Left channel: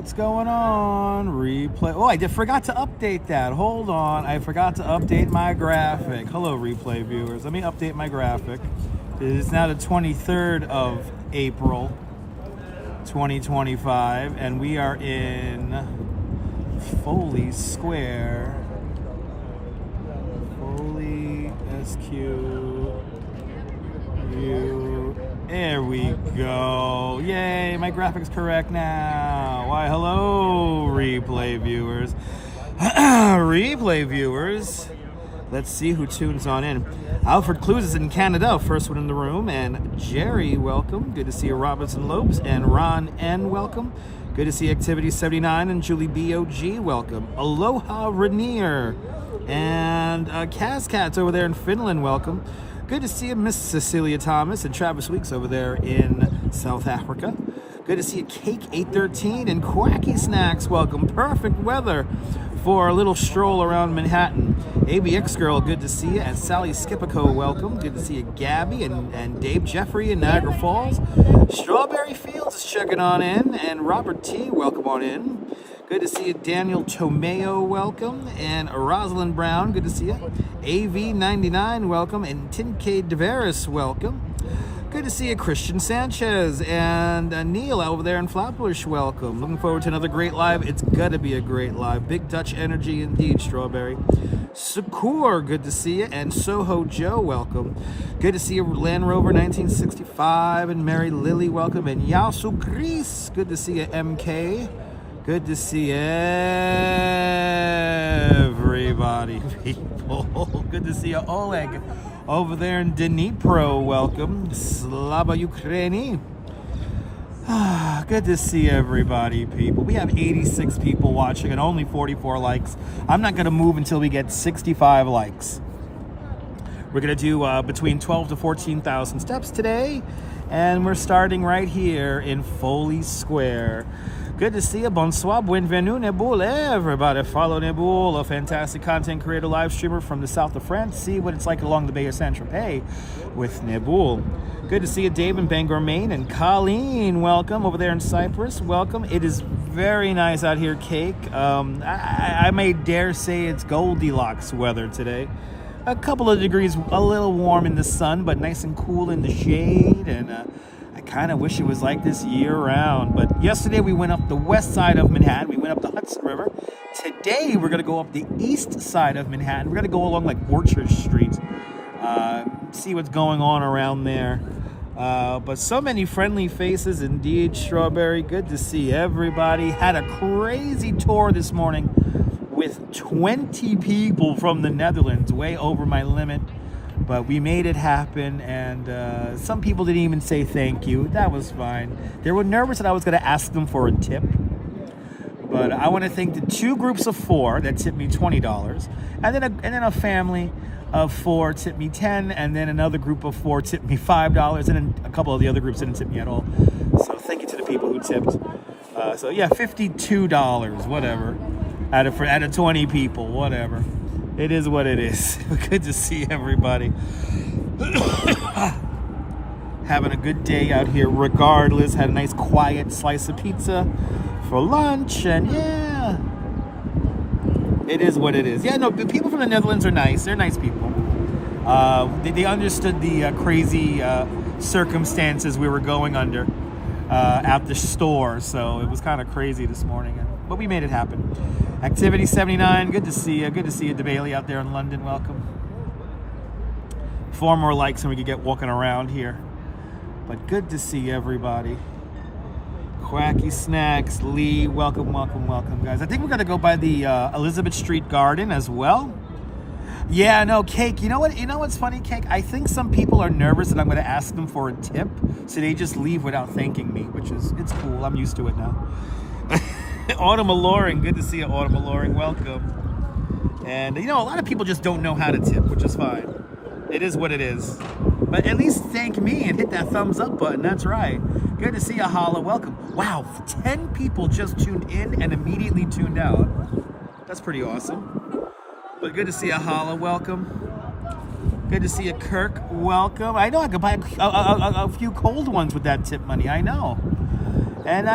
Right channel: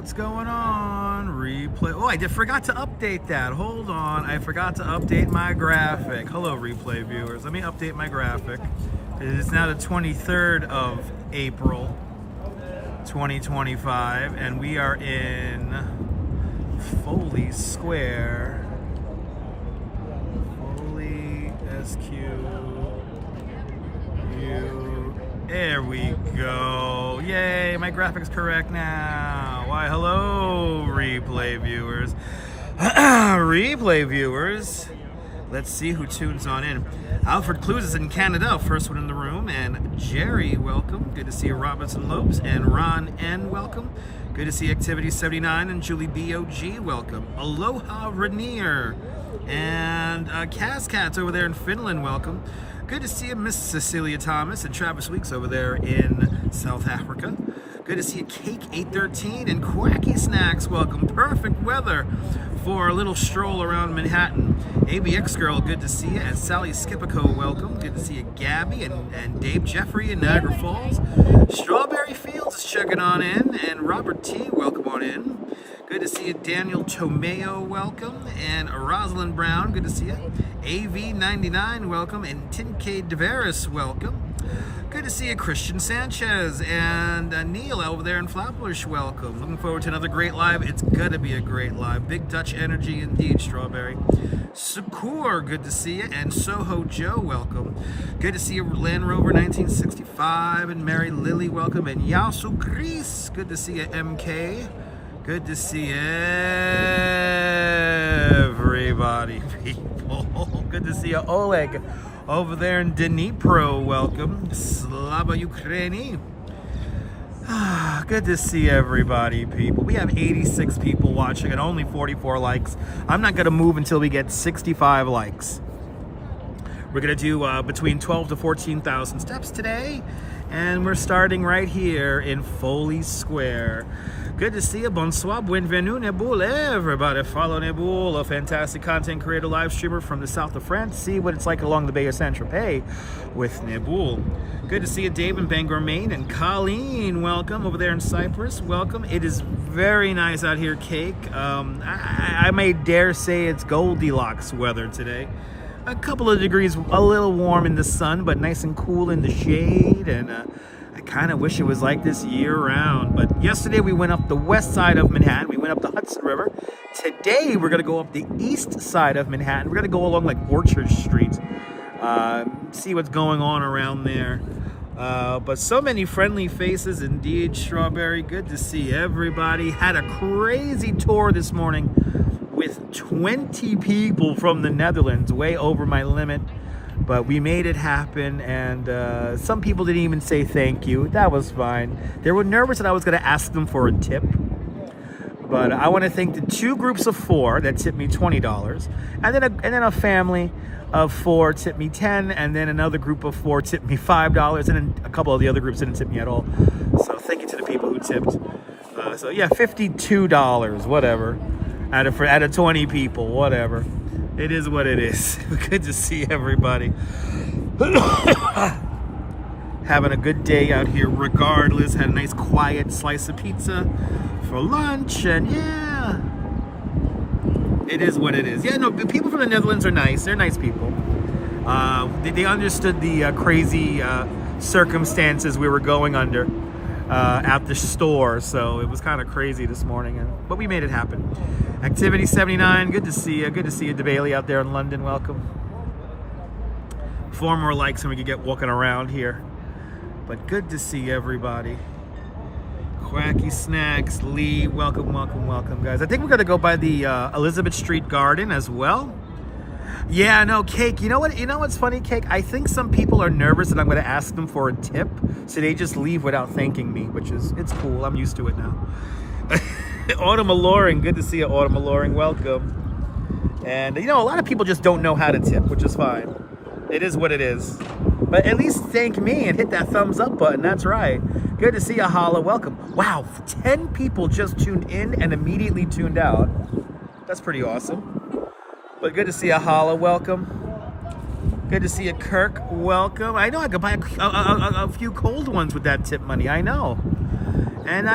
What's going on? Replay. Oh, forgot to update that. Hold on. I forgot to update my graphic. Hello, replay viewers. Let me update my graphic. It is now the 23rd of April, 2025, and we are in Foley Square. Foley SQ. There we go. Yay, my graphic's correct now. Why, hello, replay viewers. Replay viewers. Let's see who tunes on in. Alfred Clues is in Canada, first one in the room. And Jerry, welcome. Good to see you, Robinson Lopes. And Ron N, welcome. Good to see Activity 79 and Julie BOG, welcome. Aloha Rainier. And Kaz Cats over there in Finland, welcome. Good to see you, Miss Cecilia Thomas and Travis Weeks over there in South Africa. Good to see you, Cake 813 and Quacky Snacks. Welcome. Perfect weather for a little stroll around Manhattan. ABX Girl, good to see you. And Sally Skipico, welcome. Good to see you, Gabby and Dave Jeffrey in Niagara Falls. Strawberry Fields is checking on in. And Robert T, welcome on in. Good to see you, Daniel Tomeo, welcome. And Rosalind Brown, good to see you. AV99, welcome. And Tincade Deveris, welcome. Good to see you, Christian Sanchez. And Neil over there in Flatbush, welcome. Looking forward to another great live. It's got to be a great live. Big Dutch energy indeed, Strawberry. Sukur, good to see you. And Soho Joe, welcome. Good to see you, Land Rover 1965. And Mary Lily, welcome. And Yasu Gris, good to see you, MK. Good to see everybody, people. Good to see you, Oleg, over there in Dnipro. Welcome. Slava Ukraini. Good to see everybody, people. We have 86 people watching and only 44 likes. I'm not going to move until we get 65 likes. We're going to do between 12 to 14,000 steps today. And we're starting right here in Foley Square. Good to see you. Bonsoir, bienvenue, Neboul. Everybody follow Neboul, a fantastic content creator, live streamer from the south of France. See what it's like along the Bay of Saint-Tropez with Neboul. Good to see you, Dave in Bangor, Maine. And Colleen, welcome over there in Cyprus. Welcome. It is very nice out here, Cake. I may dare say it's Goldilocks weather today. A couple of degrees, a little warm in the sun, but nice and cool in the shade. And I kind of wish it was like this year round. But yesterday we went up the west side of Manhattan. We went up the Hudson River. Today we're going to go up the east side of Manhattan. We're going to go along like Orchard Street. See what's going on around there. But so many friendly faces indeed, Strawberry. Good to see everybody. Had a crazy tour this morning with 20 people from the Netherlands, way over my limit. But we made it happen, and some people didn't even say thank you. That was fine. They were nervous that I was going to ask them for a tip. But I want to thank the two groups of four that tipped me $20, and then a family of four tipped me $10, and then another group of four tipped me $5, and then a couple of the other groups didn't tip me at all. So thank you to the people who tipped. So yeah, $52, whatever, out of 20 people, whatever. It is what it is. Good to see everybody. Having a good day out here regardless. Had a nice quiet slice of pizza for lunch, and yeah, it is what it is. Yeah, no, the people from the Netherlands are nice. They're nice people. They understood the crazy circumstances we were going under at the store, so it was kind of crazy this morning, but we made it happen. Activity 79, good to see you. Good to see you, DeBailey, out there in London. Welcome. 4 more likes and we could get walking around here. But good to see everybody. Quacky Snacks, Lee, welcome, welcome, welcome, guys. I think we're going to go by the Elizabeth Street Garden as well. Yeah, no, Cake. You know what's funny, Cake? I think some people are nervous that I'm going to ask them for a tip, so they just leave without thanking me, it's cool. I'm used to it now. Autumn Alluring, good to see you, Autumn Alluring, welcome. And a lot of people just don't know how to tip, which is fine. It is what it is. But at least thank me and hit that thumbs up button, that's right. Good to see you, Hala, welcome. Wow, 10 people just tuned in and immediately tuned out. That's pretty awesome. But good to see you, Hala, welcome. Good to see you, Kirk, welcome. I know I could buy a few cold ones with that tip money, I know. And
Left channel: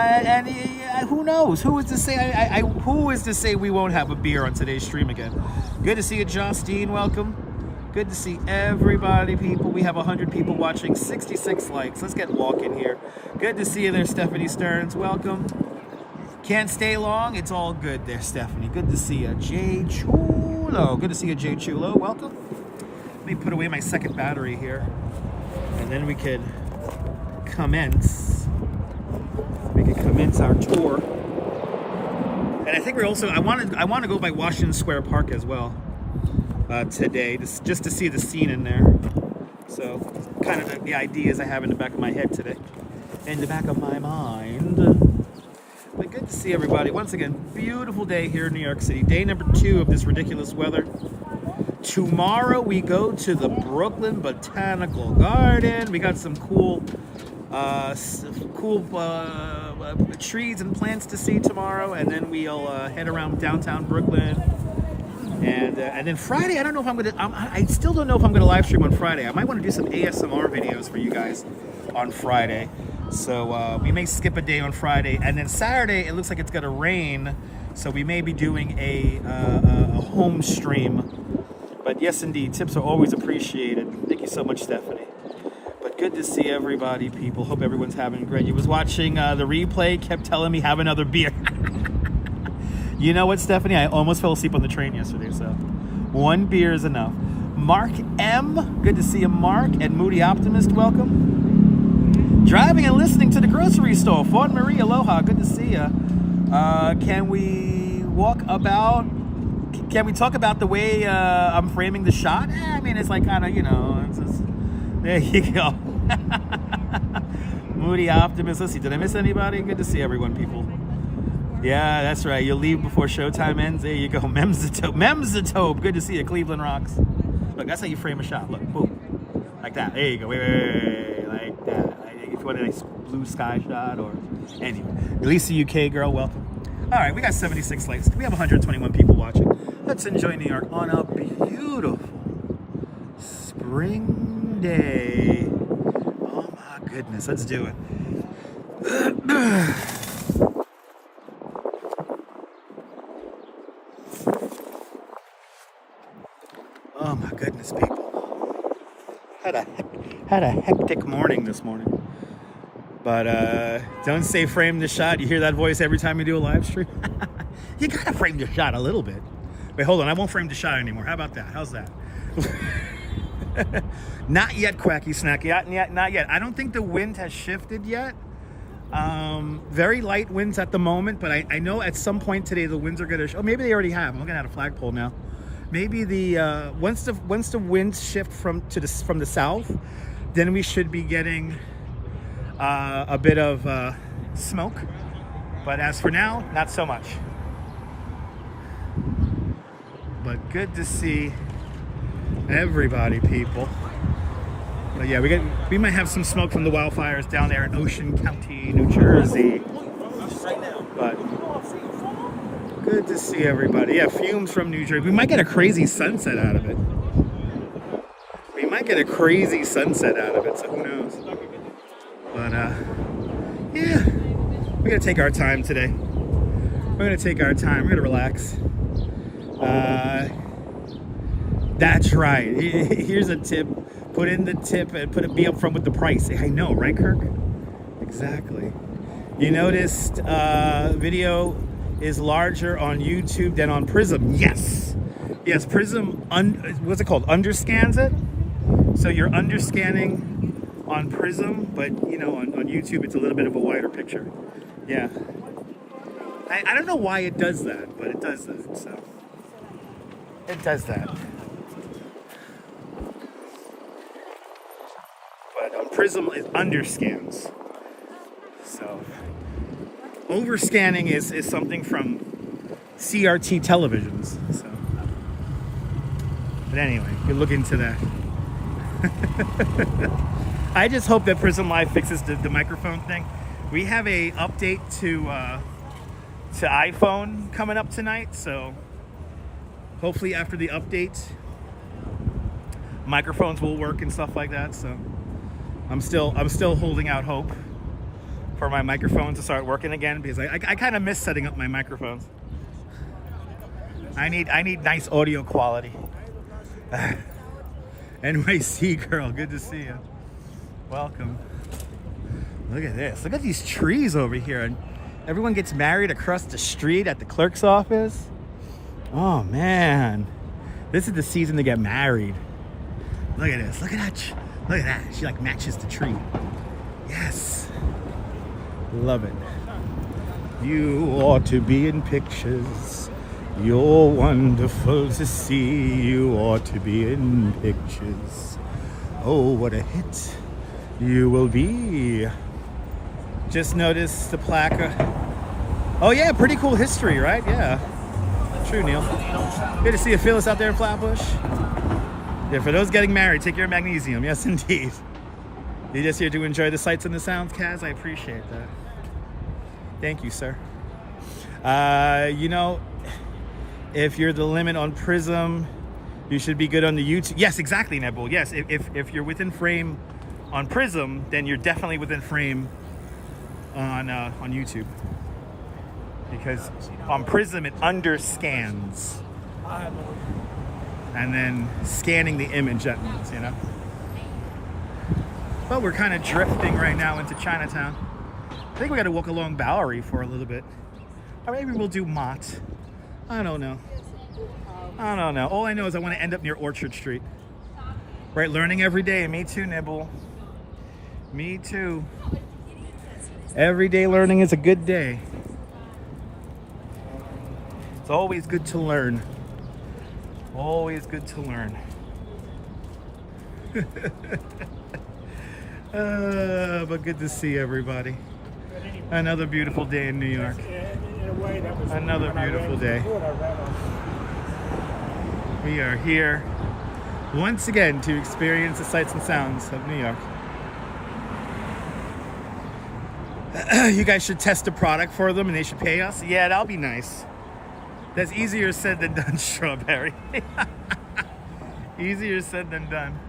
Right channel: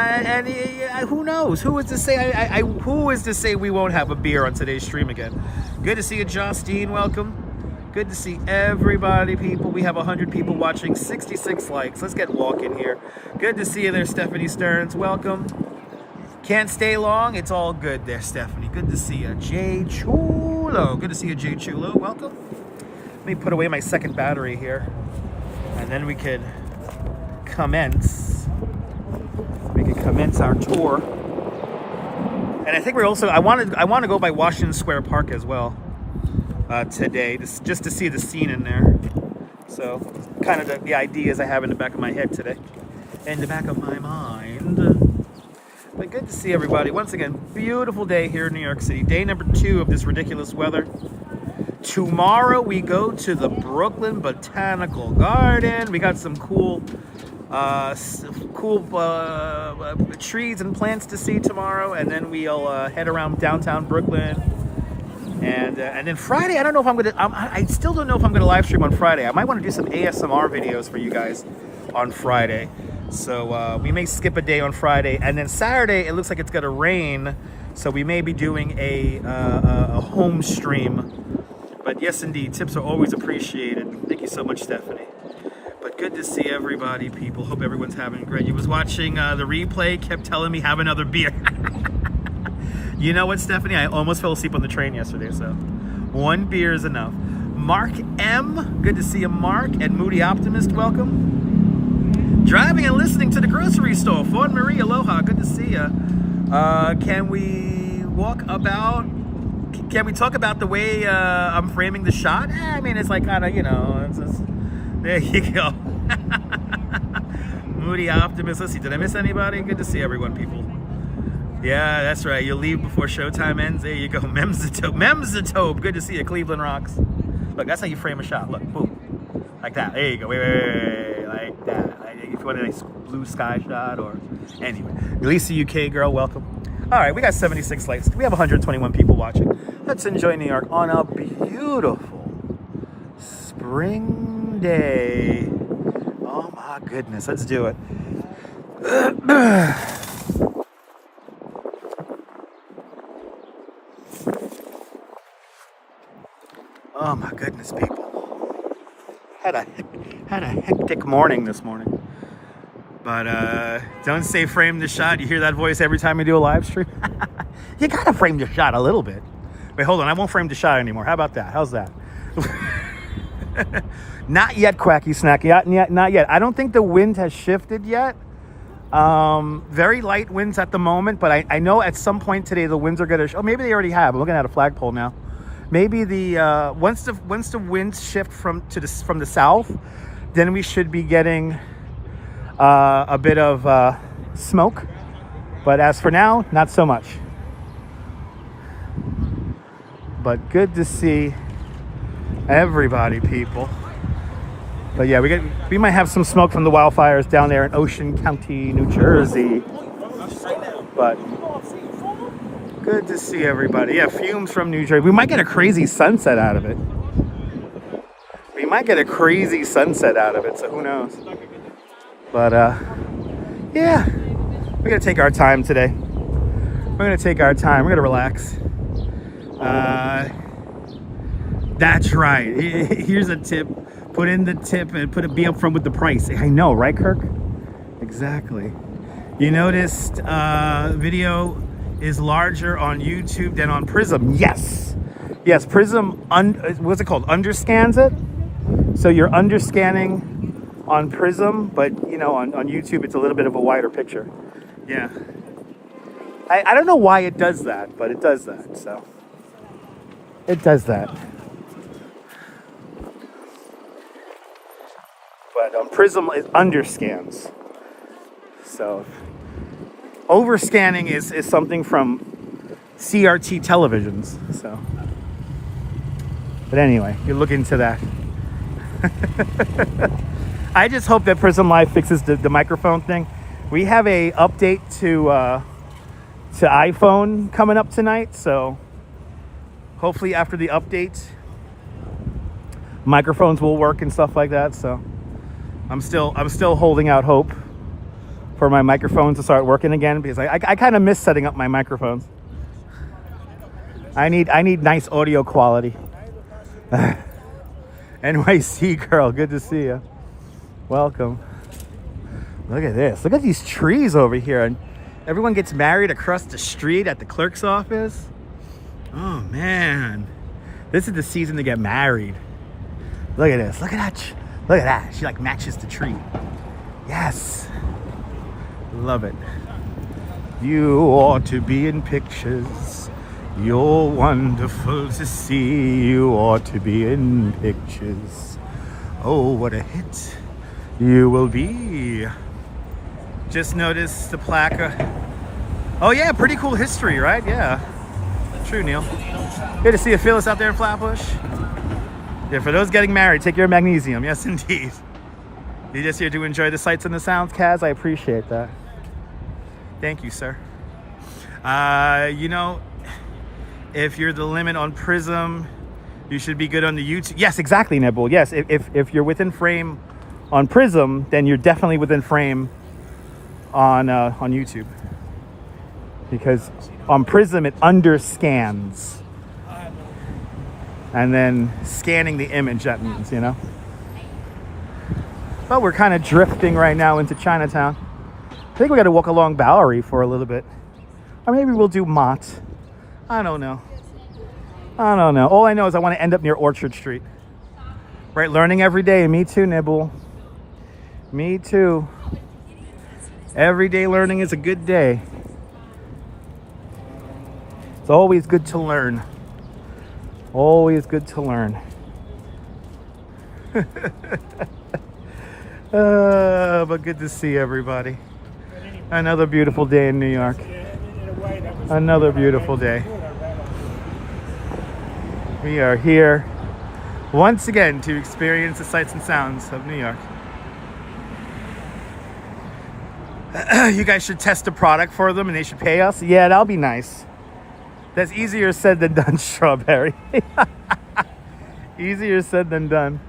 who knows? Who is to say? Who is to say we won't have a beer on today's stream again? Good to see you, Justine. Welcome. Good to see everybody, people. We have 100 people watching, 66 likes. Let's get walking here. Good to see you there, Stephanie Stearns. Welcome. Can't stay long. It's all good there, Stephanie. Good to see you. Jay Chulo. Good to see you, Jay Chulo. Welcome. Let me put away my second battery here. And then we could commence. We could commence our tour. And I think we're also, I want to go by Washington Square Park as well. Today, just to see the scene in there. So, kind of the ideas I have in the back of my head today, in the back of my mind. But good to see everybody. Once again, beautiful day here in New York City. Day number 2 of this ridiculous weather. Tomorrow we go to the Brooklyn Botanical Garden. We got some cool trees and plants to see tomorrow, and then we'll head around downtown Brooklyn. And then Friday, I don't know if I'm gonna. I still don't know if I'm gonna live stream on Friday. I might want to do some ASMR videos for you guys on Friday. So we may skip a day on Friday, and then Saturday it looks like it's gonna rain. So we may be doing a home stream. But yes, indeed, tips are always appreciated. Thank you so much, Stephanie. But good to see everybody, people. Hope everyone's having great. You was watching the replay, kept telling me have another beer. You know what, Stephanie? I almost fell asleep on the train yesterday, so 1 beer is enough. Mark M, good to see you, Mark. And Moody Optimist, welcome. Driving and listening to the grocery store. Fawn Marie, aloha, good to see you. Can we talk about the way I'm framing the shot? I mean, it's like kind of, you know, it's just, there you go. Moody Optimist. Let's see, did I miss anybody? Good to see everyone, people. Yeah, that's right. You'll leave before showtime ends. There you go. Memzatope. Good to see you. Cleveland rocks. Look, that's how you frame a shot. Look, boom. Like that. There you go. Wait. Like that. If you want a nice blue sky shot or... Anyway. Lisa UK girl, welcome. All right, we got 76 likes. We have 121 people watching. Let's enjoy New York on a beautiful spring day. Oh, my goodness. Let's do it. Oh my goodness, people. Had a hectic morning this morning. But don't say frame the shot. You hear that voice every time you do a live stream? You gotta frame the shot a little bit. Wait, hold on. I won't frame the shot anymore. How about that? How's that? Not yet, Quacky Snacky. Not yet. I don't think the wind has shifted yet. Very light winds at the moment, but I know at some point today the winds are gonna. Oh, maybe they already have. I'm looking at a flagpole now. Maybe the once the winds shift from the south, then we should be getting a bit of smoke. But as for now, not so much. But good to see everybody, people. But yeah, we might have some smoke from the wildfires down there in Ocean County, New Jersey. But good to see everybody. Yeah, fumes from New Jersey. We might get a crazy sunset out of it. So who knows? But yeah, we're gonna take our time today. We're gonna relax. That's right. Here's a tip. Put in the tip and be up front with the price. I know, right, Kirk? Exactly. You noticed video is larger on YouTube than on Prism. Yes, Prism, what's it called? Underscans it. So you're underscanning on Prism, but you know, on YouTube it's a little bit of a wider picture. Yeah. I don't know why it does that, but it does that. So it does that. But on Prism it underscans. So overscanning is something from CRT televisions. So, but anyway, you look into that. I just hope that Prism Live fixes the microphone thing. We have a update to iPhone coming up tonight, so hopefully after the update, microphones will work and stuff like that. So I'm still holding out hope for my microphones to start working again, because I kind of miss setting up my microphones. I need nice audio quality. NYC girl, good to see you. Welcome. Look at this. Look at these trees over here. And everyone gets married across the street at the clerk's office. Oh man, this is the season to get married. Look at this. Look at that. Look at that. She like matches the tree. Yes. Love it. You ought to be in pictures. You're wonderful to see. You ought to be in pictures. Oh, what a hit you will be. Just noticed the plaque. Oh yeah, pretty cool history, right? Yeah. True, Neil. Good to see you, Phyllis, out there in Flatbush. Yeah, for those getting married, take your magnesium. Yes, indeed. You're just here to enjoy the sights and the sounds, Kaz. I appreciate that. Thank you, sir. You know, if you're the limit on Prism, you should be good on the YouTube. Yes, exactly, Nibble. Yes, if you're within frame on Prism, then you're definitely within frame on YouTube. Because on Prism, it underscans. And then scanning the image, that means, you know. But we're kind of drifting right now into Chinatown. I think we got to walk along Bowery for a little bit. Or maybe we'll do Mott. I don't know. I don't know. All I know is I want to end up near Orchard Street. Right, learning every day. Me too, Nibble. Me too. Every day learning is a good day. It's always good to learn. Always good to learn. But good to see everybody. Another beautiful day in New York. Another beautiful day. We are here once again to experience the sights and sounds of New York. You guys should test a product for them and they should pay us. Yeah, that'll be nice. That's easier said than done, Strawberry. Easier said than done.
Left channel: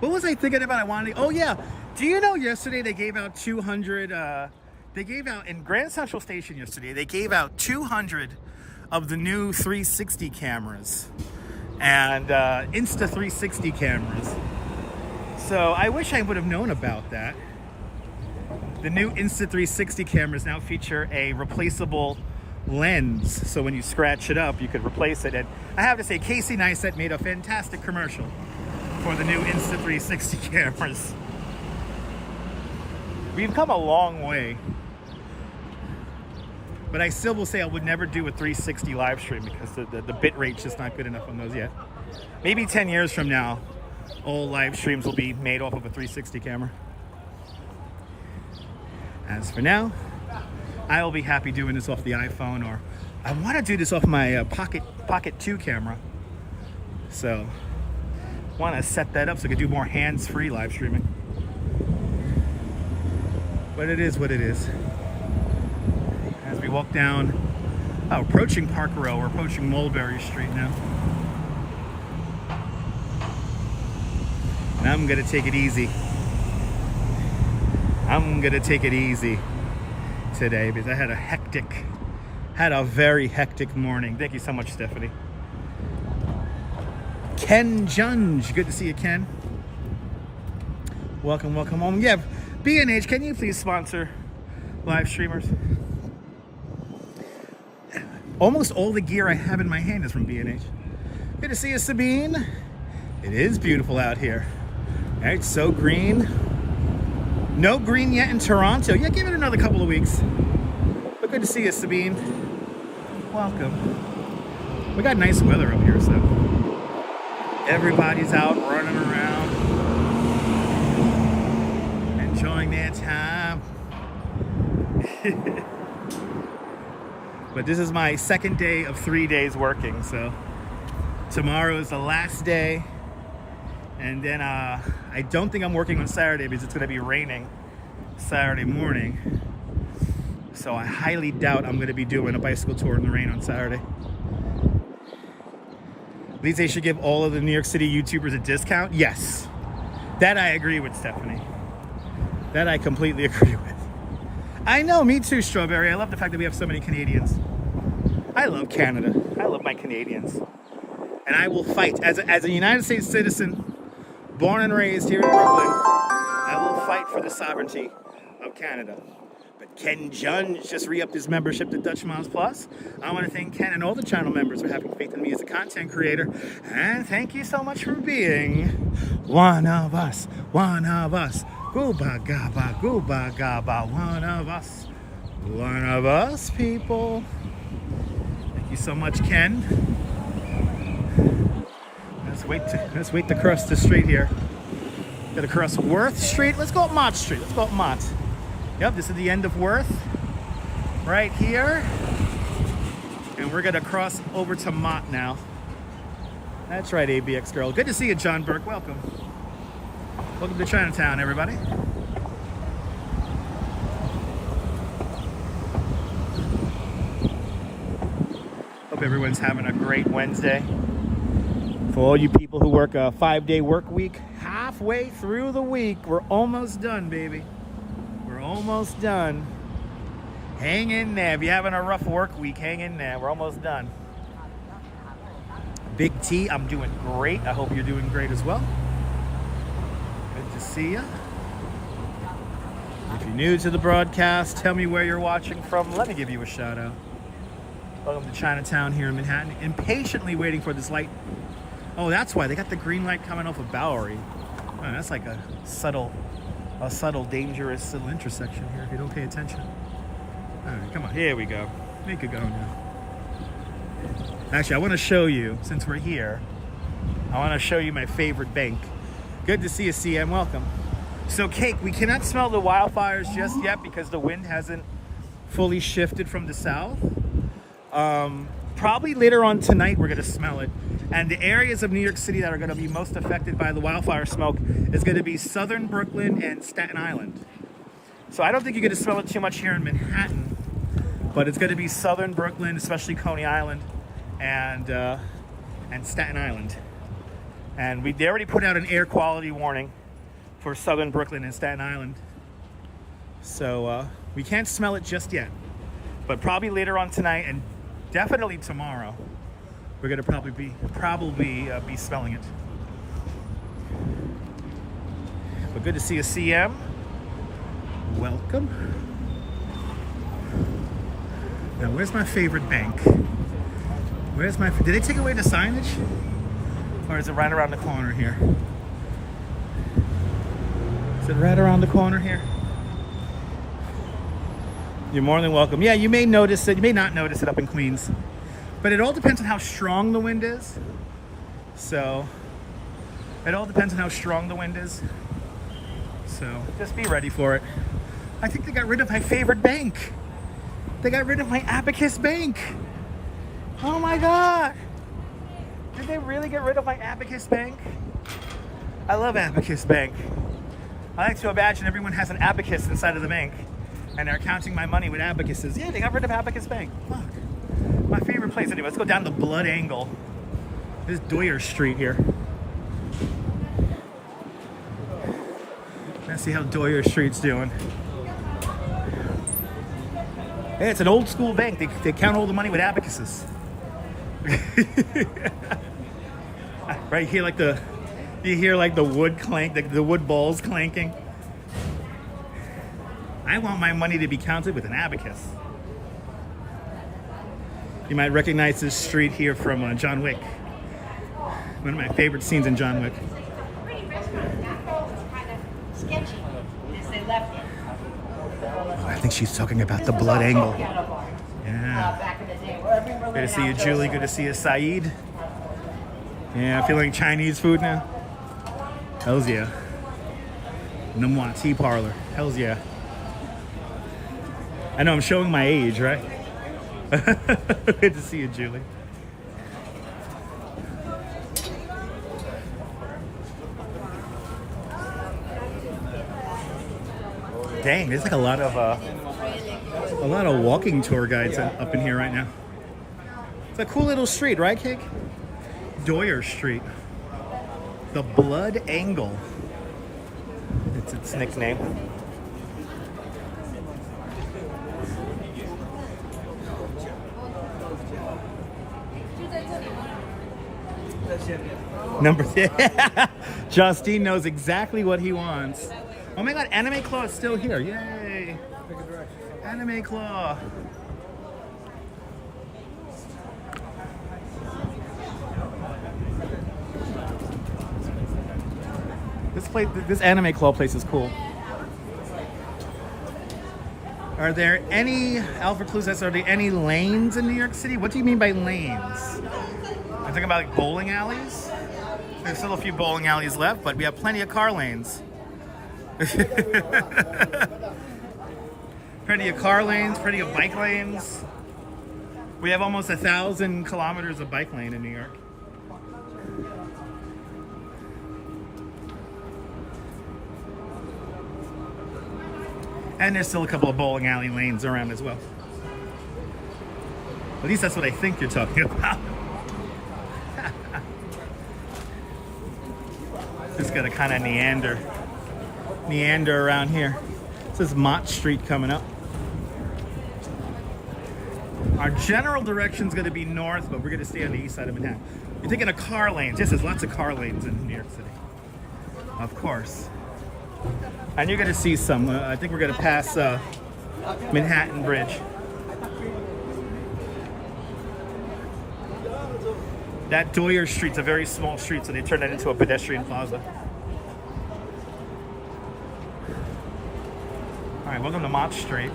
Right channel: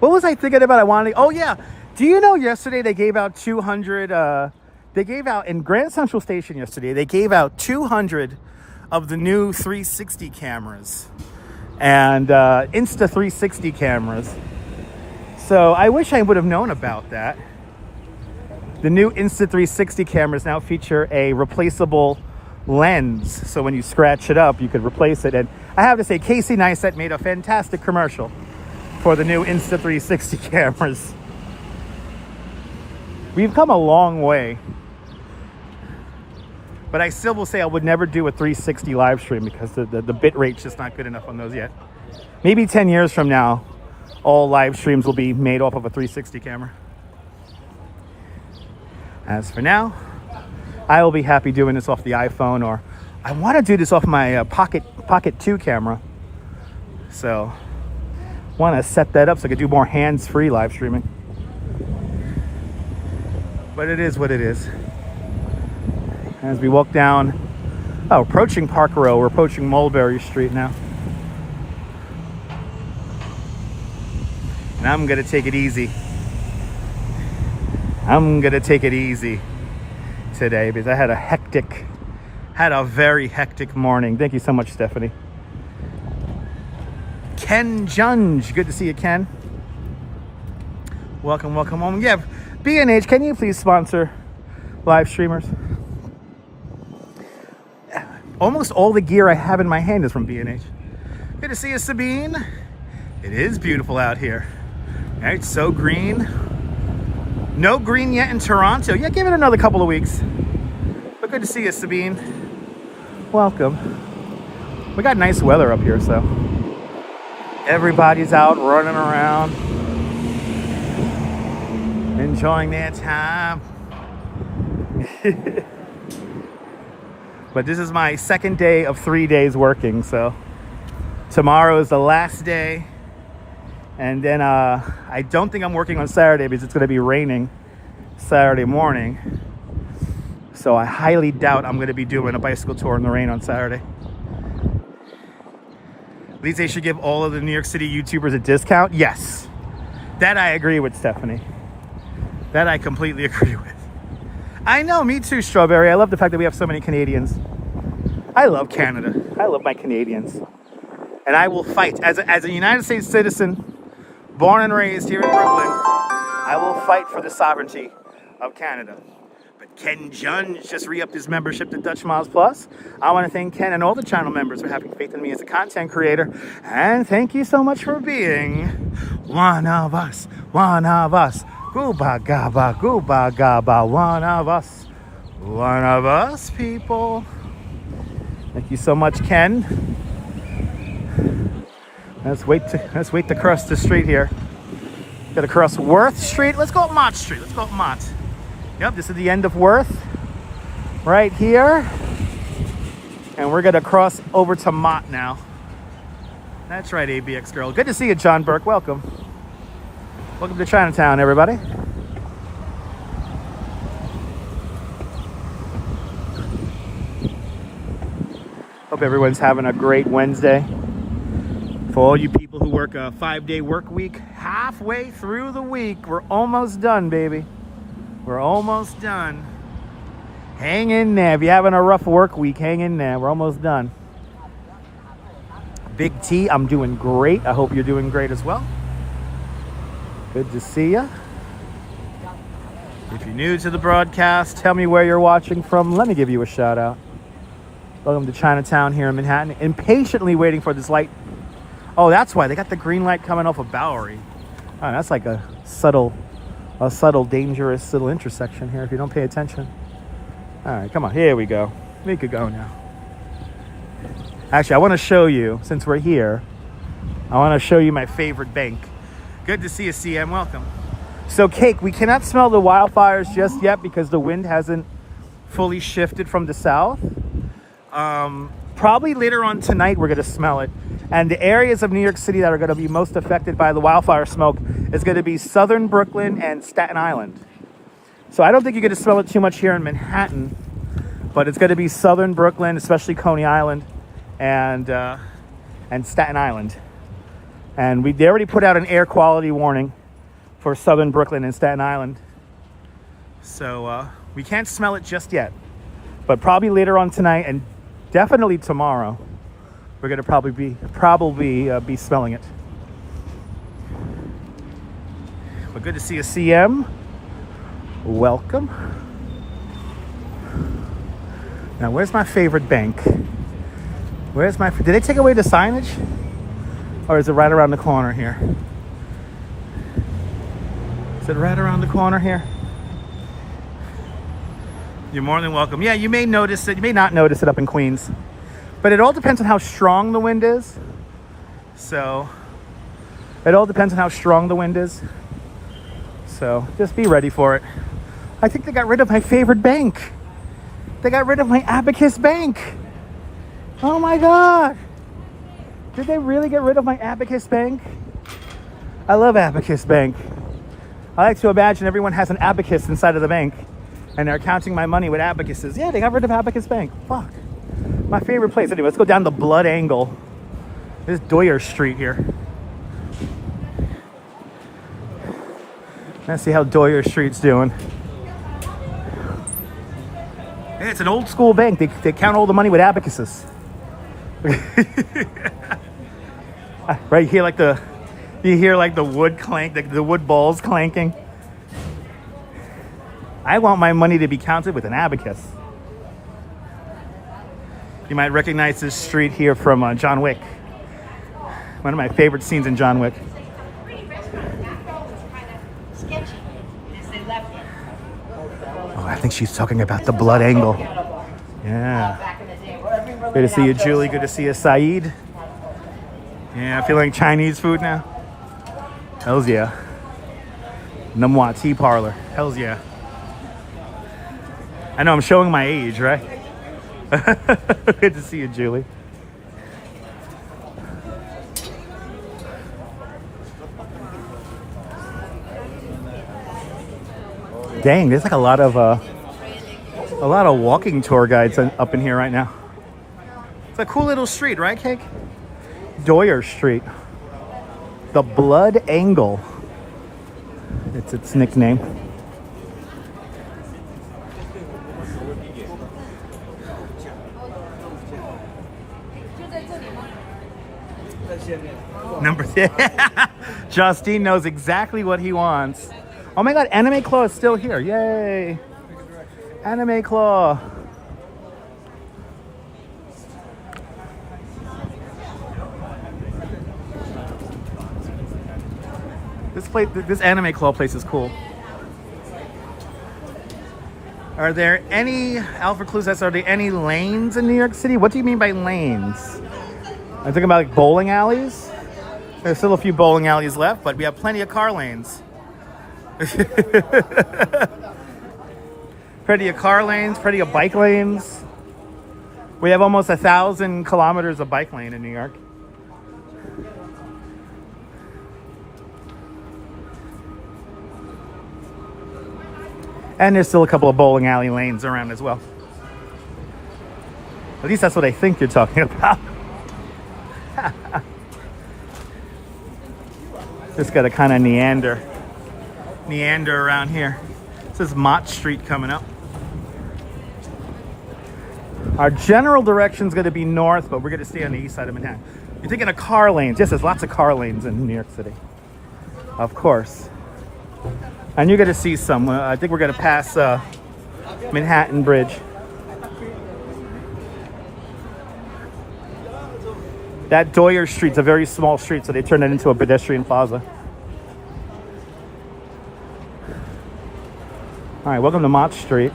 What was I thinking about? Oh yeah. Do you know yesterday they gave out 200, they gave out in Grand Central Station yesterday, they gave out 200 of the new 360 cameras and Insta 360 cameras. So I wish I would have known about that. The new Insta 360 cameras now feature a replaceable lens. So when you scratch it up, you could replace it. And I have to say, Casey Neistat made a fantastic commercial for the new Insta 360 cameras. We've come a long way. But I still will say I would never do a 360 live stream because the bit rate's just not good enough on those yet. Maybe 10 years from now, all live streams will be made off of a 360 camera. As for now, I will be happy doing this off the iPhone, or I want to do this off my Pocket 2 camera. So, want to set that up so I could do more hands-free live streaming. But it is what it is. As we walk down, approaching Park Row, we're approaching Mulberry Street now. And I'm gonna take it easy. I'm gonna take it easy today because I had a very hectic morning. Thank you so much, Stephanie. Ken Junge, good to see you, Ken. Welcome, welcome home. Yeah, B&H, can you please sponsor live streamers? Almost all the gear I have in my hand is from B&H. Good to see you, Sabine. It is beautiful out here. All right, so green. No green yet in Toronto. Yeah, give it another couple of weeks. But good to see you, Sabine. Welcome. We got nice weather up here, so everybody's out running around, enjoying their time. But this is my second day of 3 days working, so tomorrow is the last day. And then I don't think I'm working on Saturday because it's going to be raining Saturday morning. So I highly doubt I'm going to be doing a bicycle tour in the rain on Saturday. At least they should give all of the New York City YouTubers a discount. Yes, that I agree with, Stephanie. That I completely agree with. I know, me too, Strawberry. I love the fact that we have so many Canadians. I love Canada. I love my Canadians. And I will fight. As a United States citizen, born and raised here in Brooklyn, I will fight for the sovereignty of Canada. But Ken Jun just re-upped his membership to Dutch Miles Plus. I want to thank Ken and all the channel members for having faith in me as a content creator. And thank you so much for being one of us. One of us. Gooba gaba, gooba gaba. One of us. One of us, people. Thank you so much, Ken. Let's wait to cross the street here. Gotta cross Worth Street. Let's go up Mott Street. Let's go up Mott. Yep, this is the end of Worth. Right here. And we're gonna cross over to Mott now. That's right, ABX girl. Good to see you, John Burke. Welcome. Welcome to Chinatown, everybody. Hope everyone's having a great Wednesday. For all you people who work a 5-day work week, halfway through the week, we're almost done, baby. We're almost done. Hang in there. If you're having a rough work week, hang in there. We're almost done. Big T, I'm doing great. I hope you're doing great as well. Good to see you. If you're new to the broadcast, tell me where you're watching from. Let me give you a shout out. Welcome to Chinatown here in Manhattan. Impatiently waiting for this light. Oh, that's why they got the green light coming off of Bowery. Oh, that's like a subtle, dangerous little intersection here if you don't pay attention. All right, come on, here we go. We could go now. Actually, I want to show you, since we're here, I want to show you my favorite bank. Good to see you, CM. Welcome. So, Cake, we cannot smell the wildfires just yet because the wind hasn't fully shifted from the south. Probably later on tonight, we're going to smell it. And the areas of New York City that are going to be most affected by the wildfire smoke is going to be southern Brooklyn and Staten Island. So I don't think you're going to smell it too much here in Manhattan, but it's going to be southern Brooklyn, especially Coney Island and Staten Island. And they already put out an air quality warning for southern Brooklyn and Staten Island. So we can't smell it just yet, but probably later on tonight and definitely tomorrow. We're gonna probably be smelling it. But good to see you, CM. Welcome. Now, where's my favorite bank? Did they take away the signage? Or is it right around the corner here? Is it right around the corner here? You're more than welcome. Yeah, you may notice it. You may not notice it up in Queens. But it all depends on how strong the wind is. So, it all depends on how strong the wind is. So, just be ready for it. I think they got rid of my favorite bank. They got rid of my Abacus Bank. Oh my God. Did they really get rid of my Abacus Bank? I love Abacus Bank. I like to imagine everyone has an abacus inside of the bank and they're counting my money with abacuses. Yeah, they got rid of Abacus Bank. Fuck. My favorite place. Anyway, let's go down the Blood Angle. This is Doyer Street here. Let's see how Doyer Street's doing. Hey, it's an old school bank. They count all the money with abacuses. Right here, you hear like the wood clank, the wood balls clanking. I want my money to be counted with an abacus. You might recognize this street here from John Wick. One of my favorite scenes in John Wick. Oh, I think she's talking about the Blood Angle. Yeah. Good to see you, Julie. Good to see you, Saeed. Yeah, feeling Chinese food now? Hells yeah. Namwa Tea Parlor. Hells yeah. I know I'm showing my age, right? Good to see you, Julie. Dang, there's like a lot of walking tour guides up in here right now. It's a cool little street, right, Cake? Doyer Street. The Blood Angle. It's its nickname. Number Justine knows exactly what he wants. Oh my God, Anime Claw is still here. Yay. Anime Claw. This Anime Claw place is cool. Are there any, Alfred Clues asks, are there any lanes in New York City? What do you mean by lanes? I'm thinking about like bowling alleys. There's still a few bowling alleys left, but we have plenty of car lanes. Plenty of car lanes, plenty of bike lanes. We have almost 1,000 kilometers of bike lane in New York. And there's still a couple of bowling alley lanes around as well. At least that's what I think you're talking about. Just got to kind of meander around here. This is Mott Street coming up. Our general direction is going to be north, but we're going to stay on the east side of Manhattan. You're thinking of car lanes. Yes, there's lots of car lanes in New York City. Of course. And you're going to see some. I think we're going to pass Manhattan Bridge. That Doyer Street's a very small street, so they turned it into a pedestrian plaza. All right, welcome to Mott Street.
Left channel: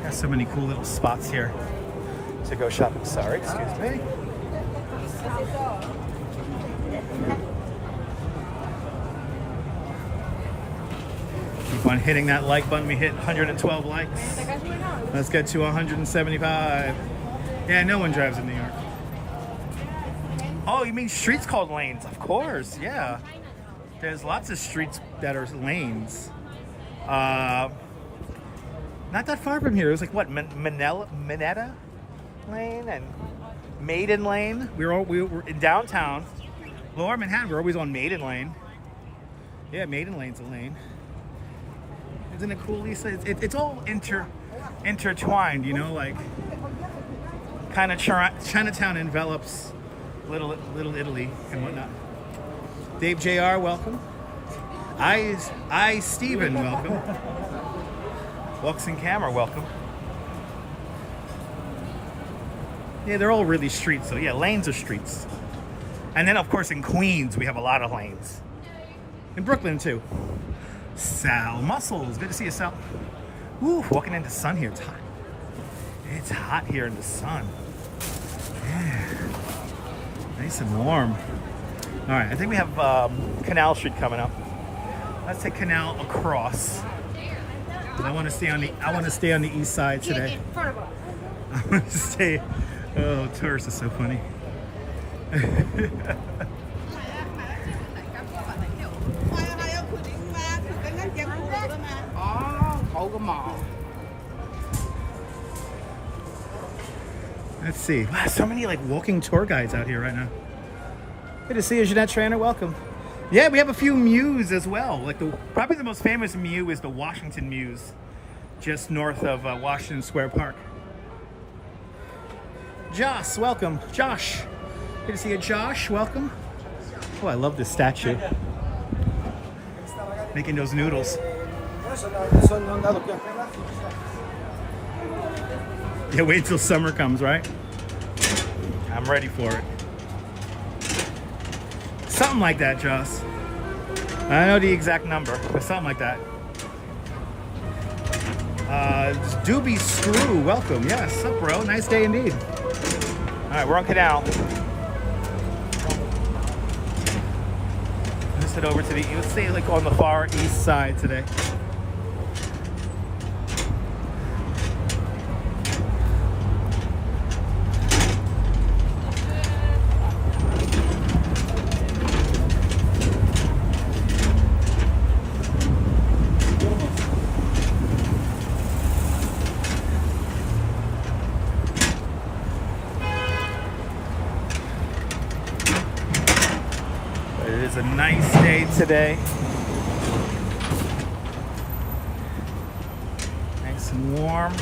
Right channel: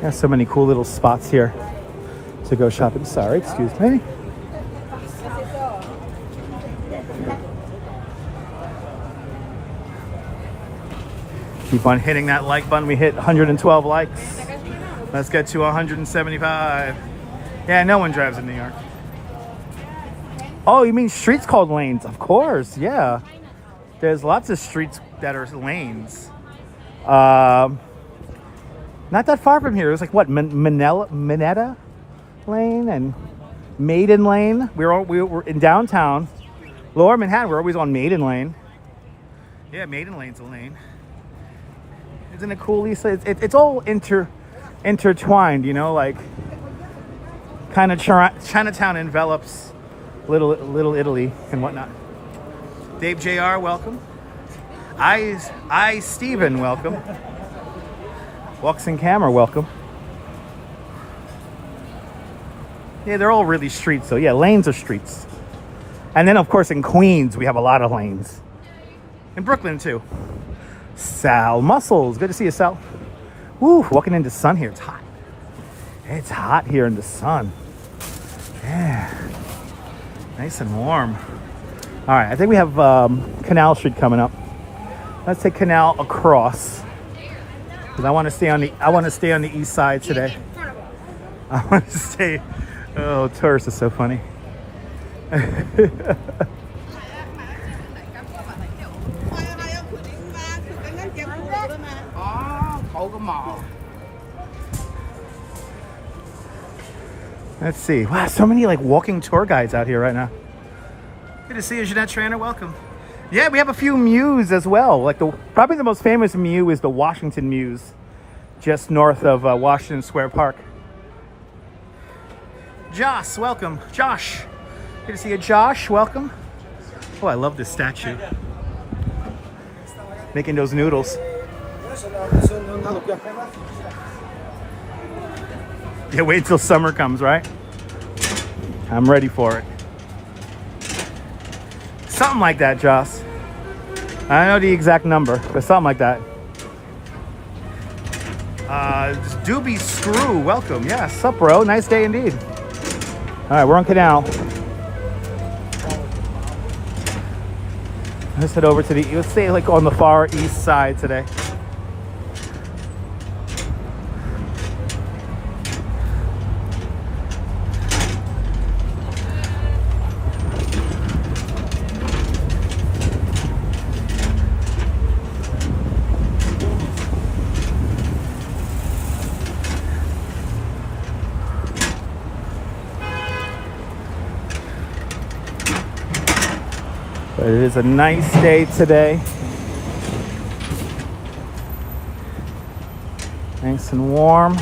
There's so many cool little spots here to go shopping. Sorry, excuse me. Keep on hitting that like button. We hit 112 likes. Let's get to 175. Yeah, no one drives in New York. Oh, you mean streets called lanes? Of course, yeah. There's lots of streets that are lanes. Not that far from here. It was like what, Minetta Lane and Maiden Lane. We were in downtown, Lower Manhattan. We're always on Maiden Lane. Yeah, Maiden Lane's a lane. Isn't it cool, Lisa? It's all intertwined, you know, like kind of Chinatown envelops Little Italy and whatnot. Dave Jr., welcome. I Steven, welcome. Walks in Camera, welcome. Yeah, they're all really streets, so yeah, lanes are streets. And then, of course, in Queens, we have a lot of lanes. In Brooklyn, too. Sal Muscles, good to see you, Sal. Woo, walking into sun here, it's hot. It's hot here in the sun. Yeah, nice and warm. All right, I think we have Canal Street coming up. Let's take Canal across. Because I want to stay on the east side today. I want to stay. Oh, tourists is so funny. Let's see. Wow, so many like walking tour guides out here right now. Good to see you, Jeanette Trainer. Welcome. Yeah, we have a few mews as well. Like probably the most famous mew is the Washington Mews, just north of Washington Square Park. Josh, welcome. Josh. Good to see you, Josh. Welcome. Oh, I love this statue. Making those noodles. Yeah, wait till summer comes, right? I'm ready for it. Something like that, Joss. I don't know the exact number, but something like that. Doobie Screw, welcome. Yeah, sup, bro? Nice day indeed. All right, we're on Canal. Let's head over to let's say like on the far east side today. It is a nice day today. Nice and warm.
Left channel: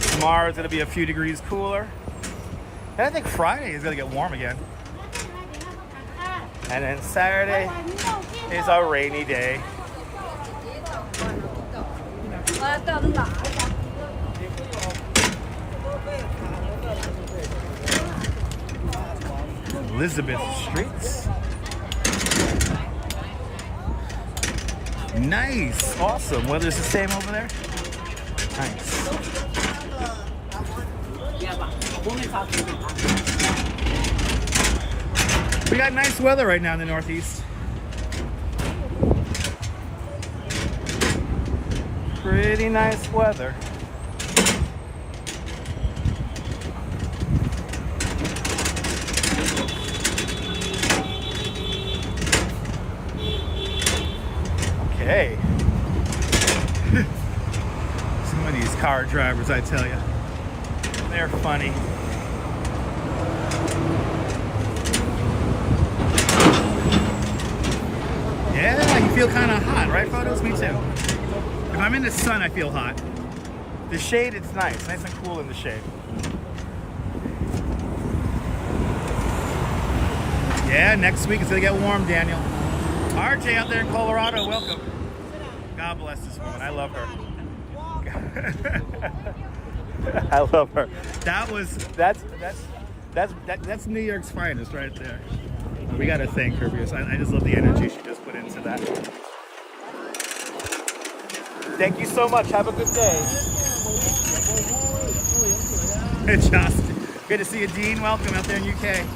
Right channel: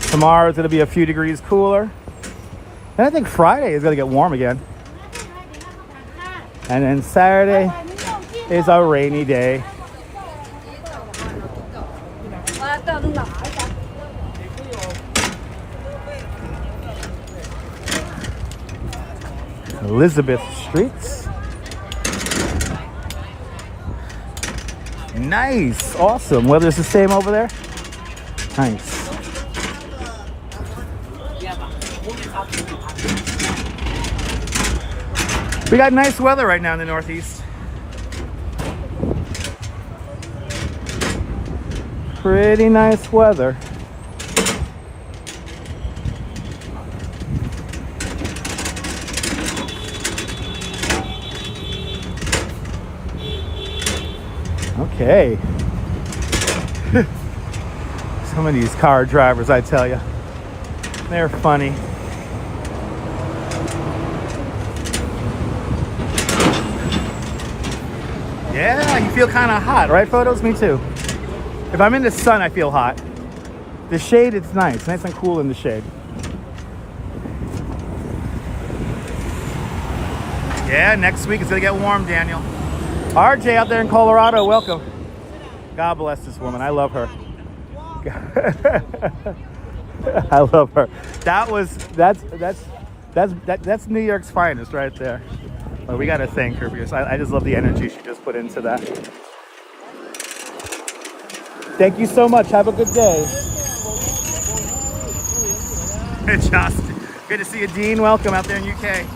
Tomorrow it's going to be a few degrees cooler. And I think Friday is going to get warm again. And then Saturday is a rainy day. Elizabeth Streets. Nice, awesome. Weather's the same over there. Nice. We got nice weather right now in the Northeast. Pretty nice weather. Okay. Some of these car drivers, I tell you, they're funny. Yeah, you feel kind of hot, right, Photos? Me too. If I'm in the sun, I feel hot. The shade, it's nice and cool in the shade. Yeah, next week it's gonna get warm, Daniel. RJ out there in Colorado, welcome. God bless this woman. I love her. I love her. That's New York's finest right there. Well, we gotta thank her because I just love the energy she just put into that. Thank you so much. Have a good day. Justin, good to see you, Dean. Welcome out there in UK.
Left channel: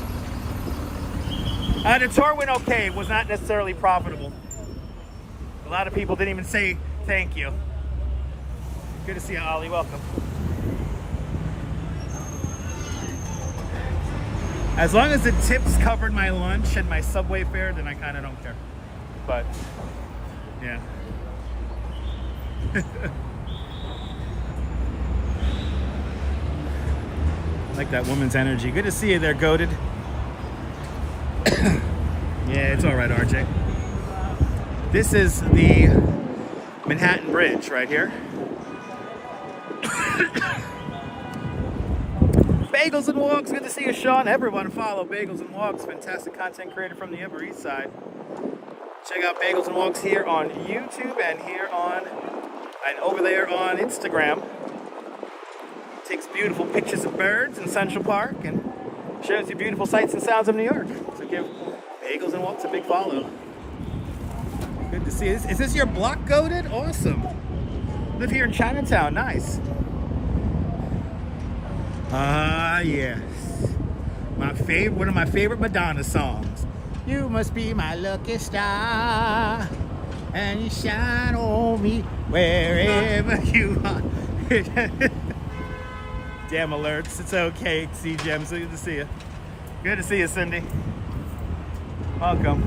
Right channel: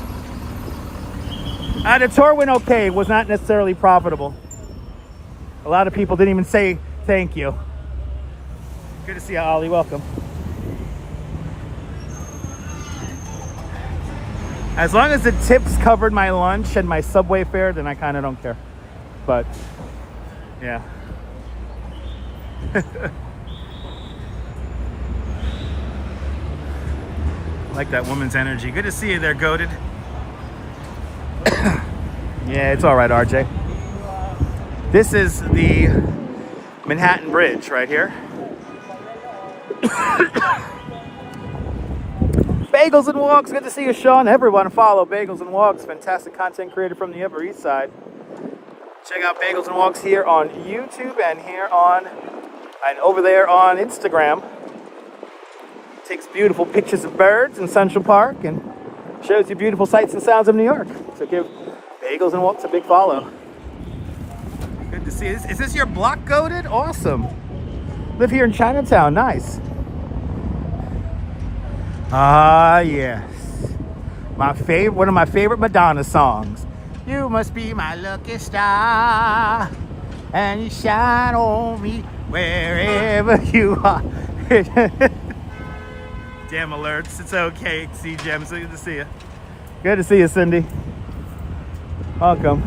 The tour went okay. It was not necessarily profitable. A lot of people didn't even say thank you. Good to see you, Ollie. Welcome. As long as the tips covered my lunch and my subway fare, then I kind of don't care. But, yeah. Like that woman's energy. Good to see you there, Goated. Yeah, it's all right, RJ. This is the Manhattan Bridge right here. Bagels and Walks, good to see you, Sean. Everyone follow Bagels and Walks, fantastic content created from the Upper East Side. Check out Bagels and Walks here on YouTube and here on, and over there on Instagram. Takes beautiful pictures of birds in Central Park and shows you beautiful sights and sounds of New York. So give Bagels and Walks a big follow. Good to see you. Is this your block, Goated? Awesome. Live here in Chinatown, nice. Ah, yes. One of my favorite Madonna songs. You must be my lucky star, and you shine on me wherever you are. Damn alerts, it's okay, C-Gem, so good to see you. Good to see you, Cindy. Welcome.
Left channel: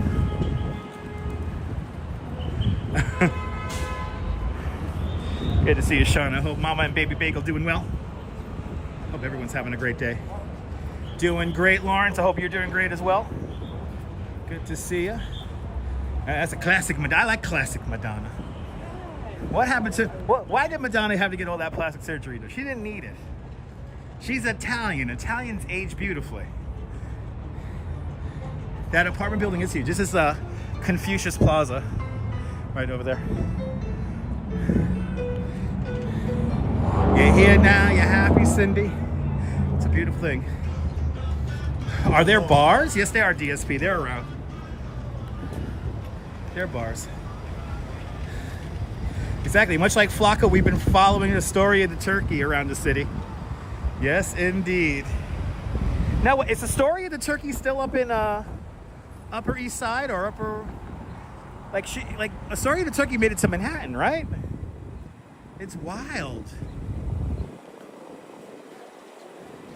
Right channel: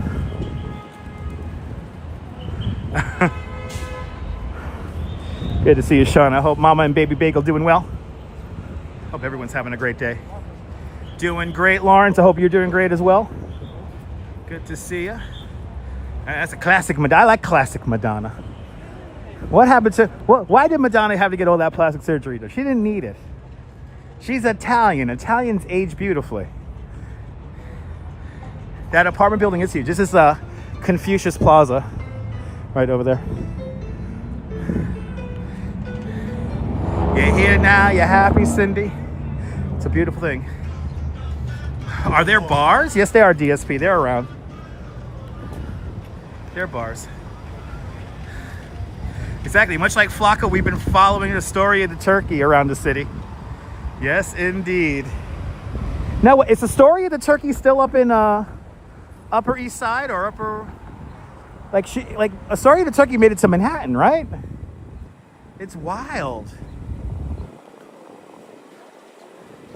Good to see you, Sean. I hope Mama and Baby Bagel doing well. Hope everyone's having a great day. Doing great, Lawrence. I hope you're doing great as well. Good to see you. That's a classic Madonna. I like classic Madonna. What happened to... Why did Madonna have to get all that plastic surgery, though? She didn't need it. She's Italian. Italians age beautifully. That apartment building is huge. This is Confucius Plaza. Right over there. You're here now. You're happy, Cindy. It's a beautiful thing. Are there bars? Yes, they are, DSP. They're around. They're bars. Exactly. Much like Flocka, we've been following the story of the turkey around the city. Yes, indeed. Now, is the story of the turkey still up in Upper East Side or Upper... Like a story of the turkey made it to Manhattan, right? It's wild.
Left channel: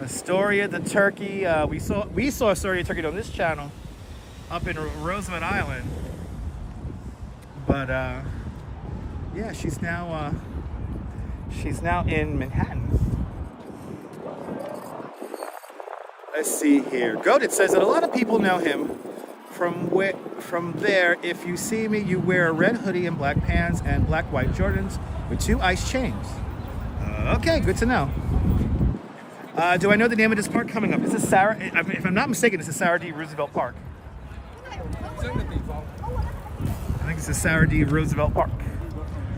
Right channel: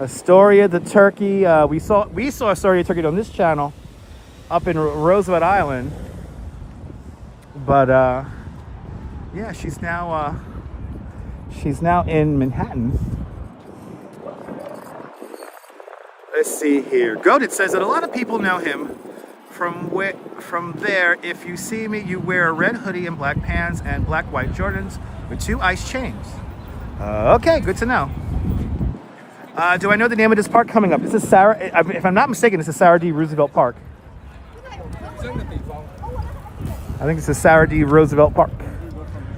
A story of the turkey. We saw a story of turkey on this channel up in Roosevelt Island. But yeah, she's now in Manhattan. Let's see here. Goated says that a lot of people know him from there. If you see me, you wear a red hoodie and black pants and black white Jordans with 2 ice chains. Okay, good to know. Do I know the name of this park coming up? This is Sarah. If I'm not mistaken, this is Sarah D. Roosevelt Park. I think it's the Sarah D. Roosevelt Park,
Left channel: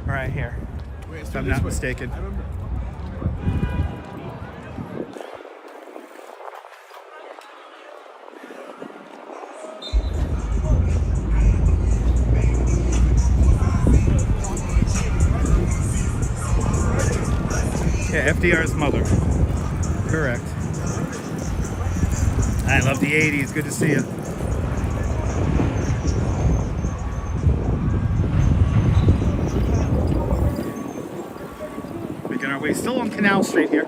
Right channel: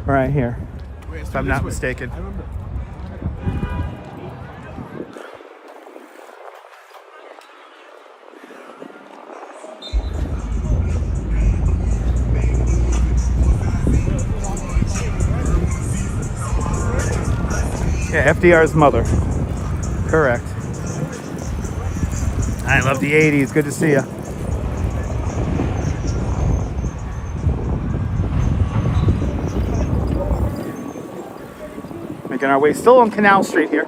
right here, if I'm not mistaken. Yeah, FDR's mother. Correct. I love the 80s. Good to see you. Making our way still on Canal Street here.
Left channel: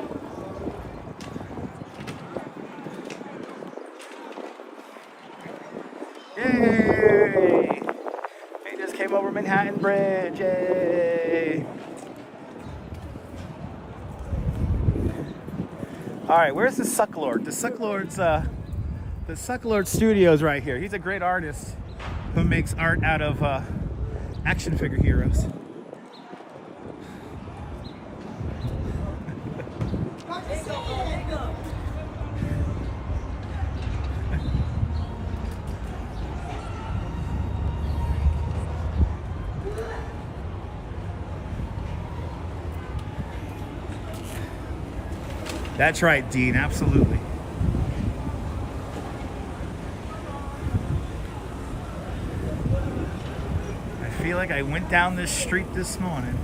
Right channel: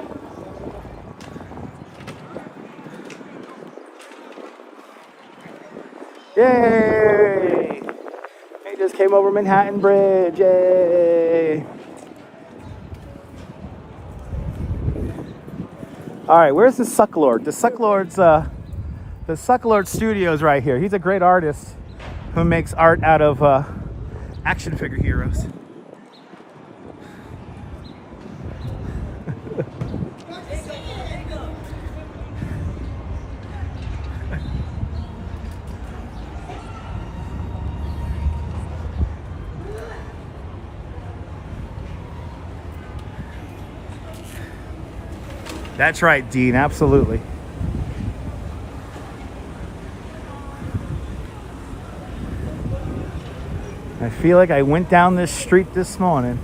Yay! They just came over Manhattan Bridge. Yay! All right, where's the Sucklord? The Sucklord Studios right here. He's a great artist who makes art out of action figure heroes. That's right, Dean, absolutely. I feel like I went down this street this morning.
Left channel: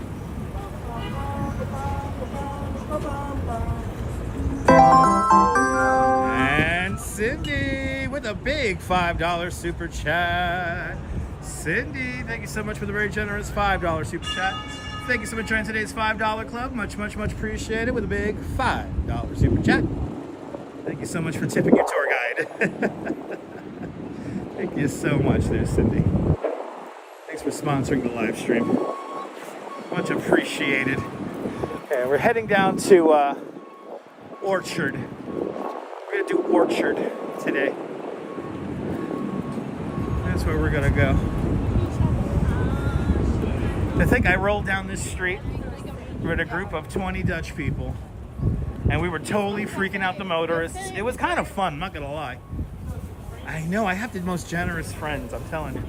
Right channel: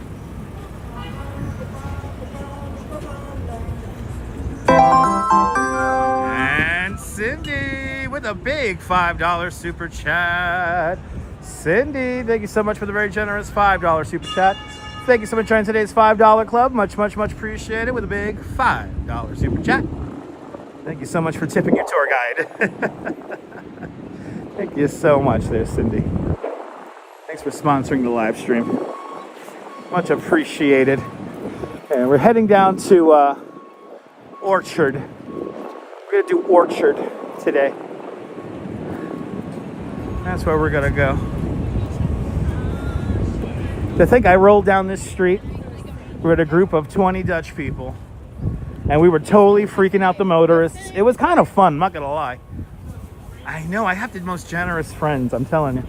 And Cindy with a big $5 super chat. Cindy, thank you so much for the very generous $5 super chat. Thank you so much for joining today's $5 club. Much, much, much appreciated with a big $5 super chat. Thank you so much for tipping your tour guide. Thank you so much there, Cindy. Thanks for sponsoring the live stream. Much appreciated. And we're heading down to Orchard. We're going to do Orchard today. That's where we're going to go. To think I rolled down this street with a group of 20 Dutch people, and we were totally freaking out the motorists. It was kind of fun, I'm not gonna lie. I know, I have the most generous friends, I'm telling you.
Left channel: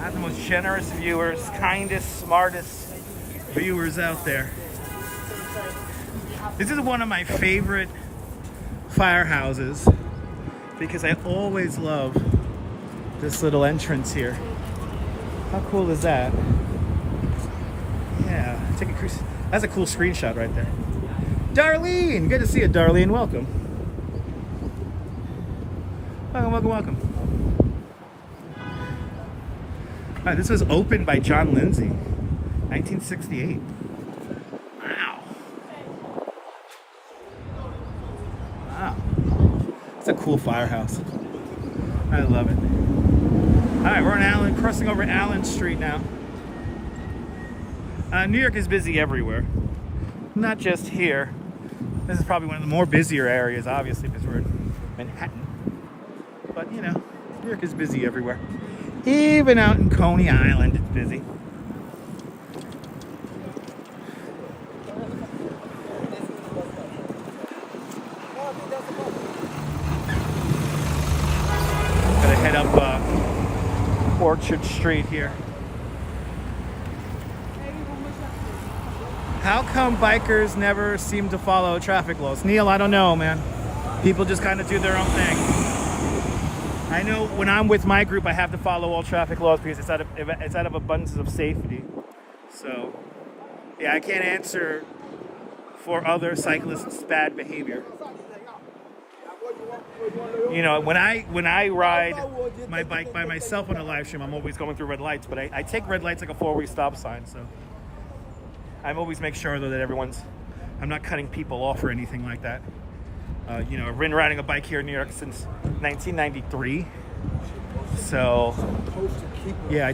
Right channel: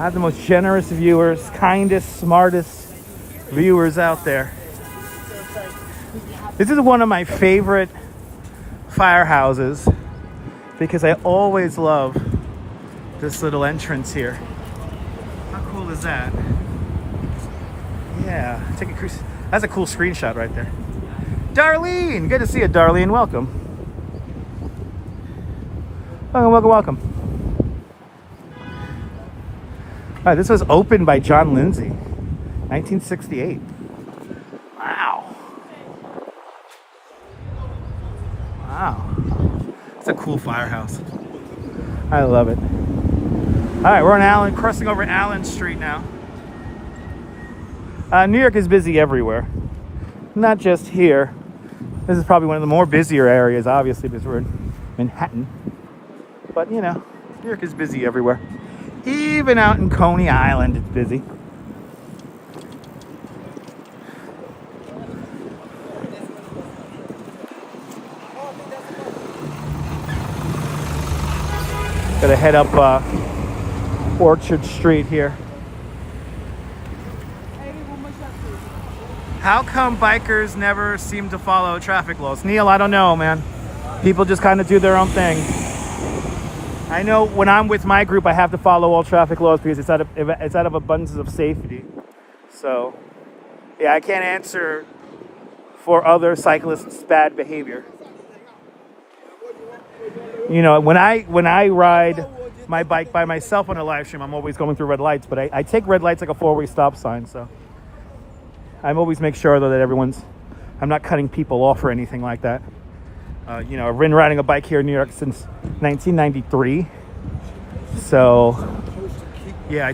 I have the most generous viewers, kindest, smartest viewers out there. This is one of my favorite firehouses because I always love this little entrance here. How cool is that? Yeah, take a cruise. That's a cool screenshot right there. Darlene, good to see you, Darlene. Welcome. Welcome, welcome, welcome. All right, this was opened by John Lindsay, 1968. Wow. Wow. It's a cool firehouse. I love it. All right, we're on crossing over Allen Street now. New York is busy everywhere, not just here. This is probably one of the more busier areas, obviously, because we're in Manhattan. But, you know, New York is busy everywhere. Even out in Coney Island, it's busy. Gotta head up Orchard Street here. How come bikers never seem to follow traffic laws? Neil, I don't know, man. People just kind of do their own thing. I know when I'm with my group, I have to follow all traffic laws because it's out of abundance of safety. So, yeah, I can't answer for other cyclists' bad behavior. You know, when I ride my bike by myself on a live stream, I'm always going through red lights, but I take red lights like a four-way stop sign, so I'm always make sure though that I'm not cutting people off or anything like that. You know, I've been riding a bike here in New York since 1993, so yeah, I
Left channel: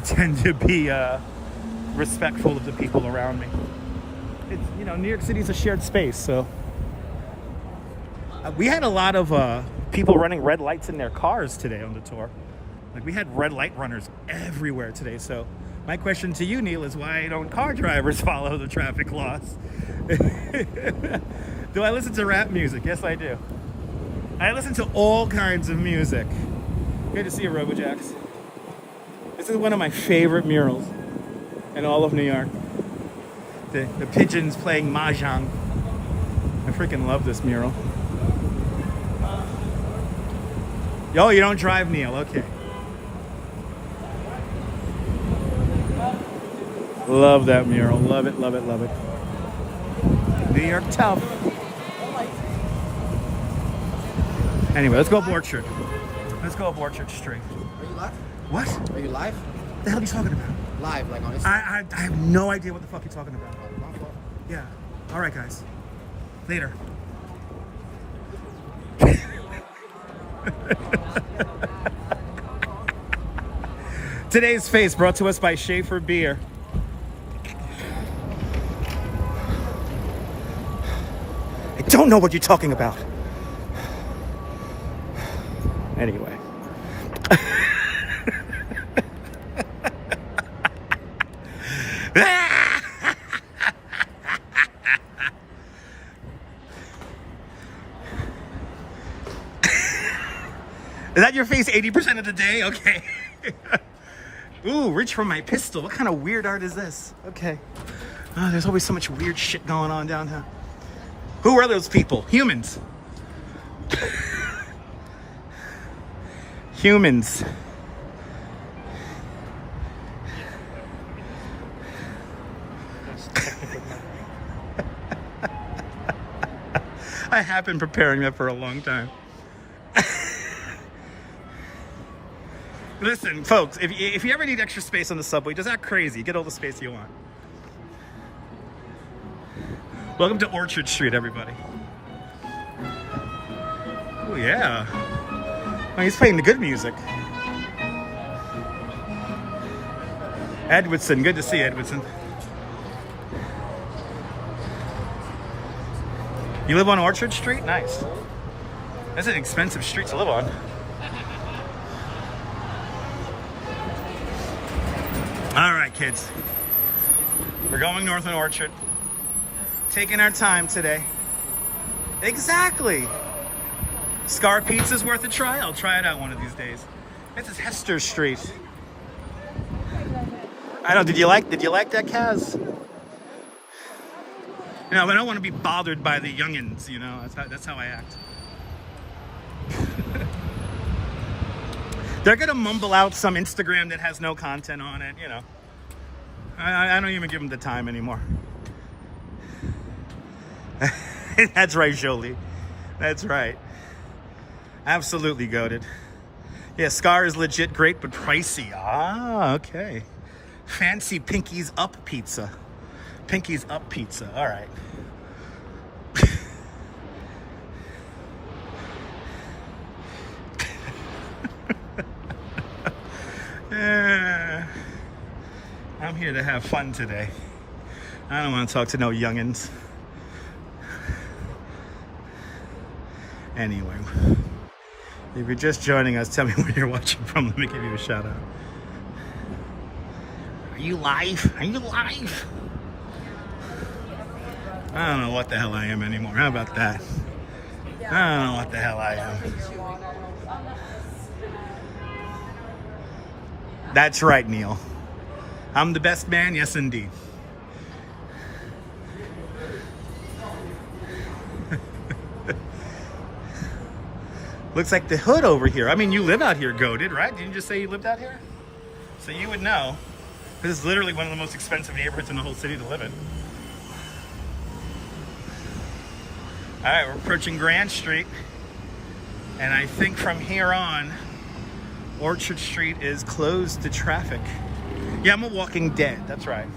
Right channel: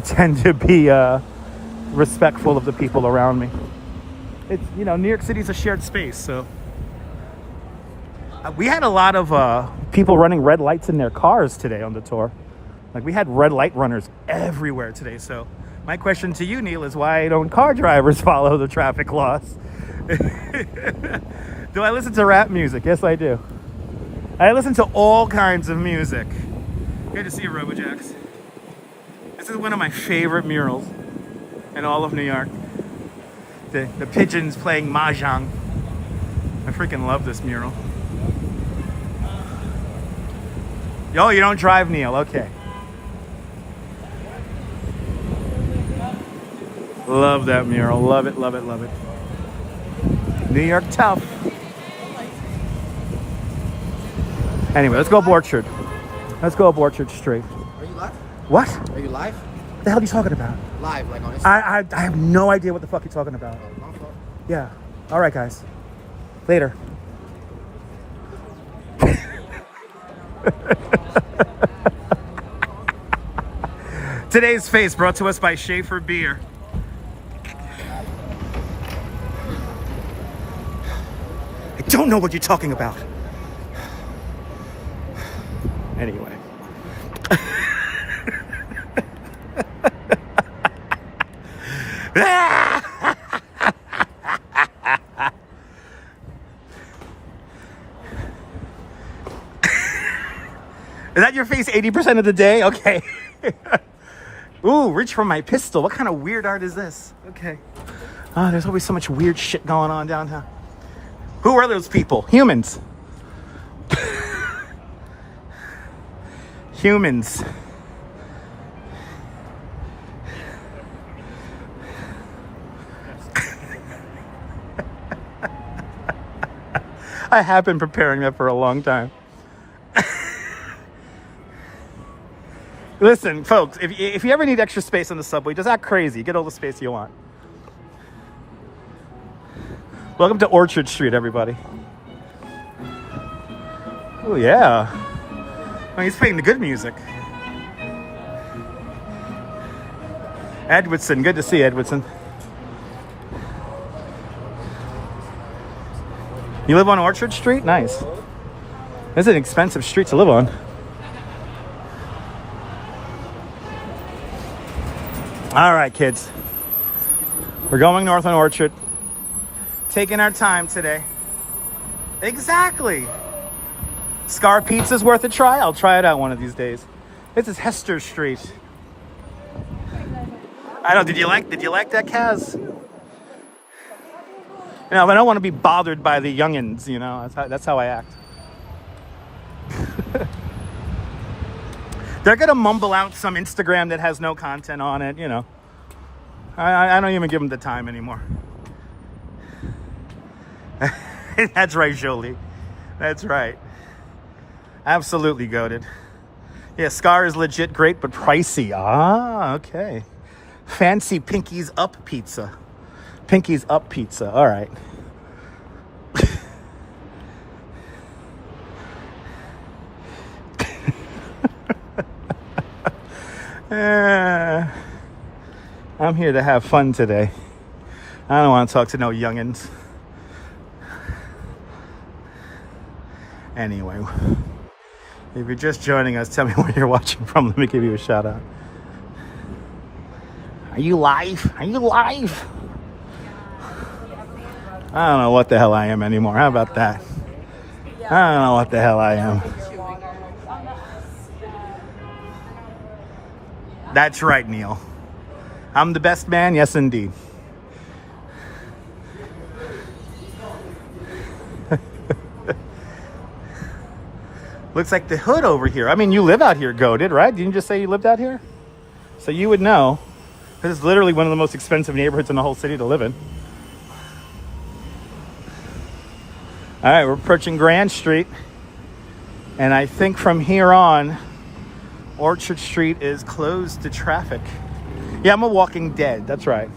tend to be respectful of the people around me. It's, you know, New York City's a shared space, so we had a lot of people running red lights in their cars today on the tour. Like, we had red light runners everywhere today, so My question to you, Neil, is why don't car drivers follow the traffic laws? Do I listen to rap music? Yes, I do. I listen to all kinds of music. Good to see you, RoboJax. This is one of my favorite murals in all of New York. The pigeons playing mahjong. I freaking love this mural. Oh, you don't drive, Neil. Okay. Love that mural. Love it, love it, love it. New York tough. Anyway, let's go up Orchard. Let's go up Orchard Street. Are you live? What? Are you live? What the hell are you talking about? Live, like on Instagram. I have no idea what the fuck you're talking about. Yeah. All right, guys. Later. Today's Face brought to us by Schaefer Beer. I don't know what you're talking about. Anyway. Is that your face 80% of the day? Okay. Ooh, reach for my pistol. What kind of weird art is this? Okay. Oh, there's always so much weird shit going on downtown. Who are those people? Humans. Humans. I have been preparing that for a long time. Listen, folks, if you ever need extra space on the subway, just act crazy. Get all the space you want. Welcome to Orchard Street, everybody. Oh, yeah. Oh, he's playing the good music. Edwardson, good to see you, Edwardson. You live on Orchard Street? Nice. This is an expensive street to live on. All right, kids. We're going north on Orchard. Taking our time today. Exactly. Scar Pizza's worth a try. I'll try it out one of these days. This is Hester Street. I know. Did you like that, Kaz? You know, I don't want to be bothered by the youngins. You know, that's how I act. They're gonna mumble out some Instagram that has no content on it. You know, I don't even give them the time anymore. That's right, Jolie. That's right. Absolutely goated. Yeah, Scar is legit great, but pricey. Ah, okay. Fancy Pinky's Up Pizza. Pinky's Up Pizza. All right. I'm here to have fun today. I don't want to talk to no youngins. Anyway, if you're just joining us, tell me where you're watching from. Let me give you a shout out. Are you live? Are you live? I don't know what the hell I am anymore. How about that? I don't know what the hell I am. That's right, Neil. I'm the best man. Yes, indeed. Looks like the hood over here. I mean, you live out here, goated, right? Didn't you just say you lived out here? So you would know. This is literally one of the most expensive neighborhoods in the whole city to live in. All right, we're approaching Grand Street. And I think from here on, Orchard Street is closed to traffic. Yeah, I'm a walking dead. That's right.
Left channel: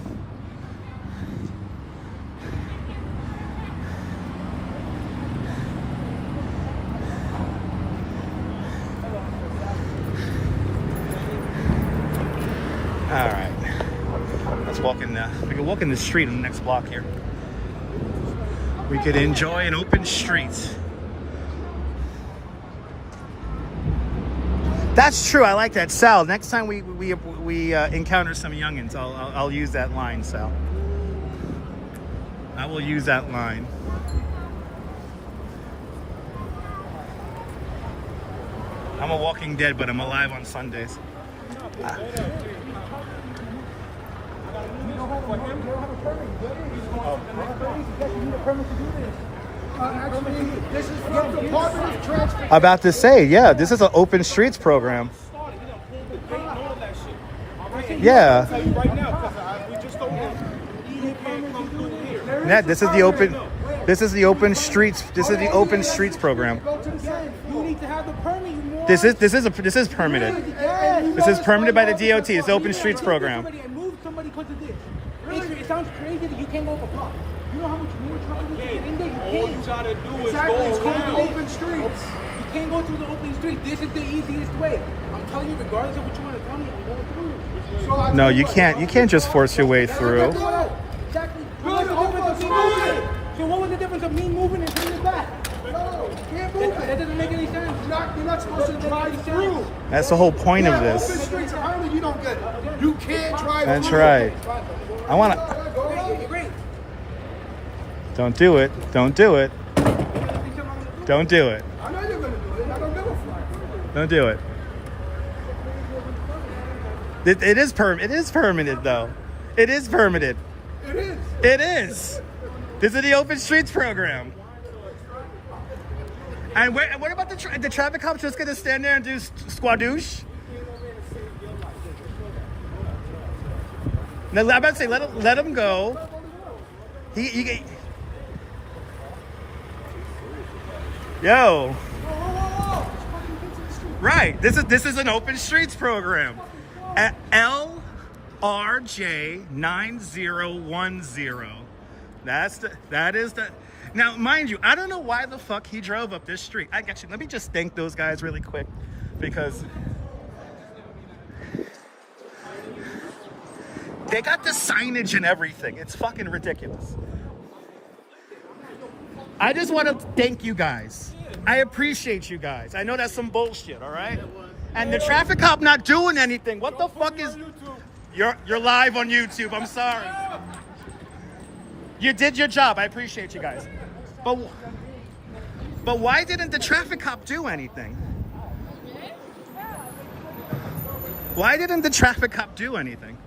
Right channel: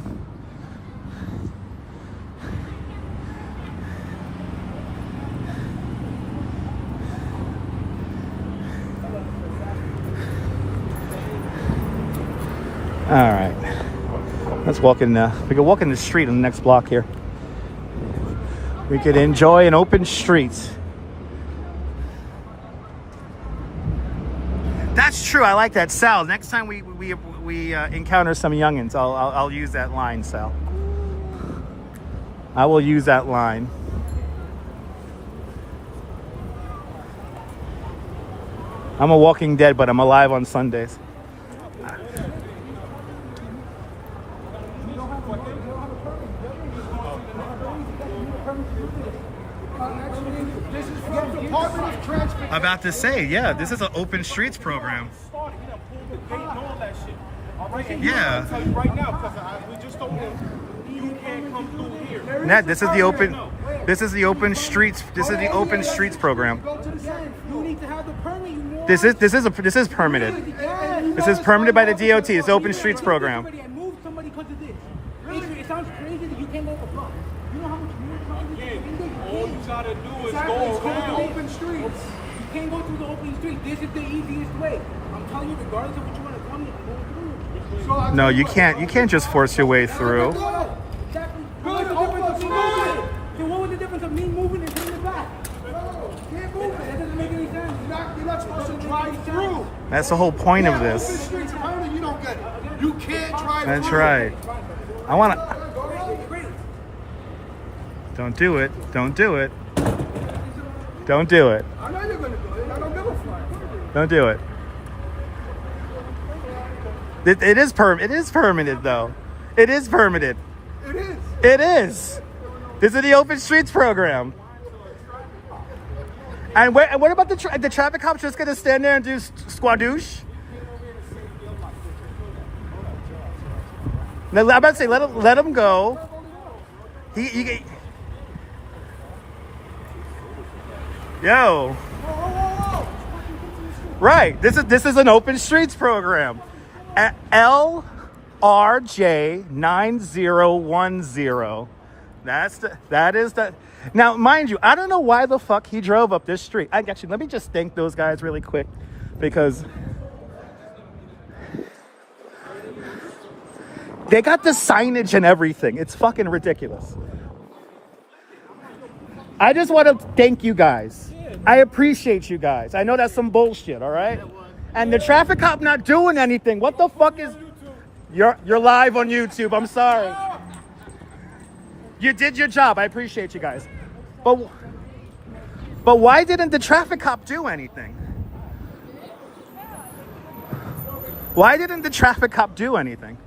All right, let's walk in. We can walk in the street on the next block here. We could enjoy an open street. That's true. I like that, Sal. Next time we encounter some youngins, I'll use that line, Sal. I will use that line. I'm a walking dead, but I'm alive on Sundays. This is from the Department of Transportation. About to say, yeah, this is an open streets program. Yeah. Right now, because we just told him you can't come through here. Ned, this is the open streets. This is the open streets program. You need to have the permit. This is permitted. This is permitted by the DOT. It's open streets program. Move somebody because of this. It sounds crazy that you can't go up a block. You know how much more trouble this is in there? All you gotta do is go around. Open streets. You can't go through the open street. This is the easiest way. I'm telling you, regardless of what you want to tell me, I'm going through. So No, you can't. You can't just force your way through. Exactly. So what was the difference of me moving and sitting in the back? No, you can't move it. That doesn't make any sense. You're not supposed to drive through. That's the whole point of this. Open streets apparently you don't get it. You can't drive That's through. right. I want to. Don't do it. Don't do it. Don't do it. I know you're going to do it. I don't give a fuck. Don't do it. It is permitted though. It is permitted. It is. It is. This is the open streets program. And what about the traffic cops just gonna stand there and do squadoosh? Now, I'm about to say let him go. Yo. Right. This is an open streets program. LRJ 9010. That is the. Now, mind you, I don't know why the fuck he drove up this street. I got you. Let me just thank those guys really quick because they got the signage and everything. It's fucking ridiculous. I just want to thank you guys. I appreciate you guys. I know that's some bullshit, all right? And the traffic cop not doing anything. What the fuck is... You're live on YouTube. I'm sorry. You did your job. I appreciate you guys. But why didn't the traffic cop do anything? Why didn't the traffic cop do anything?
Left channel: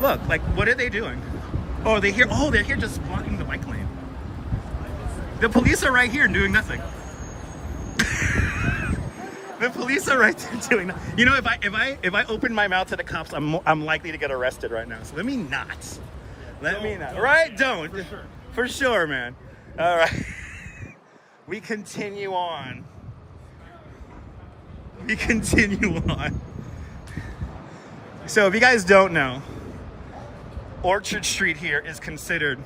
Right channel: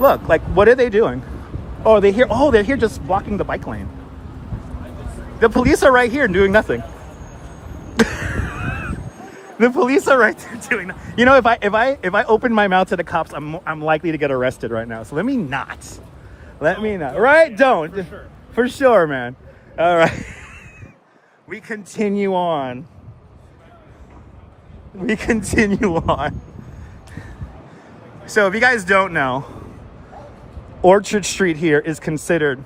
Look, like, what are they doing? Oh, they're here just blocking the bike lane. The police are right here doing nothing. The police are right there doing nothing. You know, if I open my mouth to the cops, I'm likely to get arrested right now. So let me not. Right? Don't. For sure, man. All right. We continue on. So if you guys don't know, Orchard Street here is considered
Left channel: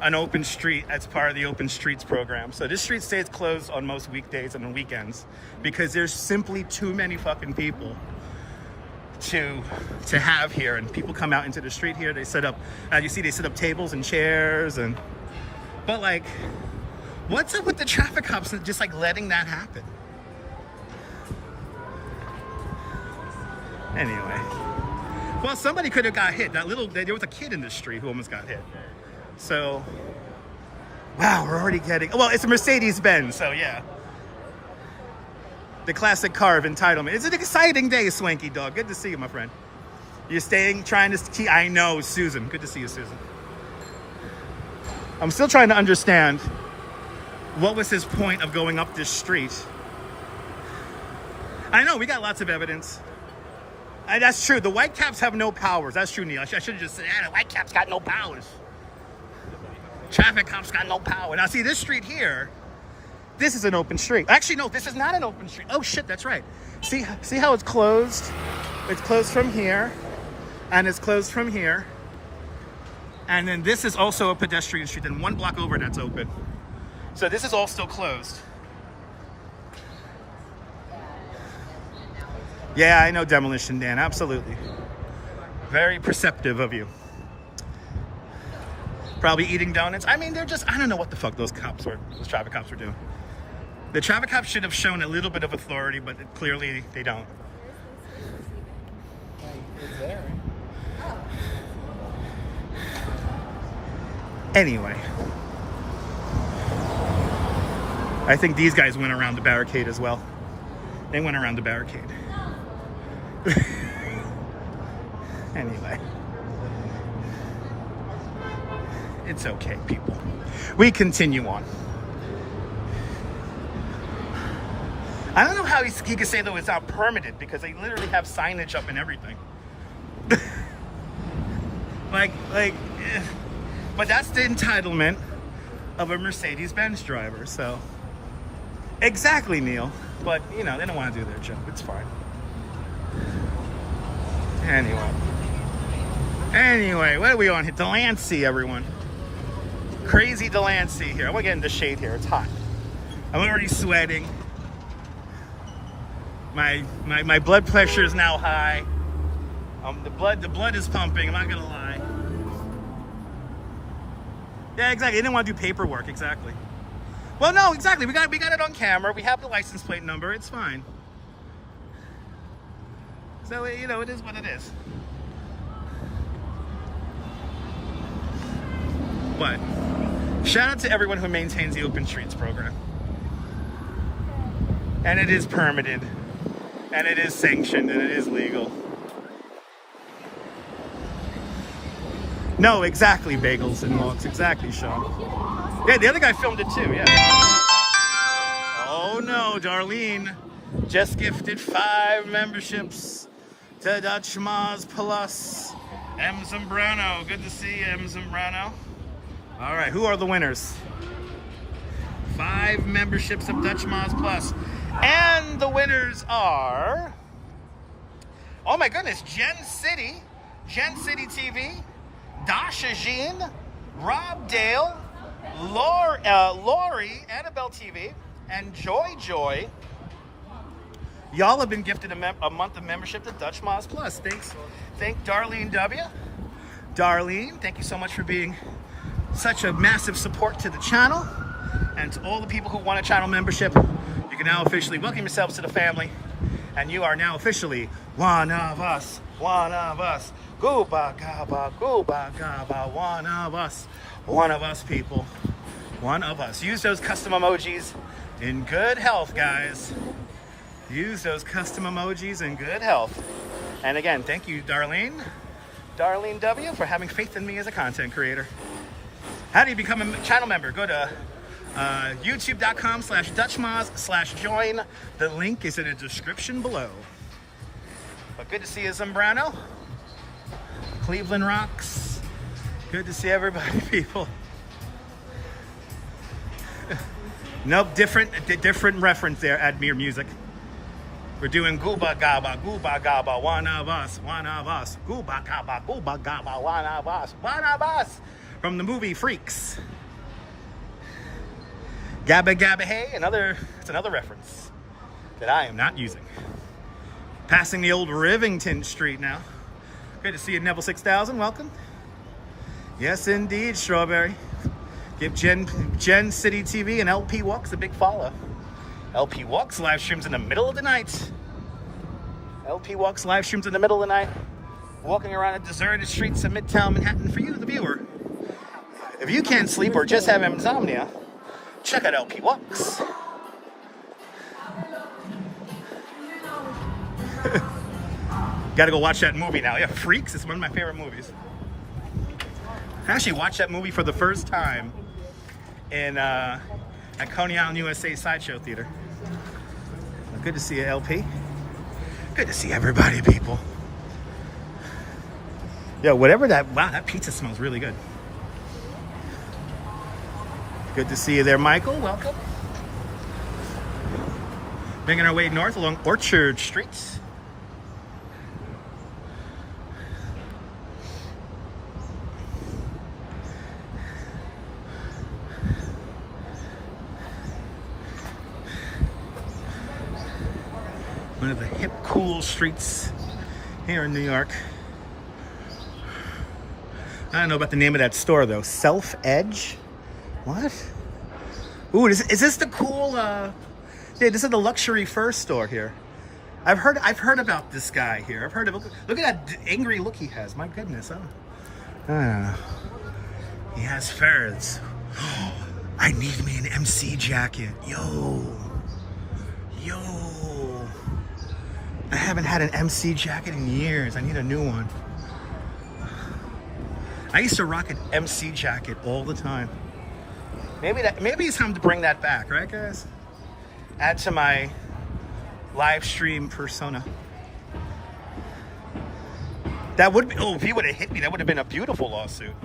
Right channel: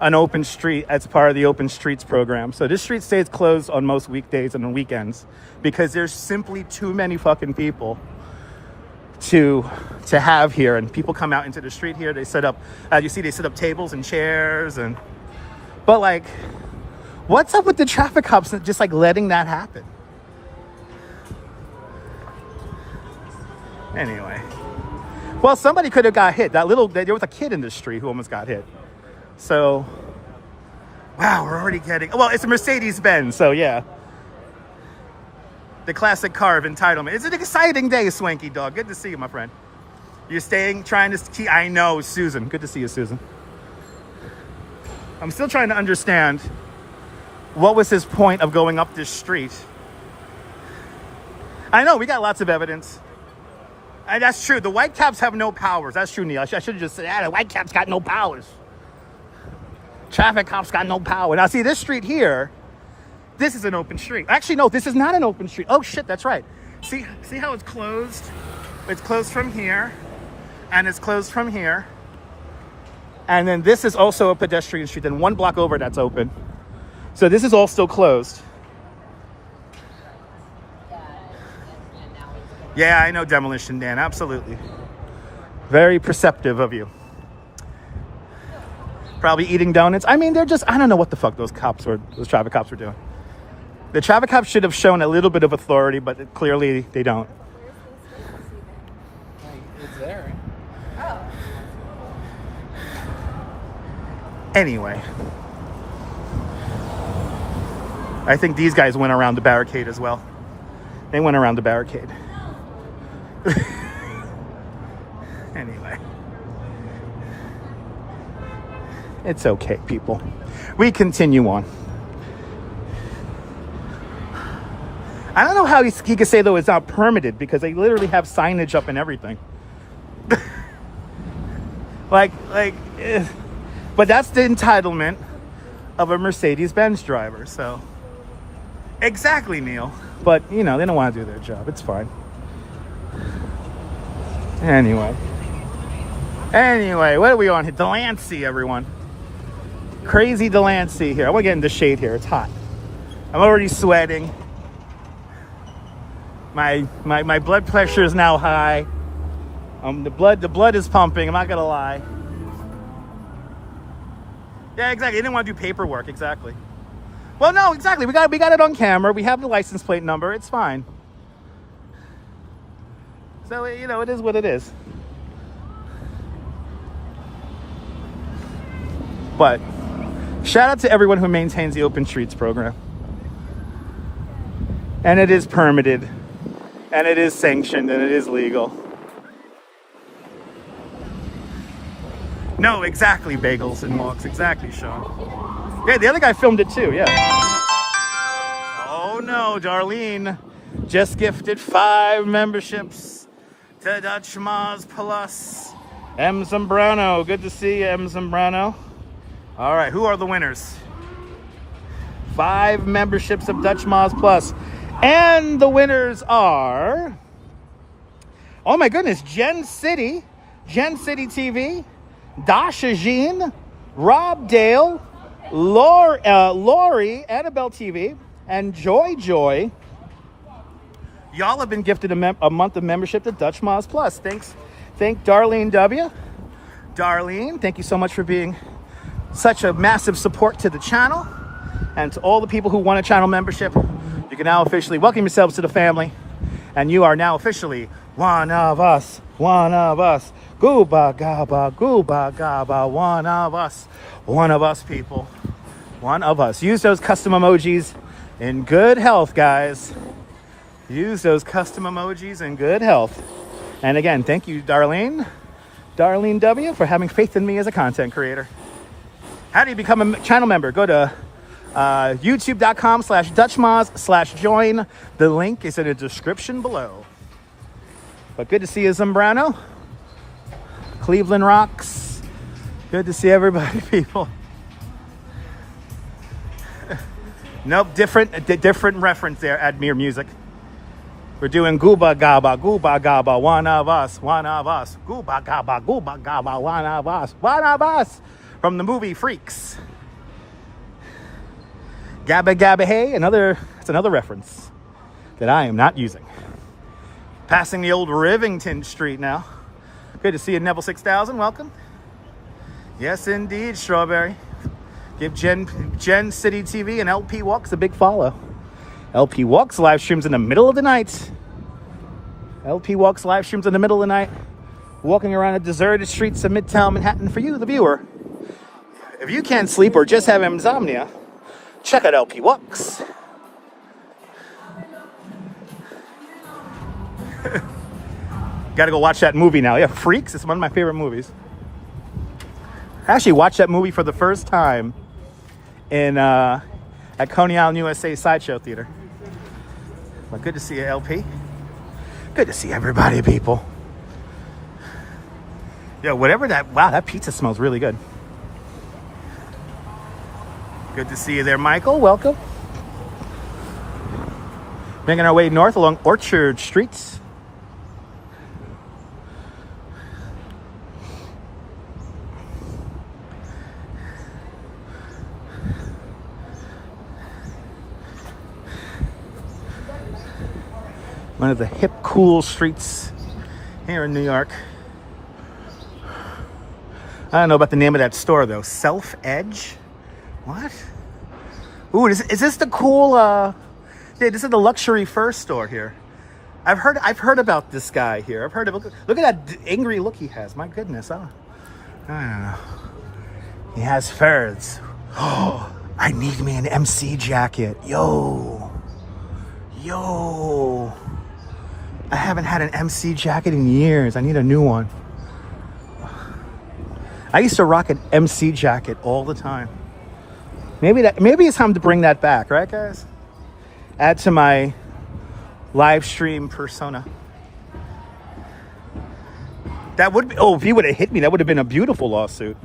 an open street as part of the open streets program. So this street stays closed on most weekdays and on weekends because there's simply too many fucking people to have here. And people come out into the street here. They set up, as you see, they set up tables and chairs. But like, what's up with the traffic cops just like letting that happen? Anyway. Well, somebody could have got hit. There was a kid in the street who almost got hit. So, wow, we're already getting... Well, it's a Mercedes-Benz, so yeah. The classic car of entitlement. It's an exciting day, Swanky Dog. Good to see you, my friend. You're trying to keep... I know, Susan. Good to see you, Susan. I'm still trying to understand what was his point of going up this street. I know, we got lots of evidence. That's true. The white caps have no powers. That's true, Neil. I should have just said, the white caps got no powers. Traffic cops got no power. Now, see, this street here, this is an open street. Actually, no, this is not an open street. Oh, shit, that's right. See how it's closed? It's closed from here, and it's closed from here. And then this is also a pedestrian street. Then one block over, that's open. So this is all still closed. Yeah, I know Demolition Dan, absolutely. Very perceptive of you. Probably eating donuts. I mean, they're just, I don't know what the fuck those traffic cops were doing. The traffic cops should have shown a little bit of authority, but clearly they don't. It's there. Anyway, I think these guys went around the barricade as well. They went around the barricade. Anyway, it's okay, people. We continue on. I don't know how he could say, though, it's not permitted, because they literally have signage up and everything. But that's the entitlement of a Mercedes-Benz driver, so. Exactly, Neil. But, you know, they don't want to do their job. It's fine. Anyway, what are we on here? Delancey, everyone. Crazy Delancey here. I want to get in the shade here. It's hot. I'm already sweating. My blood pressure is now high. The blood is pumping. I'm not gonna lie. Yeah, exactly. They didn't want to do paperwork. Exactly. Well, no, exactly. We got it on camera. We have the license plate number. It's fine. So, you know, it is what it is. But shout out to everyone who maintains the Open Streets program. And it is permitted. And it is sanctioned. And it is legal. No, exactly, Bagels and Walks. Exactly, Sean. Yeah, the other guy filmed it too, yeah. Oh no, Darlene just gifted 5 memberships to Dutch Moz Plus. M. Zambrano, good to see you, M. Zambrano. All right, who are the winners? 5 memberships of Dutch Moz Plus. And the winners are, oh my goodness, Gen City TV, Dasha Jean, Rob Dale, Lori, Annabelle TV, and Joy. Y'all have been gifted a month of membership to Dutch Moz Plus. Thank Darlene W. Darlene, thank you so much for being such a massive support to the channel. And to all the people who want a channel membership, you can now officially welcome yourselves to the family. And you are now officially one of us. Gooba gaba, one of us, people. One of us. Use those custom emojis in good health, guys. Use those custom emojis in good health. And again, thank you, Darlene W, for having faith in me as a content creator. How do you become a channel member? Go to youtube.com/DutchMoz/join. The link is in the description below. But good to see you, Zambrano. Cleveland rocks. Good to see everybody, people. Nope, different reference there, Admir Music. We're doing Gooba Gaba, one of us. Gooba Gaba, one of us. From the movie Freaks. Gabba Hey, it's another reference that I am not using. Passing the old Rivington Street now. Good to see you, Neville 6000. Welcome. Yes, indeed, Strawberry. Give Gen City TV and LP Walks a big follow. LP Walks live streams in the middle of the night. LP Walks live streams in the middle of the night. Walking around the deserted streets of Midtown Manhattan for you, the viewer. If you can't sleep or just have insomnia, check out LP Walks. Gotta go watch that movie now. Yeah, Freaks. It's one of my favorite movies. I actually watched that movie for the first time at Coney Island, USA Sideshow Theater. Well, good to see you, LP. Good to see everybody, people. Yo, wow, that pizza smells really good. Good to see you there, Michael. Welcome. Making our way north along Orchard Streets. One of the hip, cool streets here in New York. I don't know about the name of that store, though. Self Edge? What? Ooh, is this the cool Yeah, this is the luxury fur store here. I've heard about this guy here. I've heard of. Look at that angry look he has. My goodness, I don't know. He has furs. Oh, I need me an MC jacket. Yo. I haven't had an MC jacket in years. I need a new one. I used to rock an MC jacket all the time. Maybe it's time to bring that back, right, guys? Add to my live stream persona. That would be, oh, if he would have hit me, that would have been a beautiful lawsuit.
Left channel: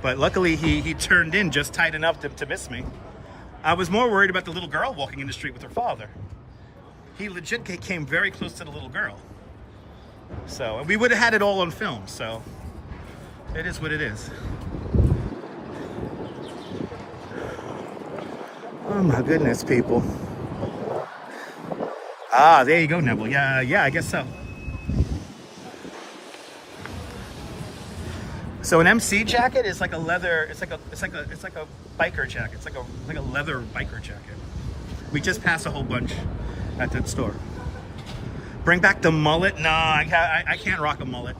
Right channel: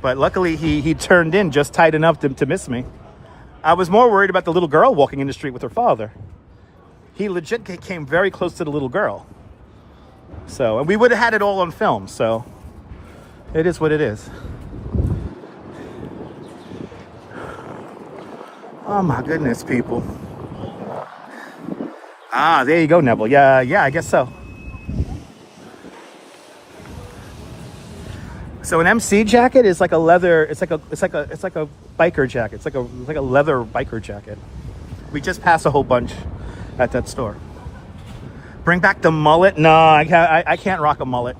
But luckily he turned in just tight enough to miss me. I was more worried about the little girl walking in the street with her father. He legit came very close to the little girl. So we would have had it all on film, so it is what it is. Oh my goodness, people. Ah, there you go, Neville. Yeah, I guess so. So an MC jacket is like a leather. It's like a biker jacket. It's like a leather biker jacket. We just passed a whole bunch at that store. Bring back the mullet? No, I can't rock a mullet.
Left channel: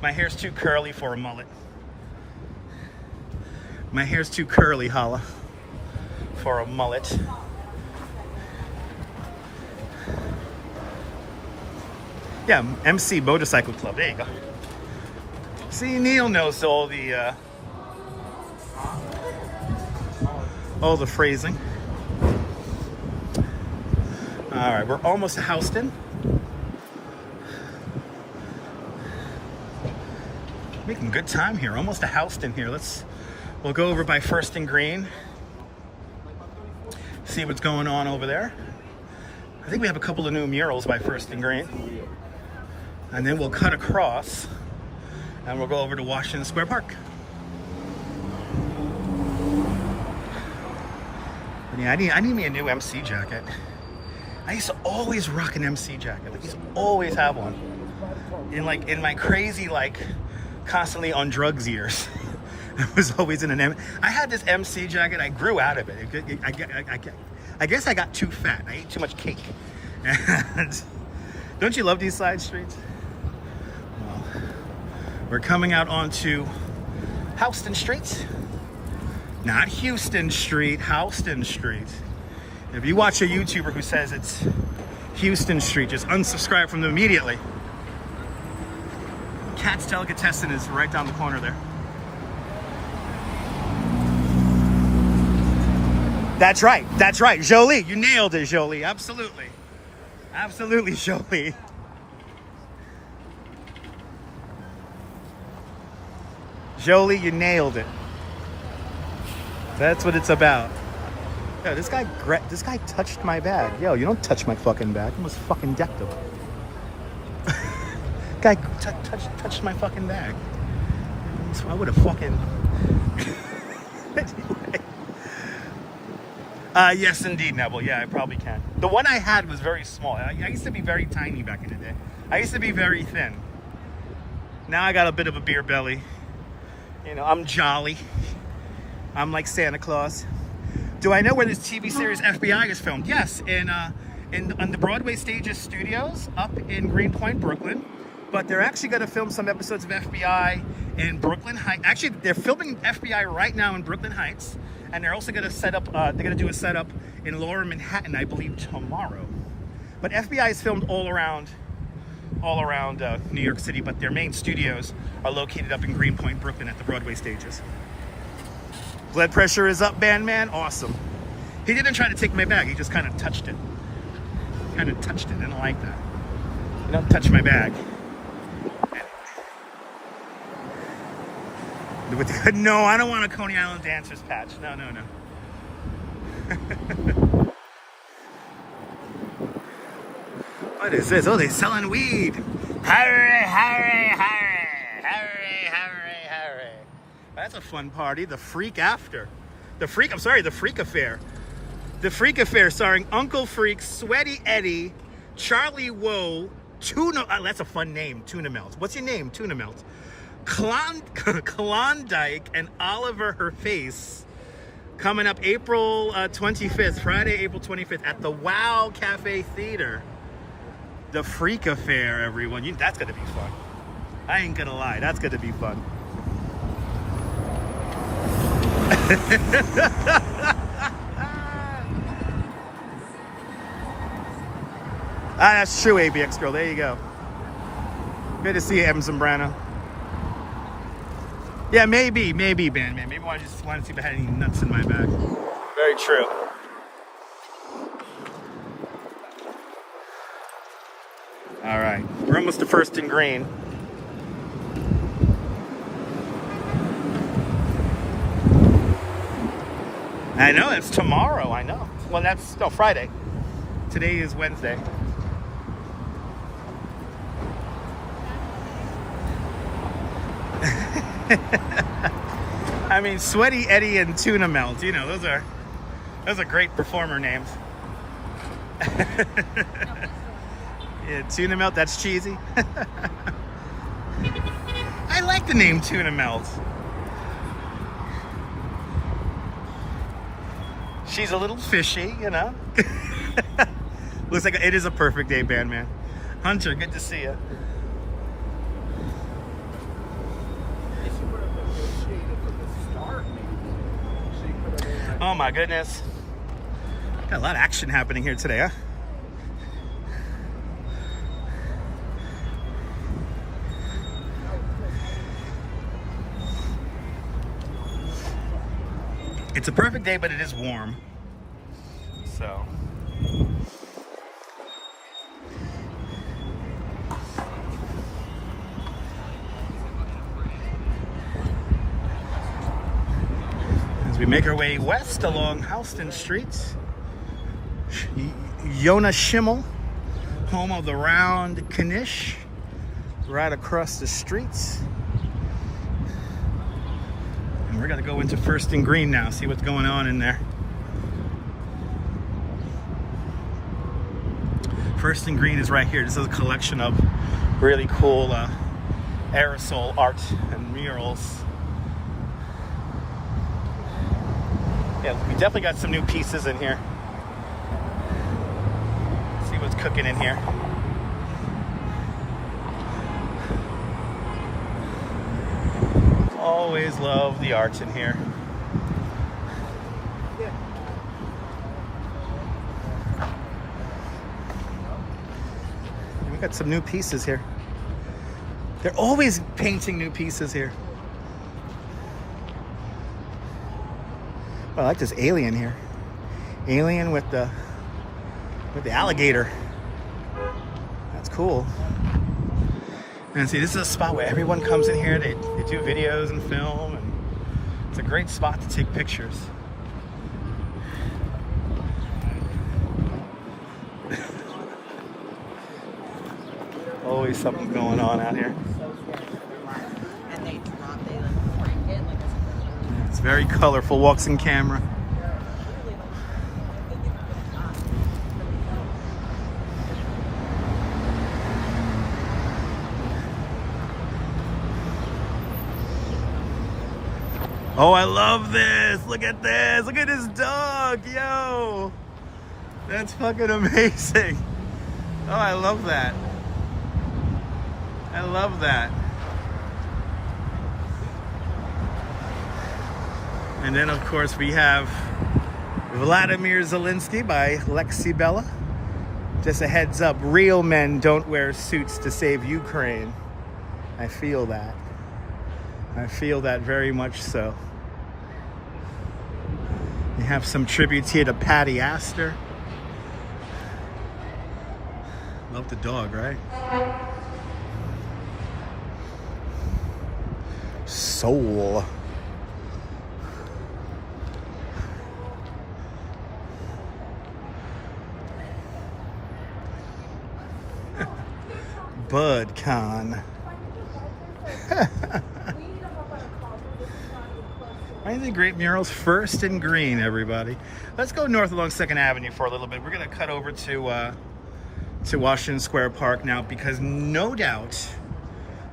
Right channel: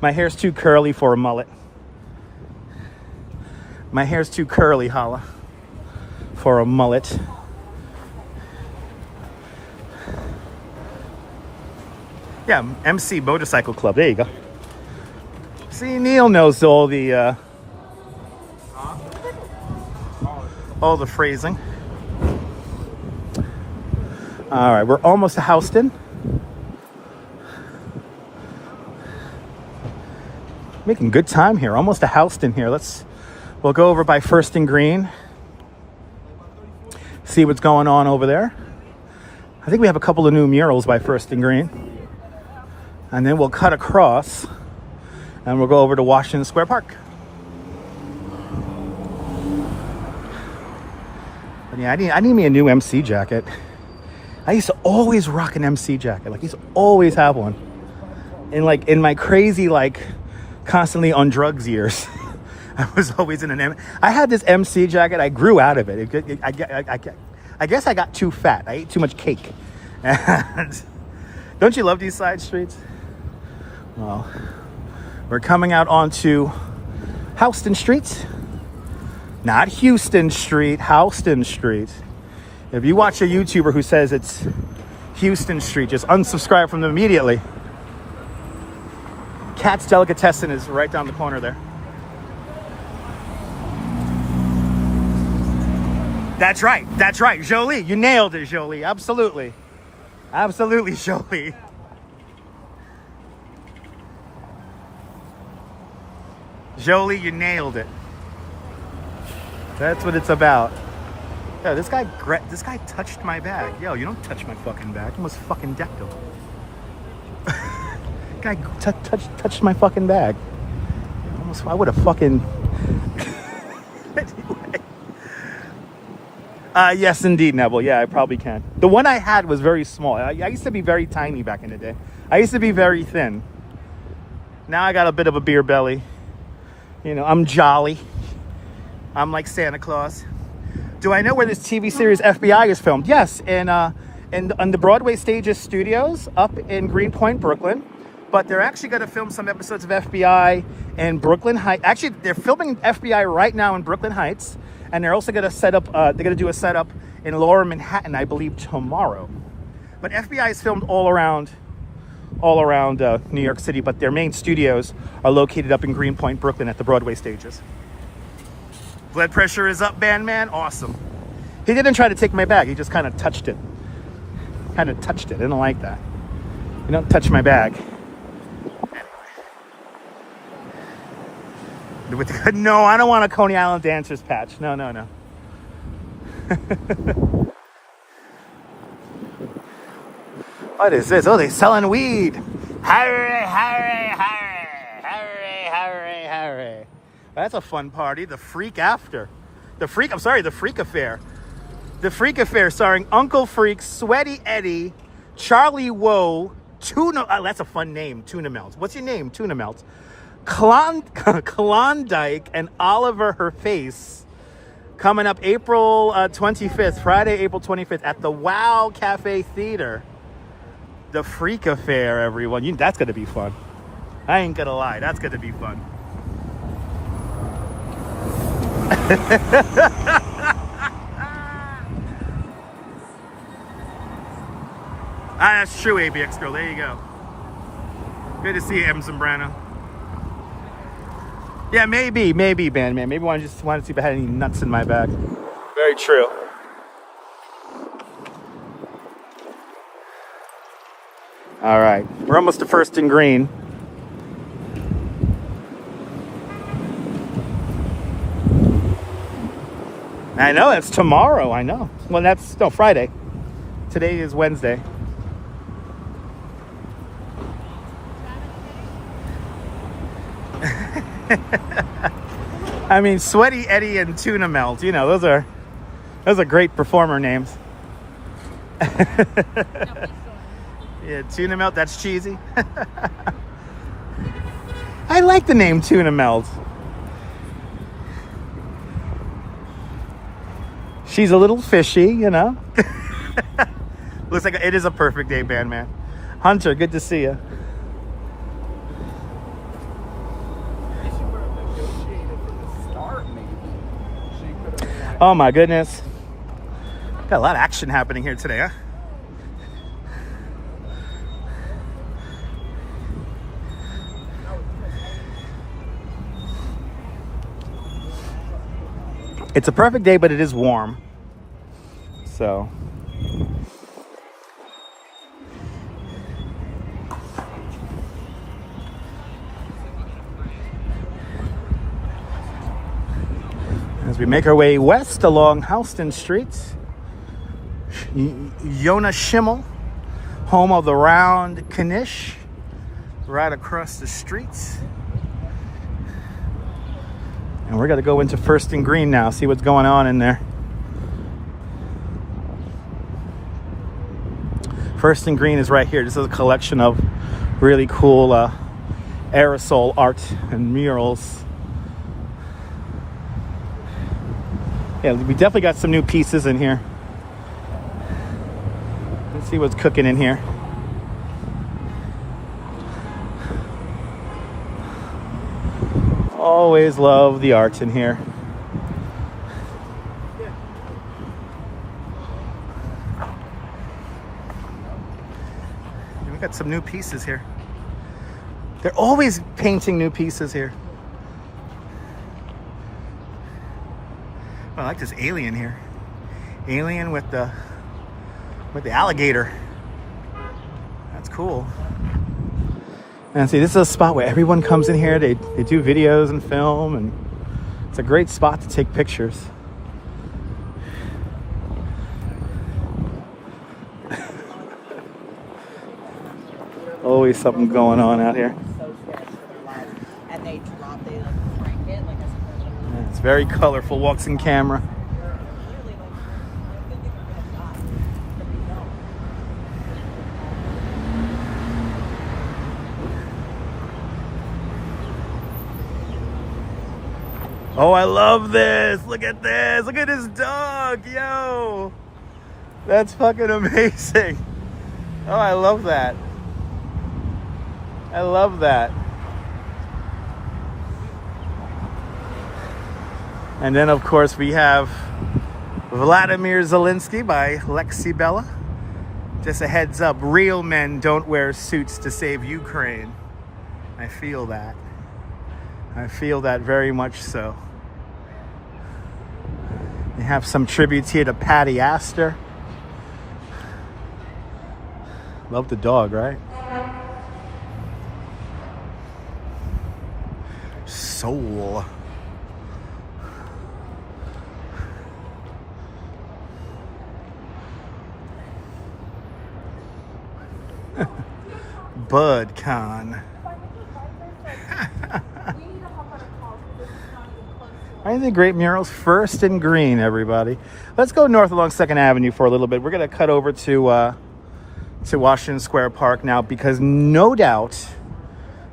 My hair's too curly for a mullet. My hair's too curly, holla, for a mullet. Yeah, MC Motorcycle Club. There you go. See, Neil knows all the phrasing. All right, we're almost to Houston. Making good time here. Almost to Houston here. We'll go over by First and Green. See what's going on over there. I think we have a couple of new murals by First and Green. And then we'll cut across and we'll go over to Washington Square Park. But yeah, I need me a new MC jacket. I used to always rock an MC jacket. Like, I used to always have one. In my crazy, like, constantly on drugs years. I was always in I had this MC jacket. I grew out of it. I guess I got too fat. I ate too much cake. And don't you love these side streets? Well, we're coming out onto Houston Street. Not Houston Street, Houston Street. If you watch a YouTuber who says it's Houston Street, just unsubscribe from them immediately. Cat's Delicatessen is right down the corner there. That's right. Jolie, you nailed it, Jolie. Absolutely. Absolutely, Jolie. Jolie, you nailed it. That's what it's about. Yo, this guy touched my bag. Yo, you don't touch my fucking bag. You almost fucking decked him. Guy touched my fucking bag. I would have fucking... Anyway. Yes, indeed, Neville. Yeah, I probably can. The one I had was very small. I used to be very tiny back in the day. I used to be very thin. Now I got a bit of a beer belly. You know, I'm jolly. I'm like Santa Claus. Do I know where this TV series FBI is filmed? Yes, and on the Broadway Stages Studios up in Greenpoint, Brooklyn. But they're actually going to film some episodes of FBI in Brooklyn Heights. Actually, they're filming FBI right now in Brooklyn Heights. And they're also going to set up, they're going to do a setup in Lower Manhattan, I believe, tomorrow. But FBI is filmed all around New York City, but their main studios are located up in Greenpoint, Brooklyn at the Broadway Stages. Blood pressure is up, Bandman. Awesome. He didn't try to take my bag. He just kind of touched it. I didn't like that. You don't touch my bag. No, I don't want a Coney Island Dancers patch. No. What is this? Oh, they're selling weed. Hurry. That's a fun party. The Freak Affair. The Freak Affair. The Freak Affair starring Uncle Freak, Sweaty Eddie, Charlie Woe, Tuna... that's a fun name, Tuna Melt. What's your name, Tuna Melt? Klondike and Oliver Her Face. Coming up April 25th, Friday, April 25th at the Wow Cafe Theater. The Freak Affair, everyone. That's going to be fun. I ain't going to lie. That's going to be fun. That's true, ABX girl. There you go. Good to see you, M. Zambrano. Yeah, maybe, Bandman. Maybe I just wanted to see if I had any nuts in my bag. Very true. All right, we're almost to First and Green. I know, it's tomorrow, I know. Well, no, Friday. Today is Wednesday. I mean, Sweaty Eddie and Tuna Melt, you know, those are great performer names. Yeah, Tuna Melt, that's cheesy. I like the name Tuna Melt. She's a little fishy, you know. Looks like it is a perfect day, Bandman. Hunter, good to see you. Oh my goodness. Got a lot of action happening here today, huh? It's a perfect day, but it is warm. So. As we make our way west along Houston Street, Yonah Schimmel, home of the Round Knish, right across the street. And we're going to go into First and Green now, see what's going on in there. First and Green is right here. This is a collection of really cool aerosol art and murals. Yeah, we definitely got some new pieces in here. Let's see what's cooking in here. Always love the art in here. And we got some new pieces here. They're always painting new pieces here. Oh, I like this alien here. Alien with the alligator. That's cool. And see, this is a spot where everyone comes in here. They do videos and film, and it's a great spot to take pictures. Always something going on out here. Yeah, it's very colorful. Walks in camera. Oh, I love this. Look at this. Look at this dog. Yo. That's fucking amazing. Oh, I love that. I love that. And then, of course, we have Vladimir Zelensky by Lexi Bella. Just a heads up, real men don't wear suits to save Ukraine. I feel that. I feel that very much so. We have some tributes here to Patty Astor. Love the dog, right? Soul. BudCon. I think great murals. First and Green, everybody. Let's go north along 2nd Avenue for a little bit. We're going to cut over to Washington Square Park now, because no doubt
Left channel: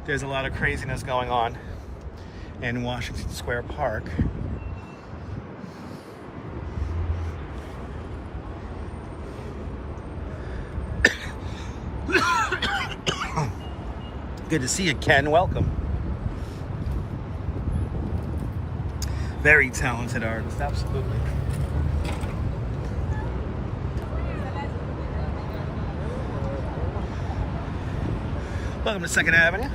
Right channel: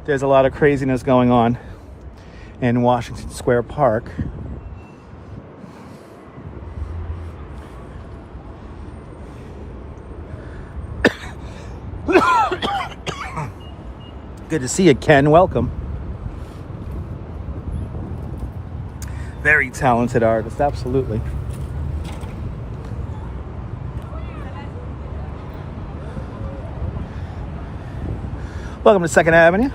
there's a lot of craziness going on in Washington Square Park. Good to see you, Ken. Welcome. Very talented artist, absolutely. Welcome to 2nd Avenue.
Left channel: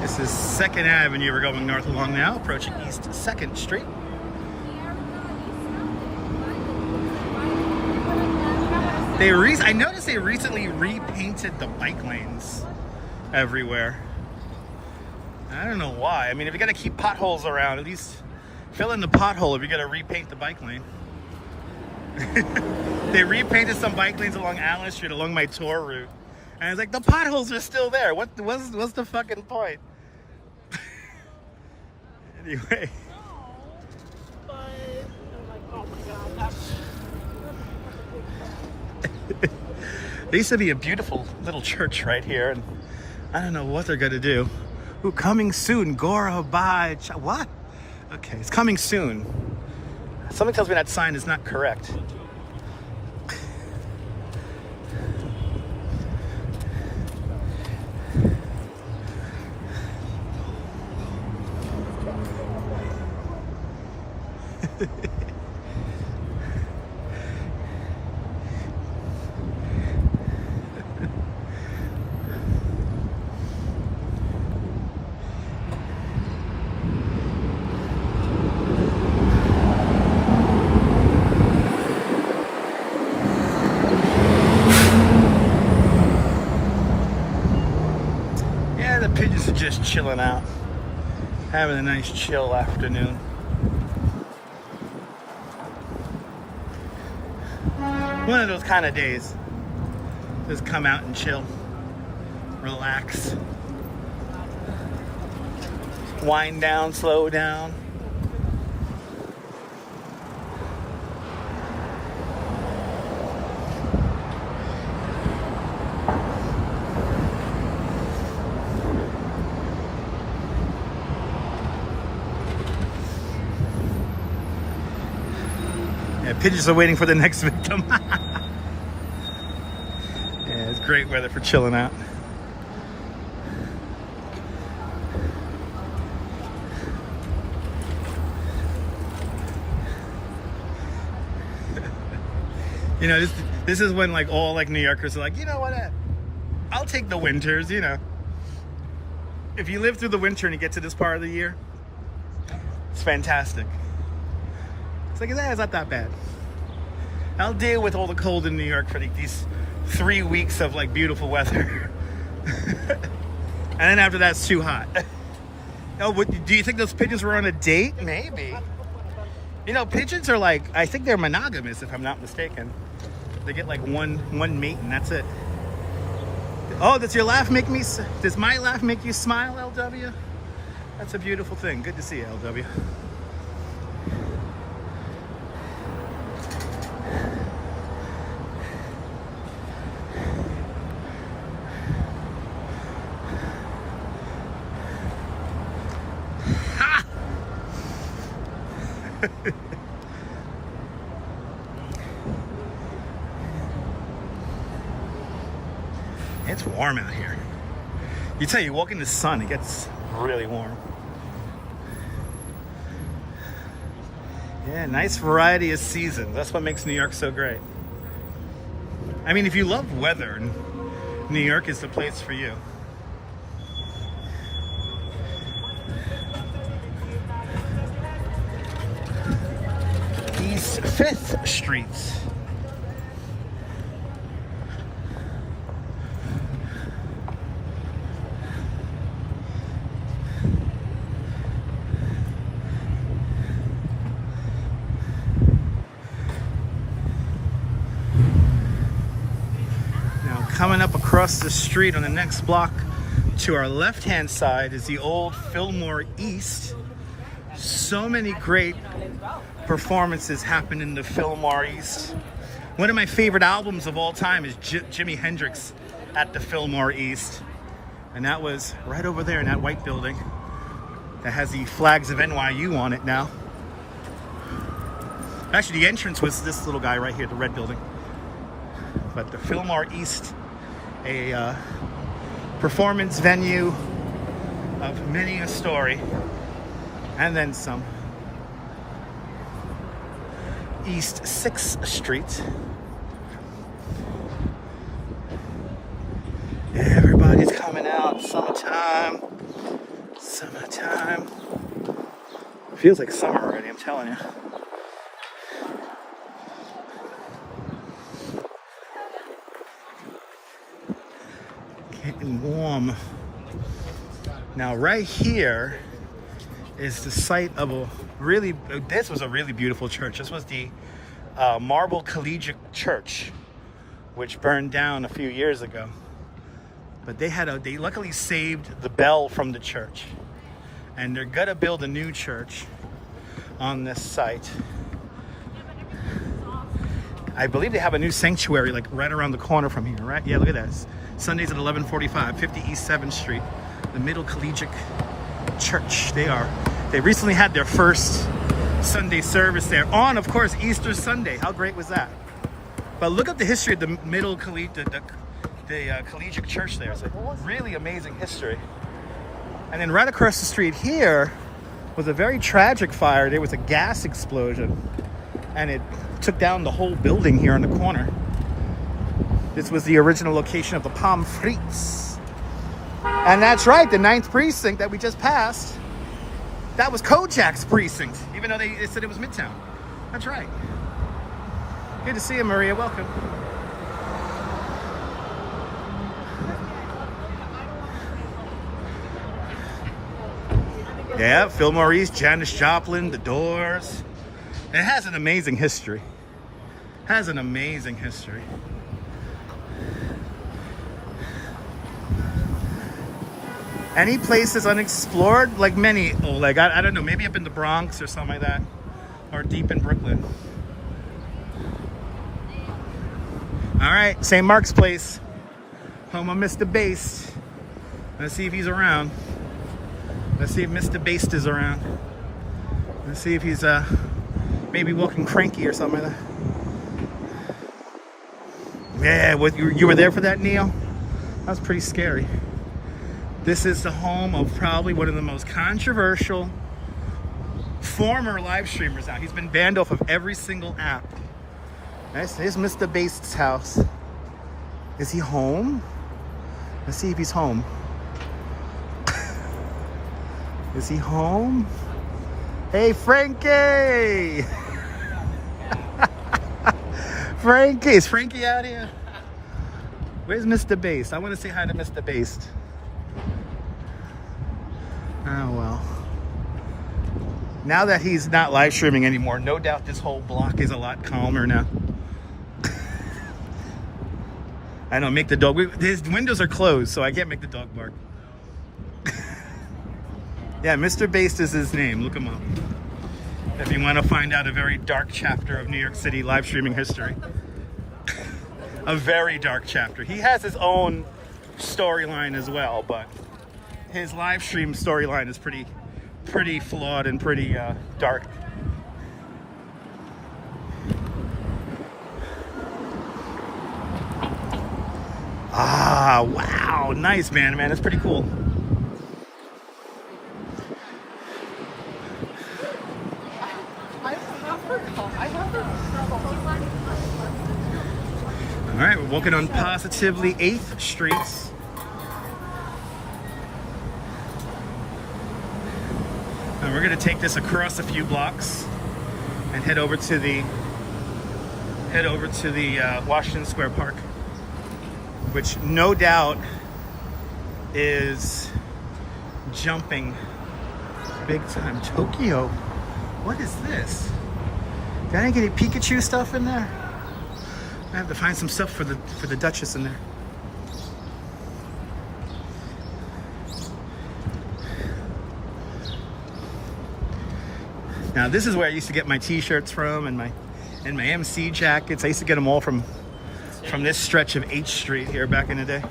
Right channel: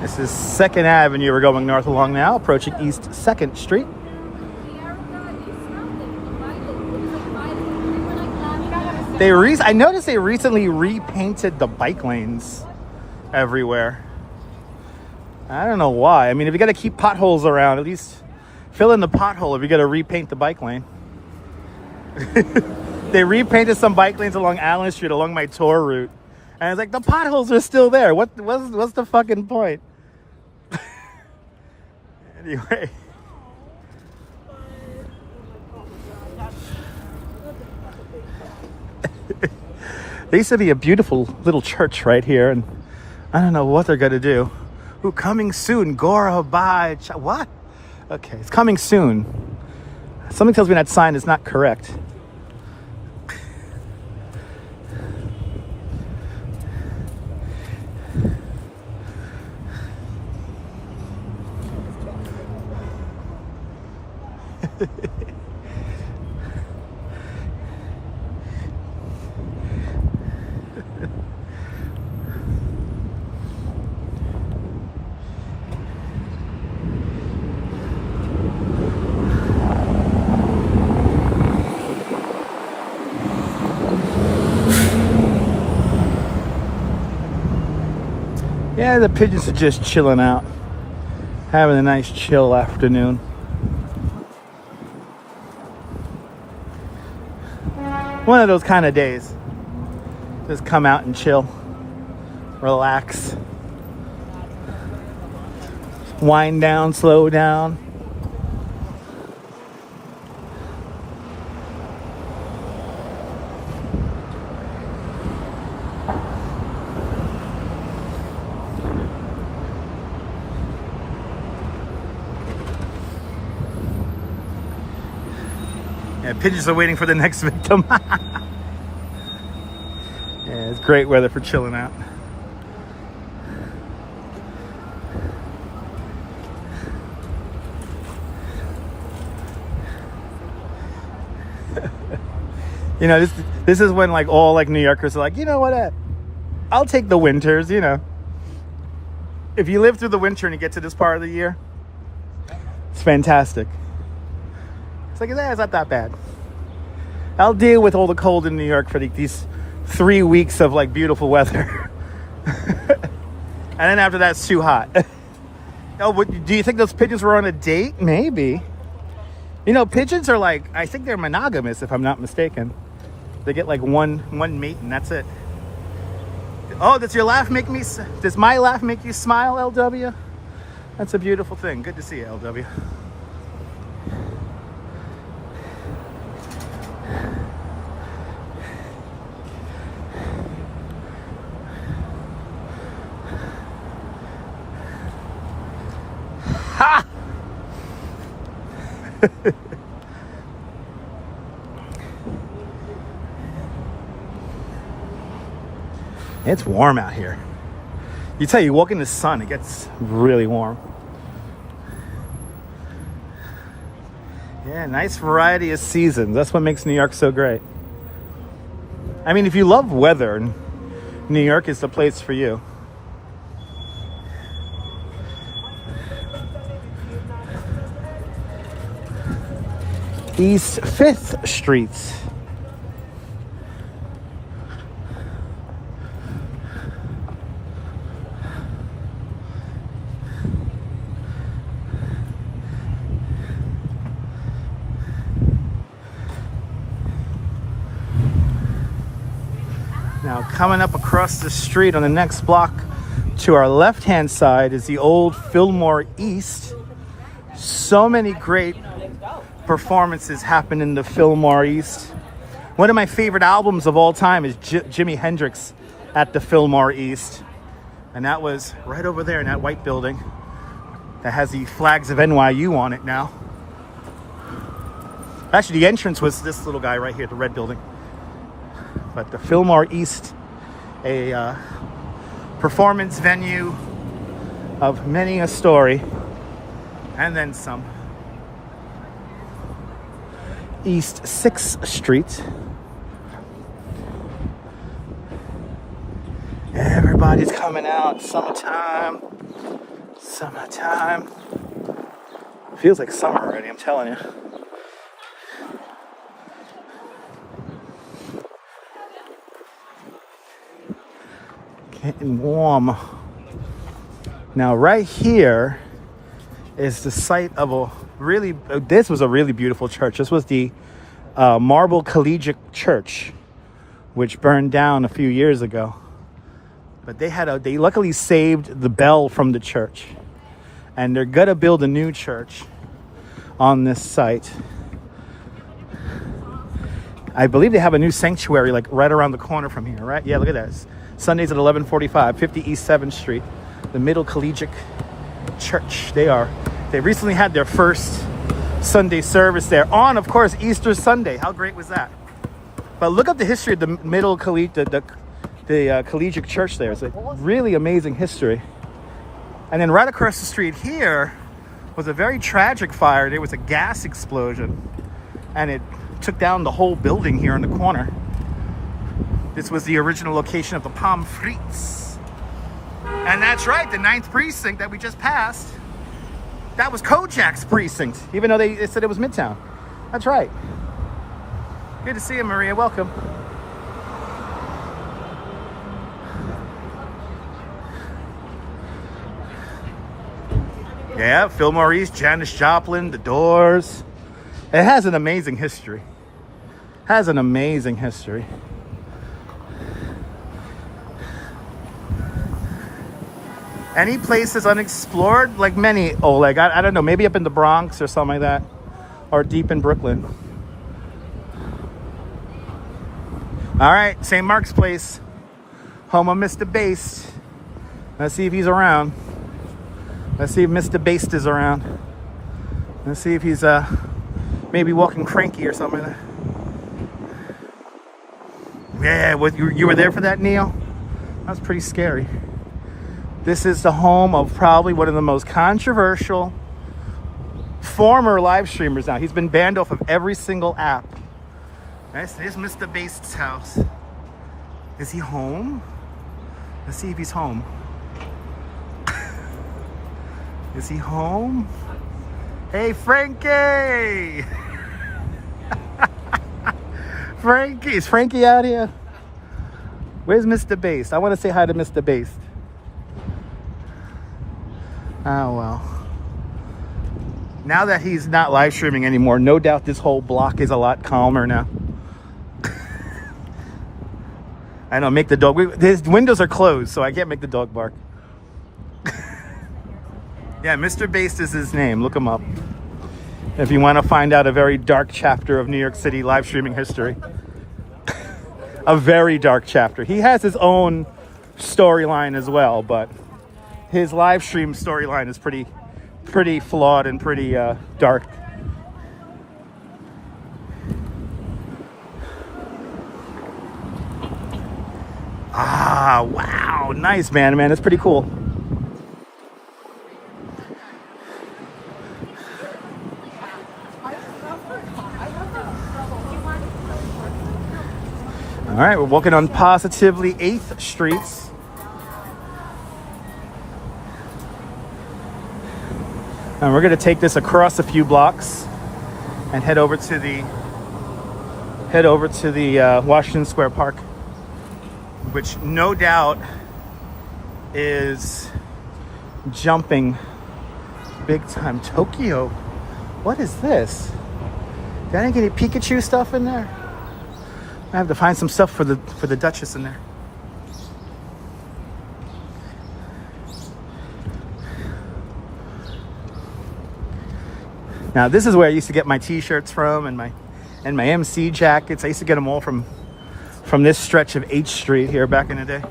This is 2nd Avenue. We're going north along now, approaching East 2nd Street. I noticed they recently repainted the bike lanes everywhere. I don't know why. I mean, if you got to keep potholes around, at least fill in the pothole if you got to repaint the bike lane. They repainted some bike lanes along Allen Street, along my tour route. And it's like, the potholes are still there. What's the fucking point? Anyway. There used to be a beautiful little church right here, and I don't know what they're gonna do. Ooh, coming soon, Gora Bye. What? Okay, it's coming soon. Something tells me that sign is not correct. Yeah, the pigeons are just chilling out, having a nice chill afternoon. One of those kind of days. Just come out and chill, relax, wind down, slow down. Yeah, pigeons are waiting for the next victim. Yeah, it's great weather for chilling out. You know, this is when like all like New Yorkers are like, you know what, I'll take the winters, you know. If you live through the winter and you get to this part of the year, it's fantastic. It's like, it's not that bad. I'll deal with all the cold in New York for these 3 weeks of like beautiful weather. And then after that, it's too hot. Oh, do you think those pigeons were on a date? Maybe. You know, pigeons are like, I think they're monogamous if I'm not mistaken. They get like one mate and that's it. Oh, does my laugh make you smile, LW? That's a beautiful thing. Good to see you, LW. Ha! It's warm out here. You tell you walk in the sun, it gets really warm. Yeah, nice variety of seasons. That's what makes New York so great. I mean, if you love weather, New York is the place for you. East 5th Streets. Now Coming up across the street on the next block to our left-hand side is the old Fillmore East. So many great performances happen in the Fillmore East. One of my favorite albums of all time is Jimi Hendrix at the Fillmore East. And that was right over there in that white building that has the flags of NYU on it now. Actually, the entrance was this little guy right here, the red building. But the Fillmore East, a performance venue of many a story, and then some. East 6th Street. Everybody's coming out. Summertime. Summertime. Feels like summer already, I'm telling you. Getting warm. Now right here is the site of this was a really beautiful church. This was the Marble Collegiate Church, which burned down a few years ago. But they luckily saved the bell from the church. And they're gonna build a new church on this site. I believe they have a new sanctuary like right around the corner from here, right? Yeah, look at that. Sundays at 11:45, 50 East 7th Street, the Middle Collegiate Church. They recently had their first Sunday service there on, of course, Easter Sunday. How great was that? But look up the history of the Middle Collegiate, the Collegiate Church there. It's a really amazing history. And then right across the street here was a very tragic fire. There was a gas explosion and it took down the whole building here in the corner. This was the original location of the Pommes Frites. And that's right, the 9th precinct that we just passed, that was Kojak's precinct, even though they said it was Midtown. That's right. Good to see you, Maria. Welcome. Yeah, Fillmore East, Janis Joplin, The Doors. It has an amazing history. Has an amazing history. Any places unexplored? Like many, Oleg. I don't know, maybe up in the Bronx or something like that. Or deep in Brooklyn. All right, St. Mark's Place. Home of Mr. Bass. Let's see if he's around. Let's see if Mr. Bass is around. Let's see if he's maybe walking cranky or something like that. Yeah, you were there for that, Neil? That was pretty scary. This is the home of probably one of the most controversial former live streamers now. He's been banned off of every single app. Here's Mr. Bass's house. Is he home? Let's see if he's home. Is he home? Hey, Frankie! Frankie, is Frankie out here? Where's Mr. Bass? I want to say hi to Mr. Bass. Oh, well. Now that he's not live streaming anymore, no doubt this whole block is a lot calmer now. I know, make the dog. His windows are closed, so I can't make the dog bark. Yeah, Mr. Bass is his name. Look him up if you want to find out a very dark chapter of New York City live streaming history. A very dark chapter. He has his own storyline as well, but his live stream storyline is pretty flawed and pretty dark. Ah, wow, nice, man. That's pretty cool. All right, we're walking on positively 8th Street. And we're gonna take this across a few blocks and head over to the Washington Square Park, which no doubt is jumping big time. Tokyo, what is this? Did I get any Pikachu stuff in there? I have to find some stuff for the Duchess in there. Now this is where I used to get my t-shirts from and my MC jackets. I used to get them all from this stretch of H Street here back in the day.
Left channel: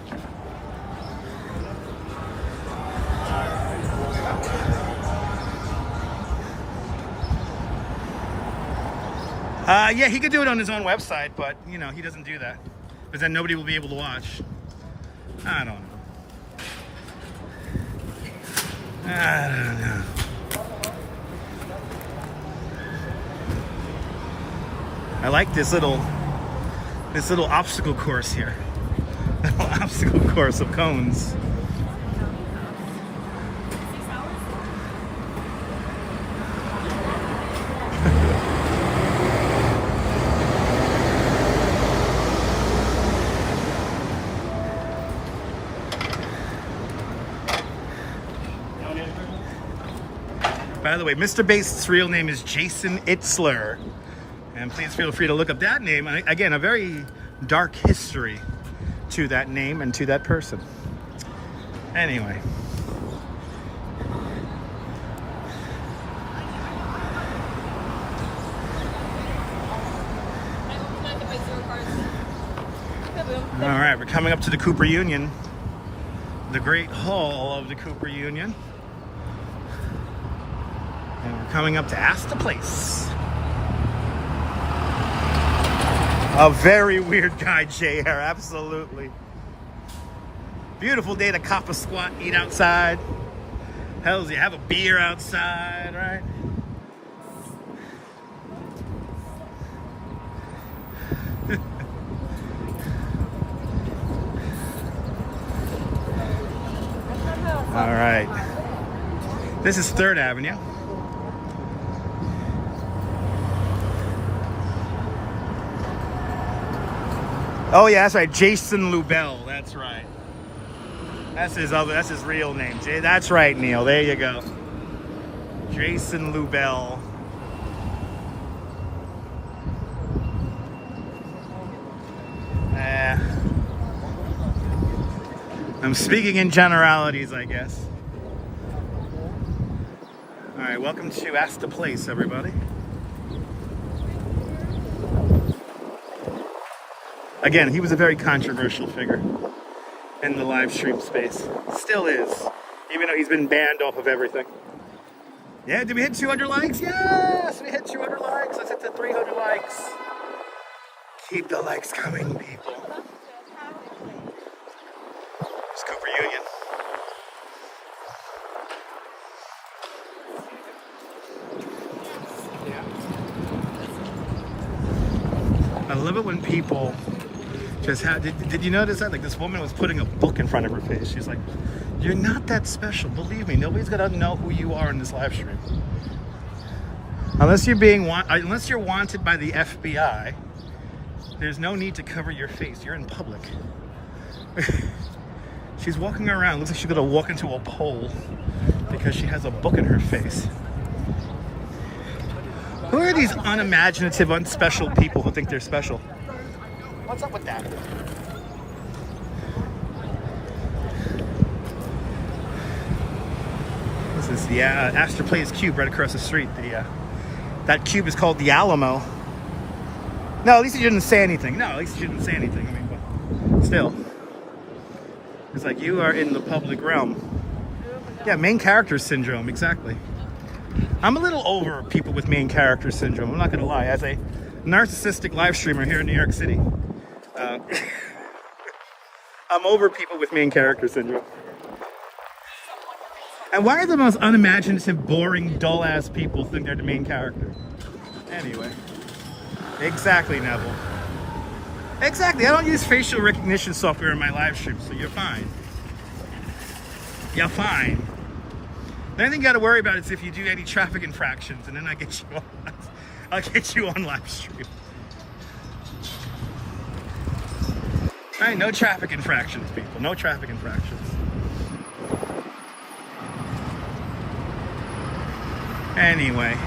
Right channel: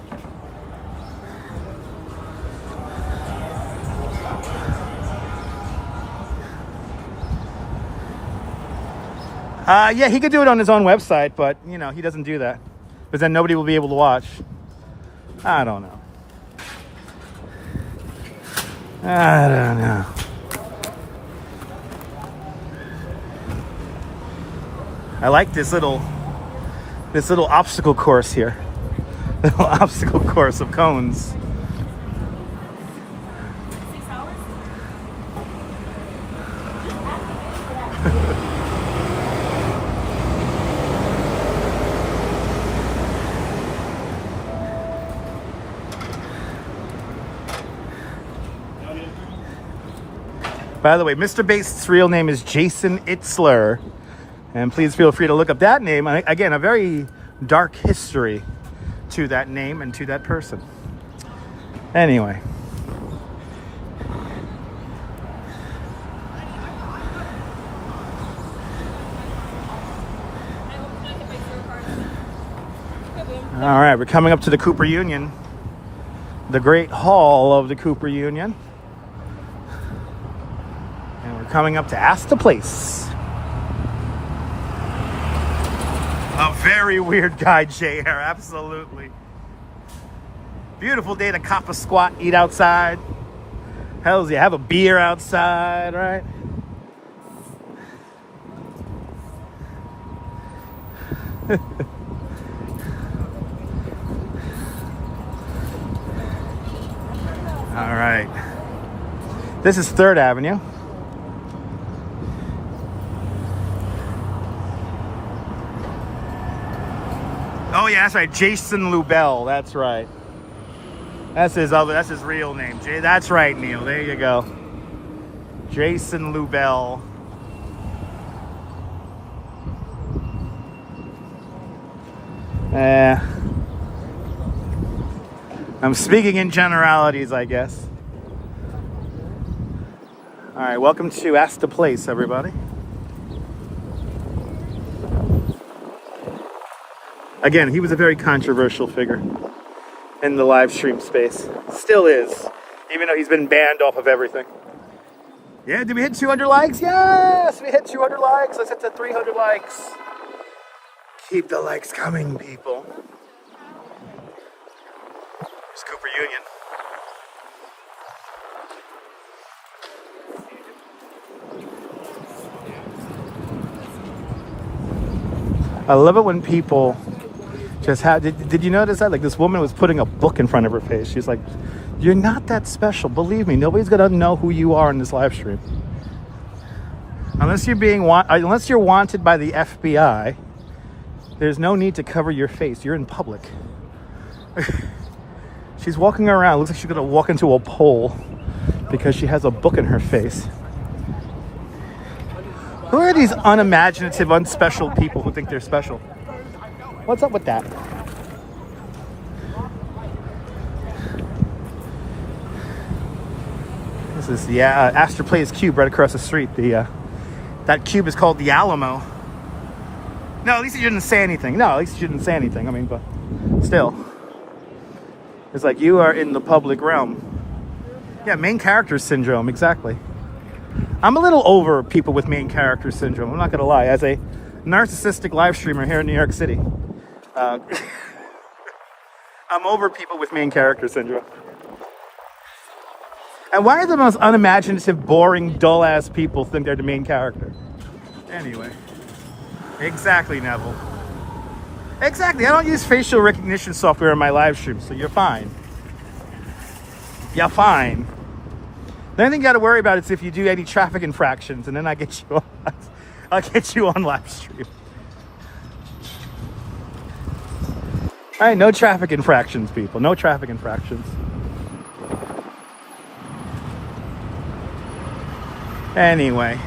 Yeah, he could do it on his own website, but you know, he doesn't do that. Because then nobody will be able to watch. I don't know. I don't know. I like this little obstacle course here. Little obstacle course of cones. By the way, Mr. Base's real name is Jason Itzler. And please feel free to look up that name. Again, a very dark history to that name and to that person. Anyway. All right, we're coming up to the Cooper Union. The Great Hall of the Cooper Union. And we're coming up to Astor Place. A very weird guy, JR, absolutely. Beautiful day to cop a squat, eat outside. Hells yeah, have a beer outside, right? All right. This is 3rd Avenue. Oh yeah, that's right, Jason Lubell. That's right. That's his real name. That's right, Neil. There you go. Jason Lubell. I'm speaking in generalities, I guess. All right, welcome to Astor Place, everybody. Again, he was a very controversial figure in the live stream space. Still is, even though he's been banned off of everything. Yeah, did we hit 200 likes? Yes, we hit 200 likes. Let's hit to 300 likes. Keep the likes coming, people. It's Cooper Union. I love it when people just have, did you notice that? Like this woman was putting a book in front of her face. She's like, you're not that special. Believe me, nobody's gonna know who you are in this live stream. Unless you're wanted by the FBI, there's no need to cover your face. You're in public. She's walking around, looks like she's gonna walk into a pole because she has a book in her face. Who are these unimaginative, unspecial people who think they're special? What's up with that? This is the Astor Place cube right across the street. That cube is called the Alamo. No, at least he didn't say anything. No, at least he didn't say anything. I mean, but still. It's like you are in the public realm. Yeah, main character syndrome, exactly. I'm a little over people with main character syndrome. I'm not going to lie. As a narcissistic live streamer here in New York City, I'm over people with main character syndrome. And why are the most unimaginative, boring, dull-ass people think they're the main character? Anyway. Exactly, Neville. Exactly. I don't use facial recognition software in my live stream, so you're fine. You're fine. The only thing you got to worry about is if you do any traffic infractions, and then I'll get you on live stream. All right, no traffic infractions, people. No traffic infractions. Anyway.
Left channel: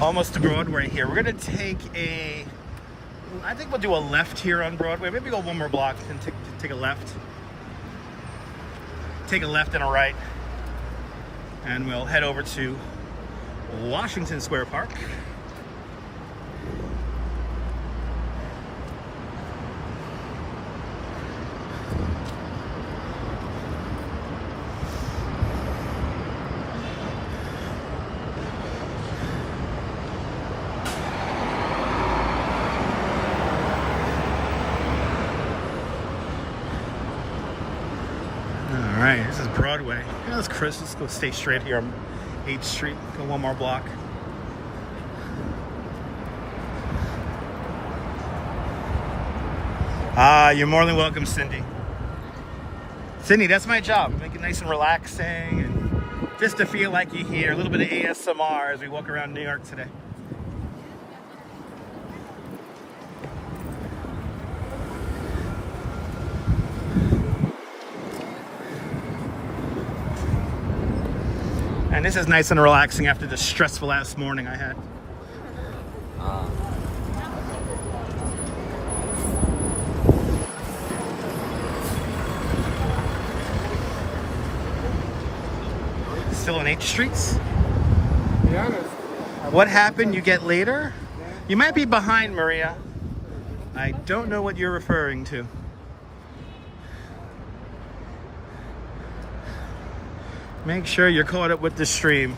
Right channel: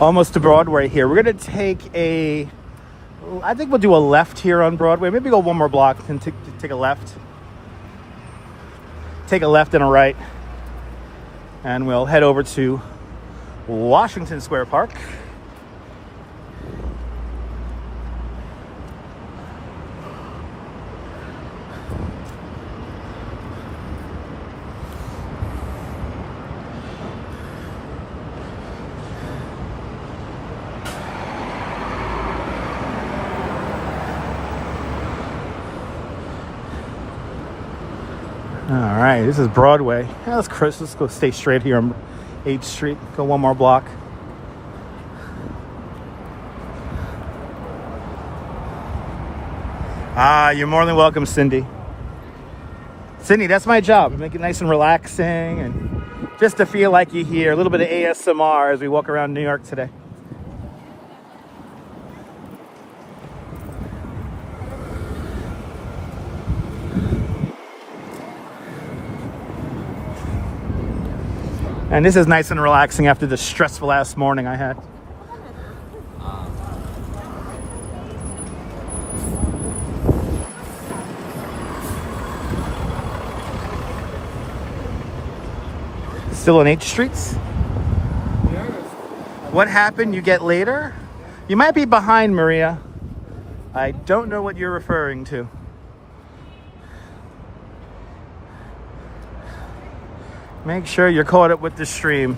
Almost to Broadway here. We're going to take a I think we'll do a left here on Broadway. Maybe go one more block and take a left. Take a left and a right. And we'll head over to Washington Square Park. All right, this is Broadway. Yeah, let's go stay straight here on 8th Street. Go one more block. You're more than welcome, Cindy. Cindy, that's my job. Make it nice and relaxing and just to feel like you're here. A little bit of ASMR as we walk around New York today. And this is nice and relaxing after the stressful last morning I had. Still on 8th Street? What happened? You get later? You might be behind, Maria. I don't know what you're referring to. Make sure you're caught up with the stream.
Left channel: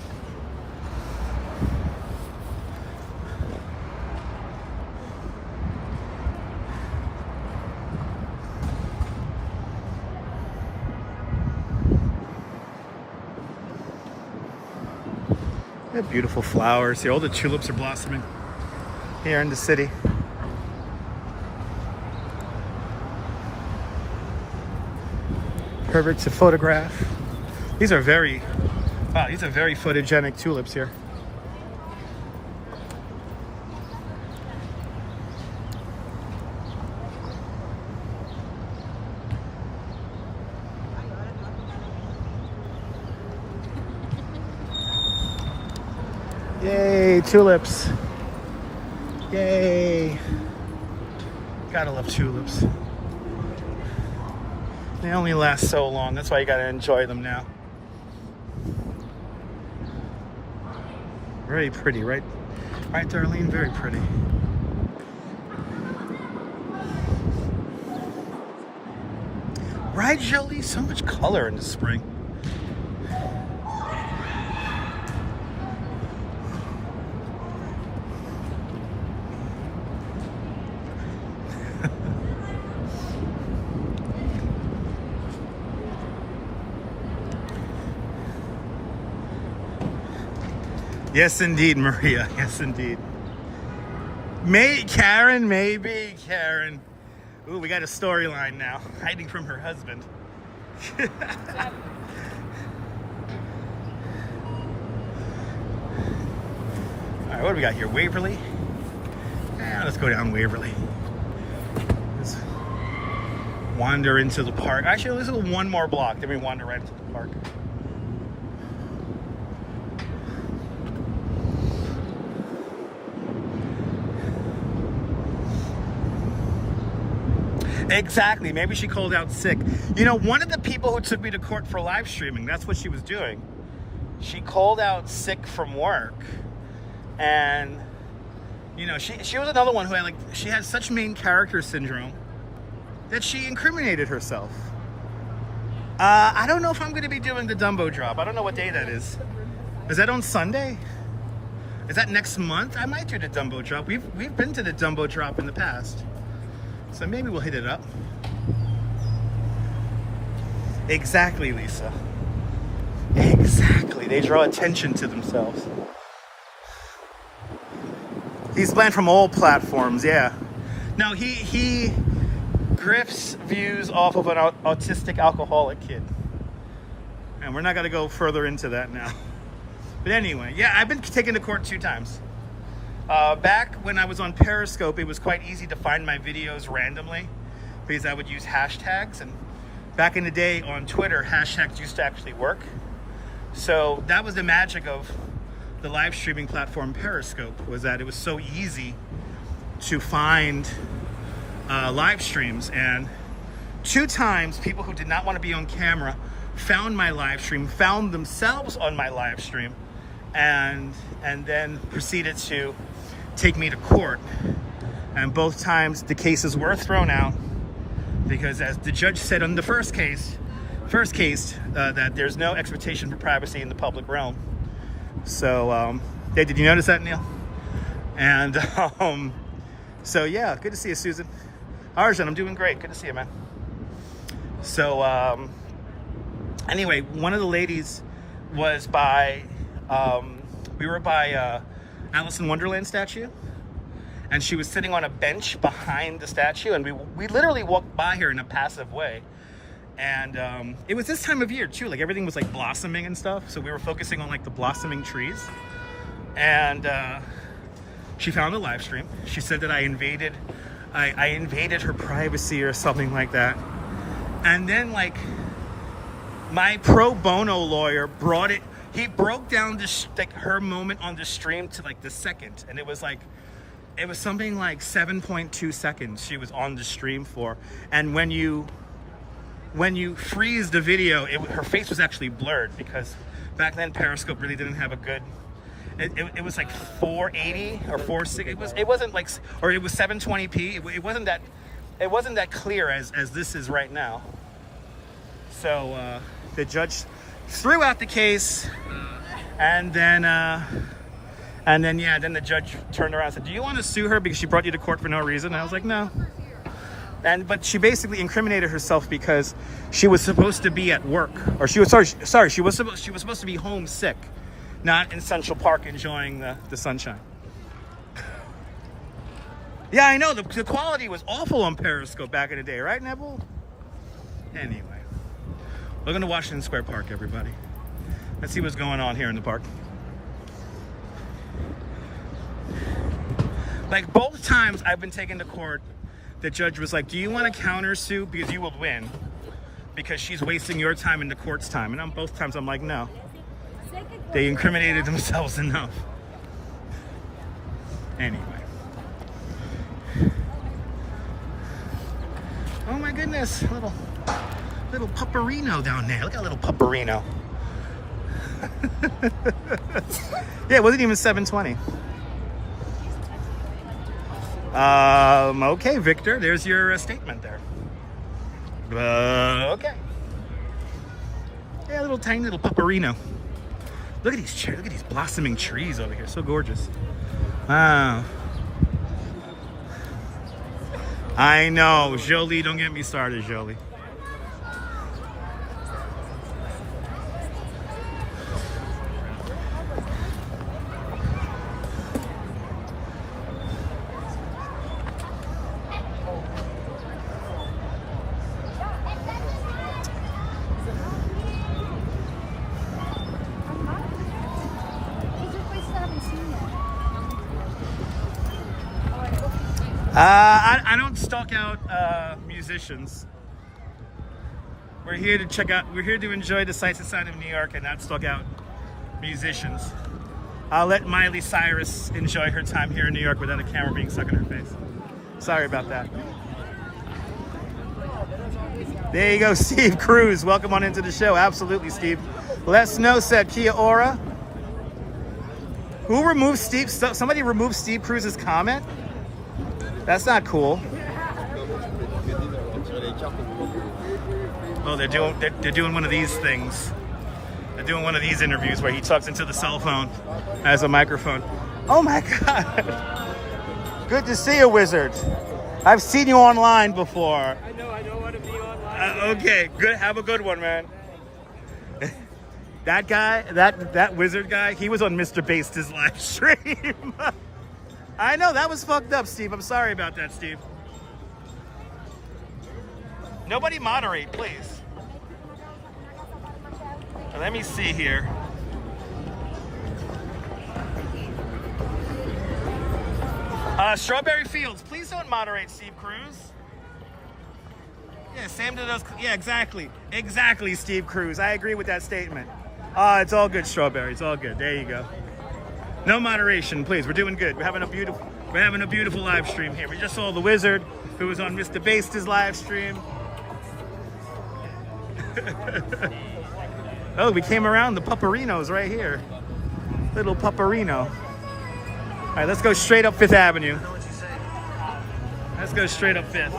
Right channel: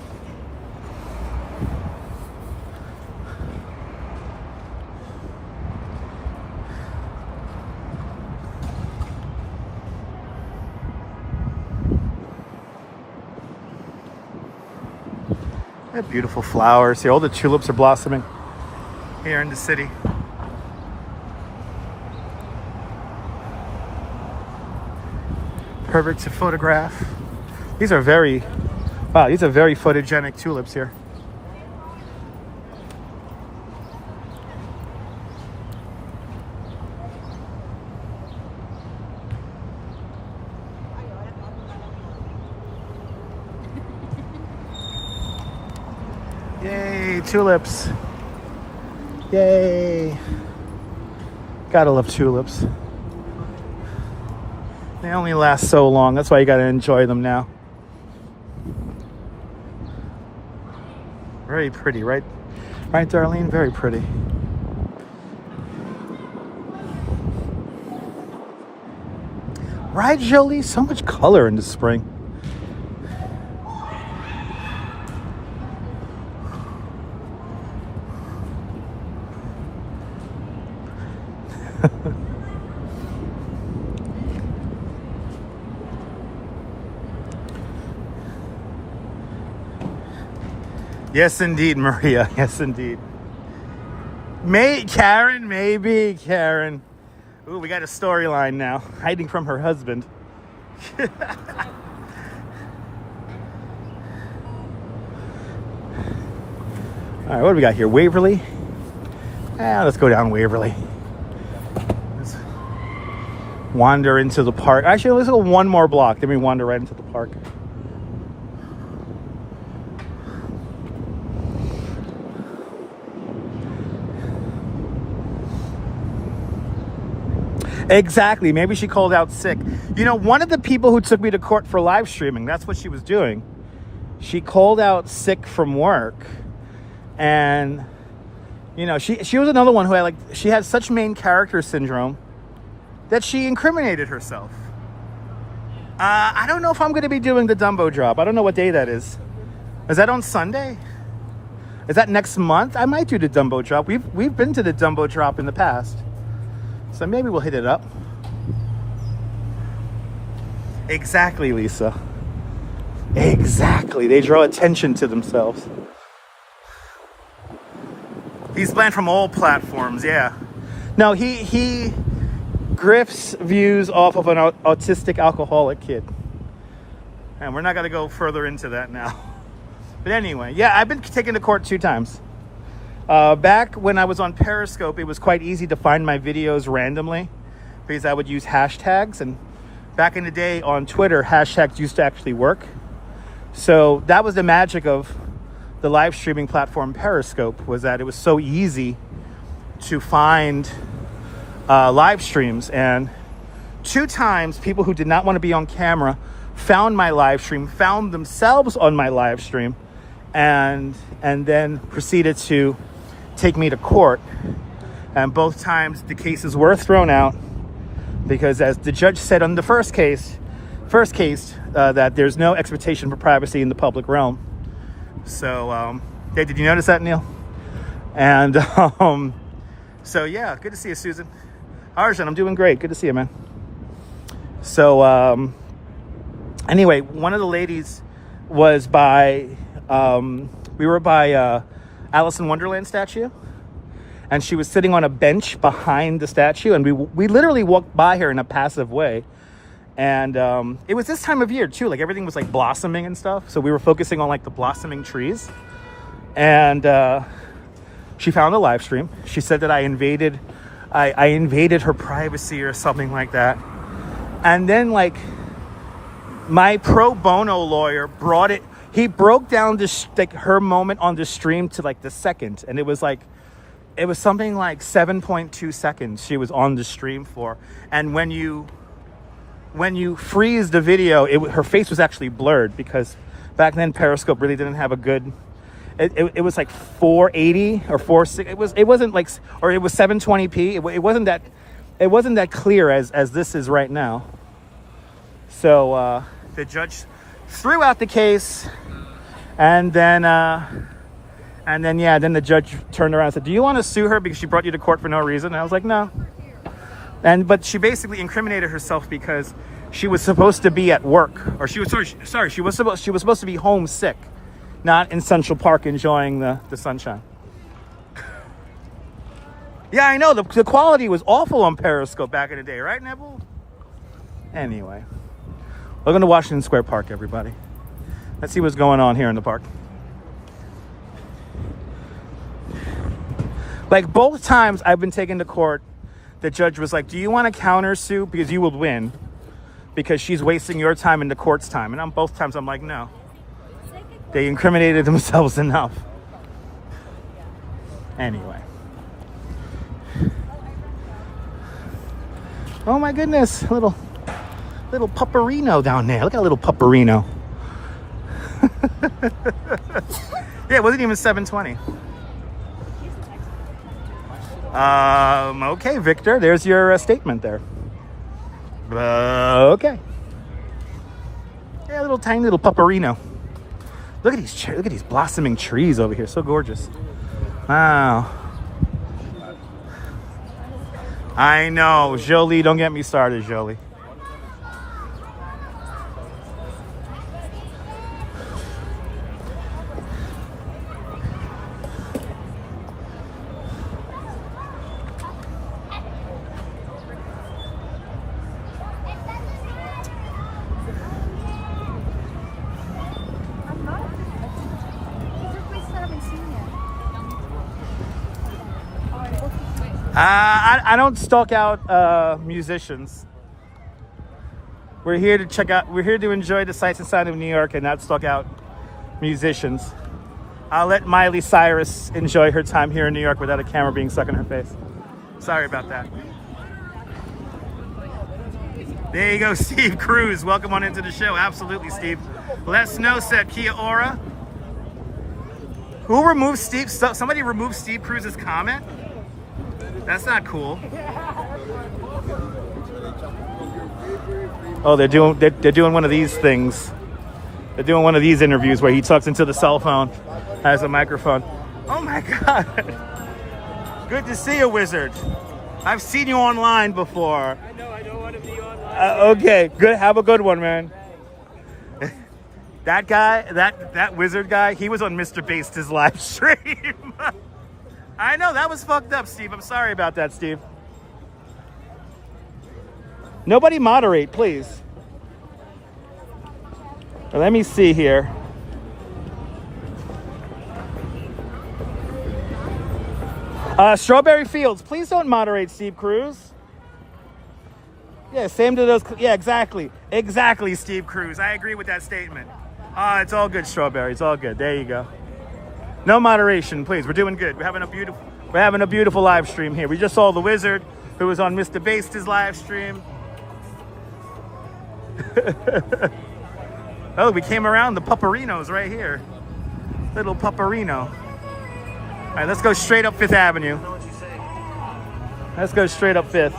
They have beautiful flowers here. All the tulips are blossoming here in the city. Perfect to photograph. These are very photogenic tulips here. Yay, tulips. Yay. Gotta love tulips. They only last so long. That's why you gotta enjoy them now. Very pretty, right? Right, Darlene? Very pretty. Right, Jolie? So much color in the spring. Yes, indeed, Maria. Yes, indeed. Karen, maybe. Karen. Ooh, we got a storyline now. Hiding from her husband. All right, what do we got here? Waverly? Let's go down Waverly. Let's wander into the park. Actually, let's go one more block. Then we wander right into the park. Exactly. Maybe she called out sick. You know, one of the people who took me to court for live streaming, that's what she was doing. She called out sick from work. And, you know, she was another one who had she had such main character syndrome that she incriminated herself. I don't know if I'm going to be doing the Dumbo drop. I don't know what day that is. Is that on Sunday? Is that next month? I might do the Dumbo drop. We've been to the Dumbo drop in the past. So maybe we'll hit it up. Exactly, Lisa. Exactly. They draw attention to themselves. He's banned from all platforms, yeah. No, he grifts views off of an autistic alcoholic kid. And we're not going to go further into that now. But anyway, yeah, I've been taken to court 2 times. Back when I was on Periscope, it was quite easy to find my videos randomly because I would use hashtags. And back in the day on Twitter, hashtags used to actually work. So that was the magic of the live streaming platform Periscope, was that it was so easy to find live streams, and 2 times people who did not want to be on camera found my live stream, found themselves on my live stream, and then proceeded to take me to court. And both times the cases were thrown out because, as the judge said on the first case, that there's no expectation for privacy in the public realm. So, hey, did you notice that, Neil? And so yeah, good to see you, Susan. Arjun, I'm doing great. Good to see you, man. So anyway, one of the ladies was by we were by Alice in Wonderland statue, and she was sitting on a bench behind the statue, and we literally walked by her in a passive way. And it was this time of year too, like everything was like blossoming and stuff, so we were focusing on like the blossoming trees. And she found a live stream. She said that I invaded her privacy or something like that. And then, like, my pro bono lawyer he broke down this, like, her moment on the stream to like the second, and it was something like 7.2 seconds she was on the stream for. And when you freeze the video, her face was actually blurred, because back then Periscope really didn't have a good, it was like 480 or 460. It wasn't like, or it was 720p. It wasn't that clear as this is right now. So the judge threw out the case, and then the judge turned around and said, "Do you want to sue her because she brought you to court for no reason?" And I was like, "No." But she basically incriminated herself because she was supposed to be at work, or she was supposed to be home sick, not in Central Park enjoying the sunshine. Yeah, I know, the quality was awful on Periscope back in the day, right, Neville? Anyway, we're going to Washington Square Park, everybody. Let's see what's going on here in the park. Like, both times I've been taken to court, the judge was like, "Do you want to countersue because you will win, because she's wasting your time and the court's time?" And on both times I'm like, no. They incriminated themselves enough. Anyway. Oh my goodness, little pupperino down there. Look at a little pupperino. Yeah, it wasn't even 720. Okay, Victor, there's your statement there. Okay. Yeah, little tiny little pupperino. Look at these blossoming trees over here. So gorgeous. Wow. I know, Jolie. Don't get me started, Jolie. I don't stalk out musicians. We're here to enjoy the sights and sounds of New York and not stalk out musicians. I'll let Miley Cyrus enjoy her time here in New York without a camera being stuck in her face. Sorry about that. There you go, Steve Cruz. Welcome on into the show. Absolutely, Steve. Les No said Kia Ora. Who removed Steve? Somebody removed Steve Cruz's comment? That's not cool. Oh, they're doing one of these things. They're doing one of these interviews where he talks into the cell phone, has a microphone. Oh my God. Good to see you, Wizard. I've seen you online before. I don't want to be online. Okay, good. Have a good one, man. That guy, that Wizard guy, he was on Mr. Based's live stream. I know, that was fucked up, Steve. I'm sorry about that, Steve. Nobody moderate, please. Let me see here. Strawberry Fields, please don't moderate, Steve Cruz. Yeah, same to those. Yeah, exactly. Exactly, Steve Cruz. I agree with that statement. It's all good, Strawberry. It's all good. There you go. No moderation, please. We're doing good. We're having a beautiful live stream here. We just saw the Wizard. who was on Mr. Baster's live stream. Oh, we came around the Pupperino's right here. Little Pupperino. All right, let's go straight up 5th Avenue. Let's go straight up 5th.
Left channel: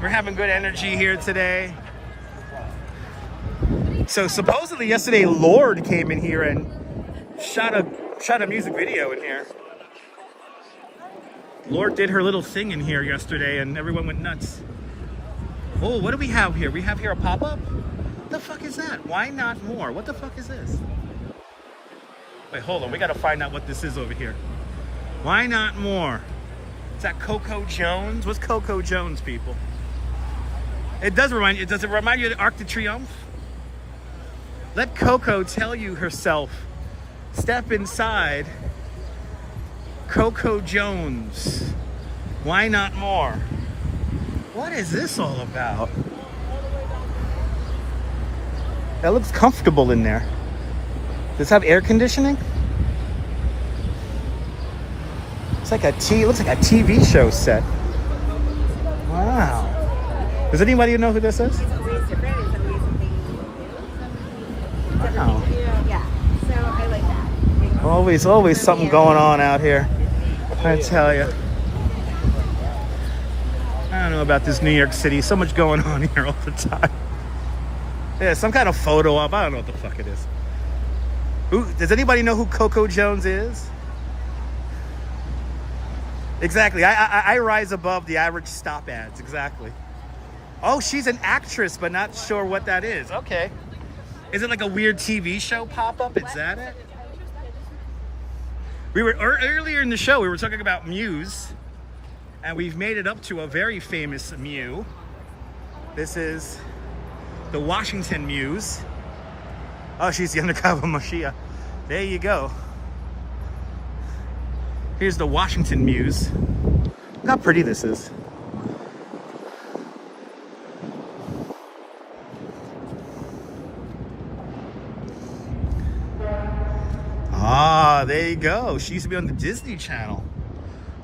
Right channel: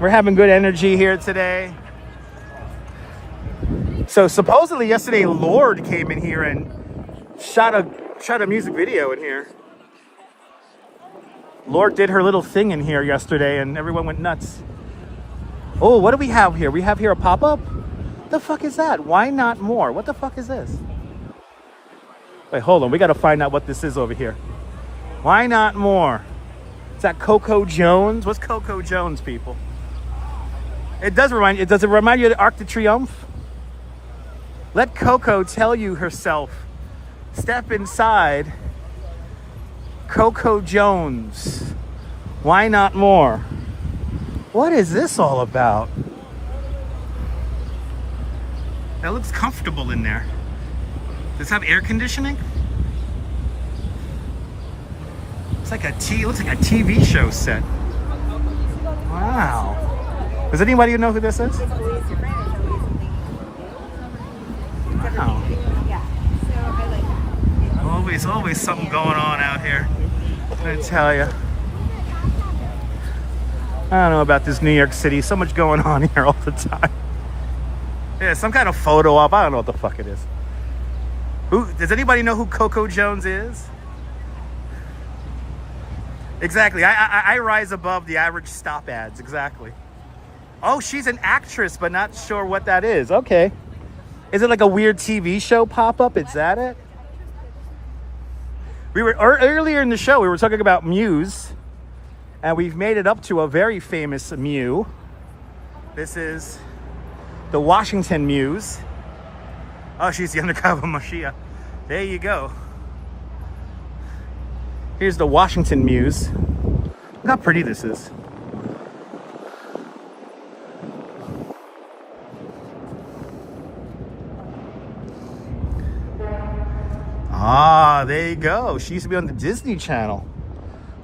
We're having good energy here today. So supposedly yesterday, Lorde came in here and shot a music video in here. Lorde did her little thing in here yesterday and everyone went nuts. Oh, what do we have here? We have here a pop-up? The fuck is that? Why not more? What the fuck is this? Wait, hold on. We got to find out what this is over here. Why not more? Is that Coco Jones? What's Coco Jones, people? It does remind you. Does it remind you of the Arc de Triomphe? Let Coco tell you herself. Step inside. Coco Jones. Why not more? What is this all about? That looks comfortable in there. Does this have air conditioning? It's like it looks like a TV show set. Wow. Does anybody know who this is? Wow. Always something going on out here. I tell you. I don't know about this New York City. So much going on here all the time. Yeah, some kind of photo op. I don't know what the fuck it is. Does anybody know who Coco Jones is? Exactly. I rise above the average stop ads. Exactly. Oh, she's an actress, but not sure what that is. Okay. Is it like a weird TV show pop-up? Is that it? We were earlier in the show, we were talking about Muse, and we've made it up to a very famous Mew. This is the Washington Muse. Oh, she's the undercover Mashiach. There you go. Here's the Washington Muse. Look how pretty this is. Ah, there you go. She used to be on the Disney Channel.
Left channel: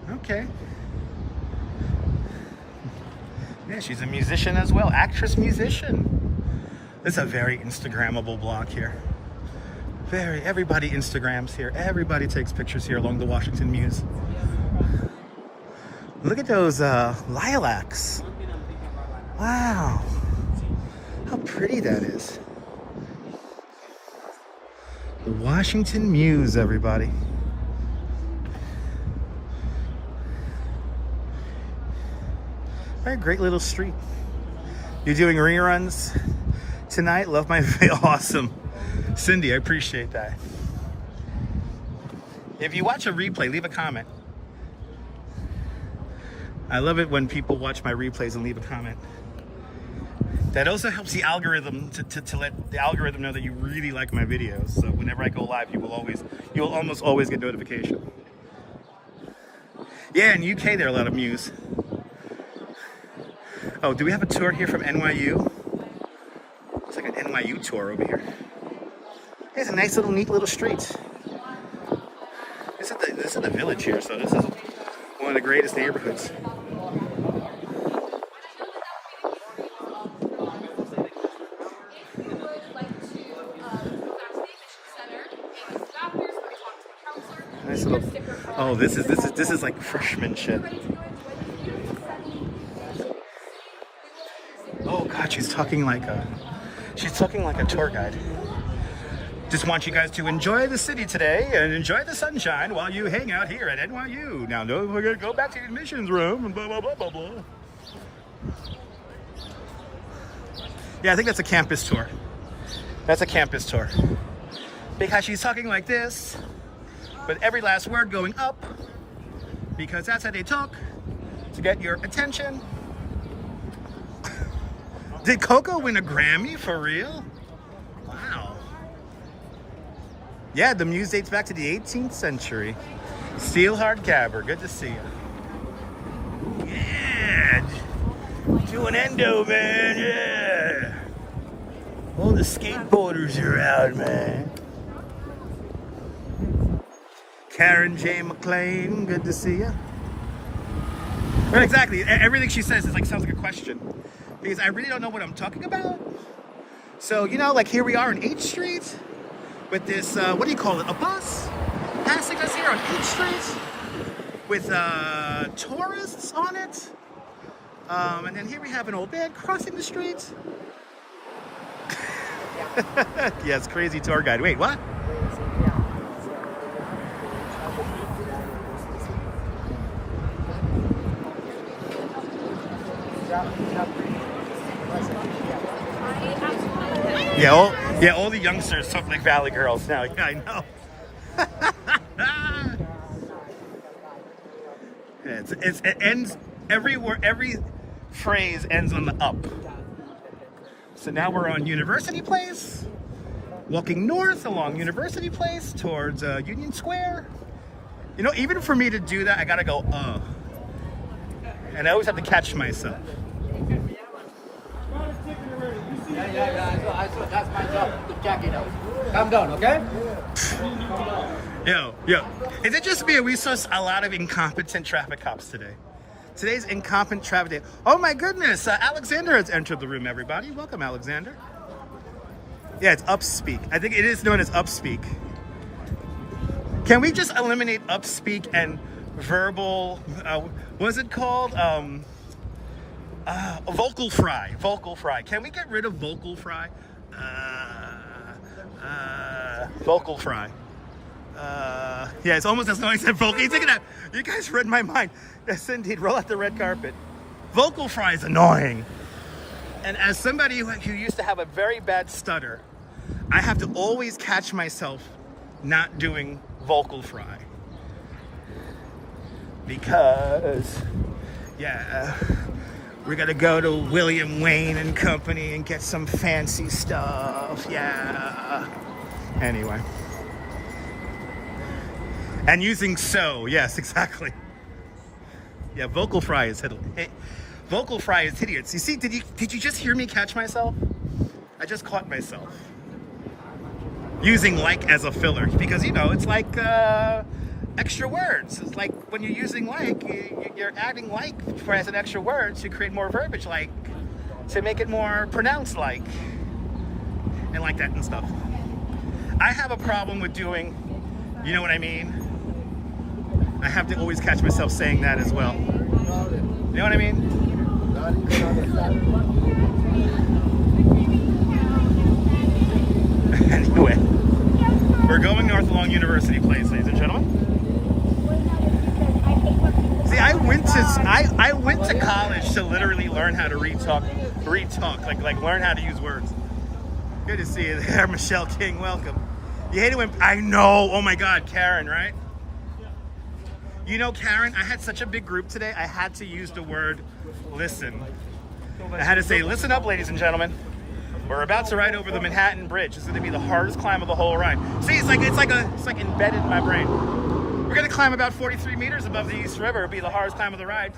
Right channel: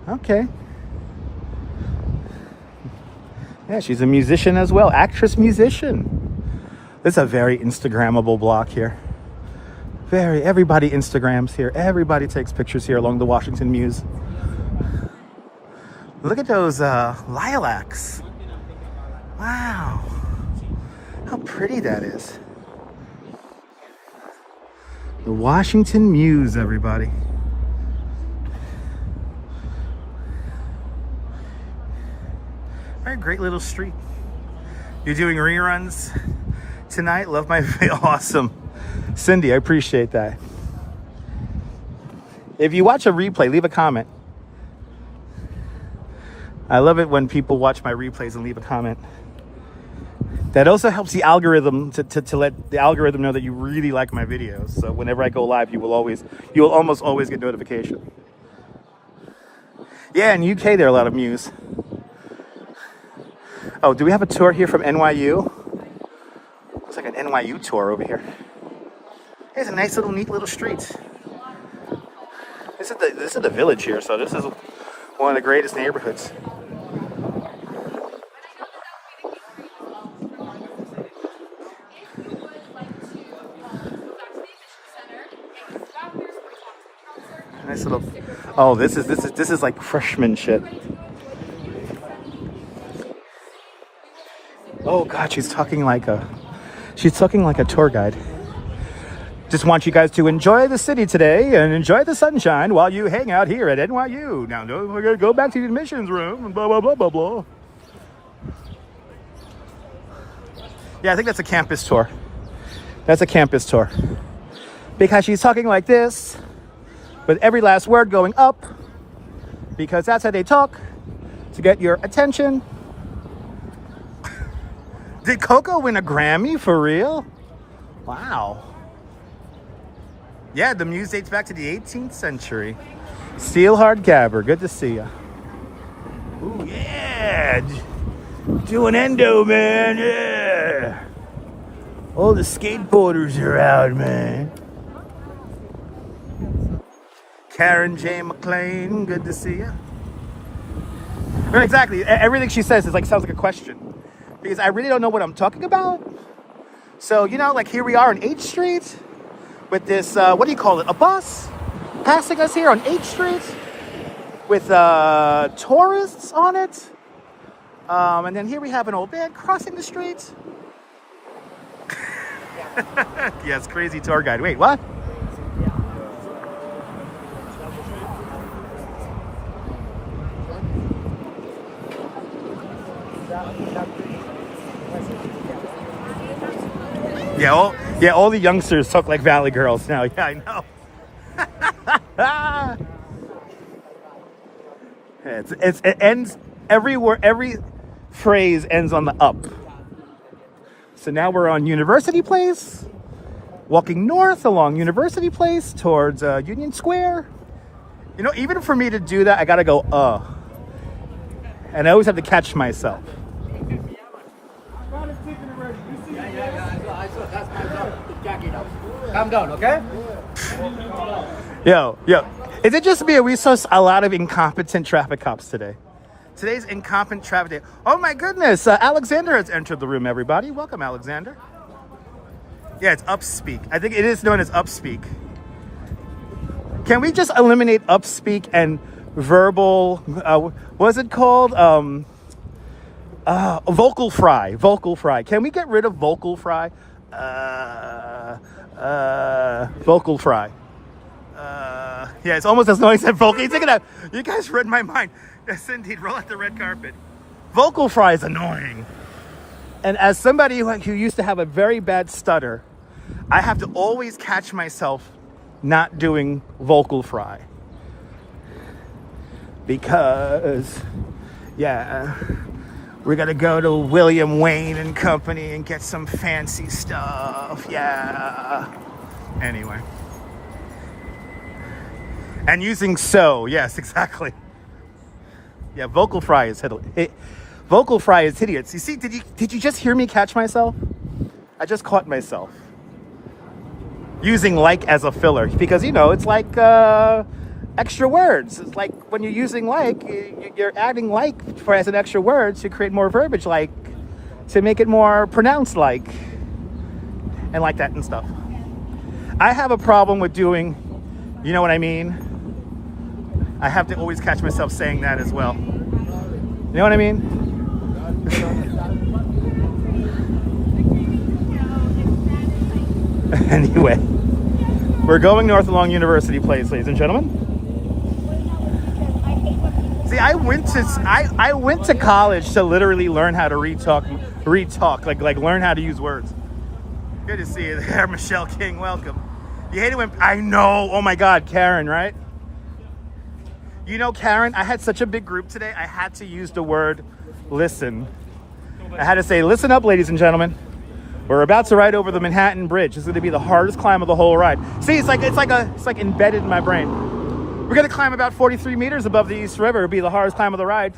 Okay. Yeah, she's a musician as well. Actress, musician. This is a very Instagrammable block here. Everybody Instagrams here. Everybody takes pictures here along the Washington Muse. Look at those lilacs. Wow. How pretty that is. The Washington Muse, everybody. Very great little street. You're doing reruns tonight? Love my video. Awesome. Cindy, I appreciate that. If you watch a replay, leave a comment. I love it when people watch my replays and leave a comment. That also helps the algorithm to let the algorithm know that you really like my videos. So whenever I go live, you will almost always get notification. Yeah, in UK there are a lot of Muse. Oh, do we have a tour here from NYU? Looks like an NYU tour over here. Here's a nice little, neat little street. This is the village here, so this is one of the greatest neighborhoods. Nice little. Oh, this is like freshman shit. Oh God, she's talking like a tour guide. Just want you guys to enjoy the city today and enjoy the sunshine while you hang out here at NYU. Now, don't forget to go back to the admissions room and blah, blah, blah, blah, blah. Yeah, I think that's a campus tour. That's a campus tour. Because she's talking like this, with every last word going up, because that's how they talk, to get your attention. Did Coco win a Grammy for real? Wow. Yeah, the Muse dates back to the 18th century. Steelheart Gabber, good to see you. Ooh, yeah. Doing endo, man, yeah. All the skateboarders are out, man. Karen J. McLean, good to see you. But exactly, everything she says is like sounds like a question. Because I really don't know what I'm talking about. So, you know, like here we are on H Street with this, what do you call it, a bus passing us here on H Street with tourists on it. And then here we have an old man crossing the street. Yes, crazy tour guide. Wait, what? Yeah, all the youngsters talk like Valley girls now. Yeah, I know. It ends everywhere. Every phrase ends on the up. So now we're on University Place, walking north along University Place towards Union Square. You know, even for me to do that, I gotta go and I always have to catch myself. I saw. That's my job. The jacket out. Calm down, okay? Yo. Is it just me or we saw a lot of incompetent traffic cops today? Today's incompetent traffic day. Oh my goodness, Alexander has entered the room, everybody. Welcome, Alexander. Yeah, it's upspeak. I think it is known as upspeak. Can we just eliminate upspeak and verbal, what is it called? Vocal fry. Vocal fry. Can we get rid of vocal fry? Vocal fry. Yeah, it's almost as noisy as vocal. Take it out. You guys read my mind. Yes, indeed. Roll out the red carpet. Vocal fry is annoying. And as somebody who used to have a very bad stutter, I have to always catch myself not doing vocal fry. Because, yeah, we're gonna go to William Wayne and Company and get some fancy stuff. Yeah. Anyway. And using so, yes, exactly. Yeah, vocal fry is hideous. Vocal fry is hideous. You see, did you just hear me catch myself? I just caught myself using like as a filler because, you know, it's like extra words. It's like when you're using like, you're adding like as an extra word to create more verbiage, like to make it more pronounced, like, and like that and stuff. I have a problem with doing, you know what I mean? I have to always catch myself saying that as well. You know what I mean? Anyway, we're going north along University Place, ladies and gentlemen. See, I went to college to literally learn how to retalk, like learn how to use words. Good to see you there, Michelle King. Welcome. You hate it when I know. Oh my God, Karen, right? You know, Karen, I had such a big group today. I had to use the word listen. I had to say, listen up, ladies and gentlemen. We're about to ride over the Manhattan Bridge. It's going to be the hardest climb of the whole ride. See, it's like embedded in my brain. We're going to climb about 43 meters above the East River. It'll be the hardest climb of the ride.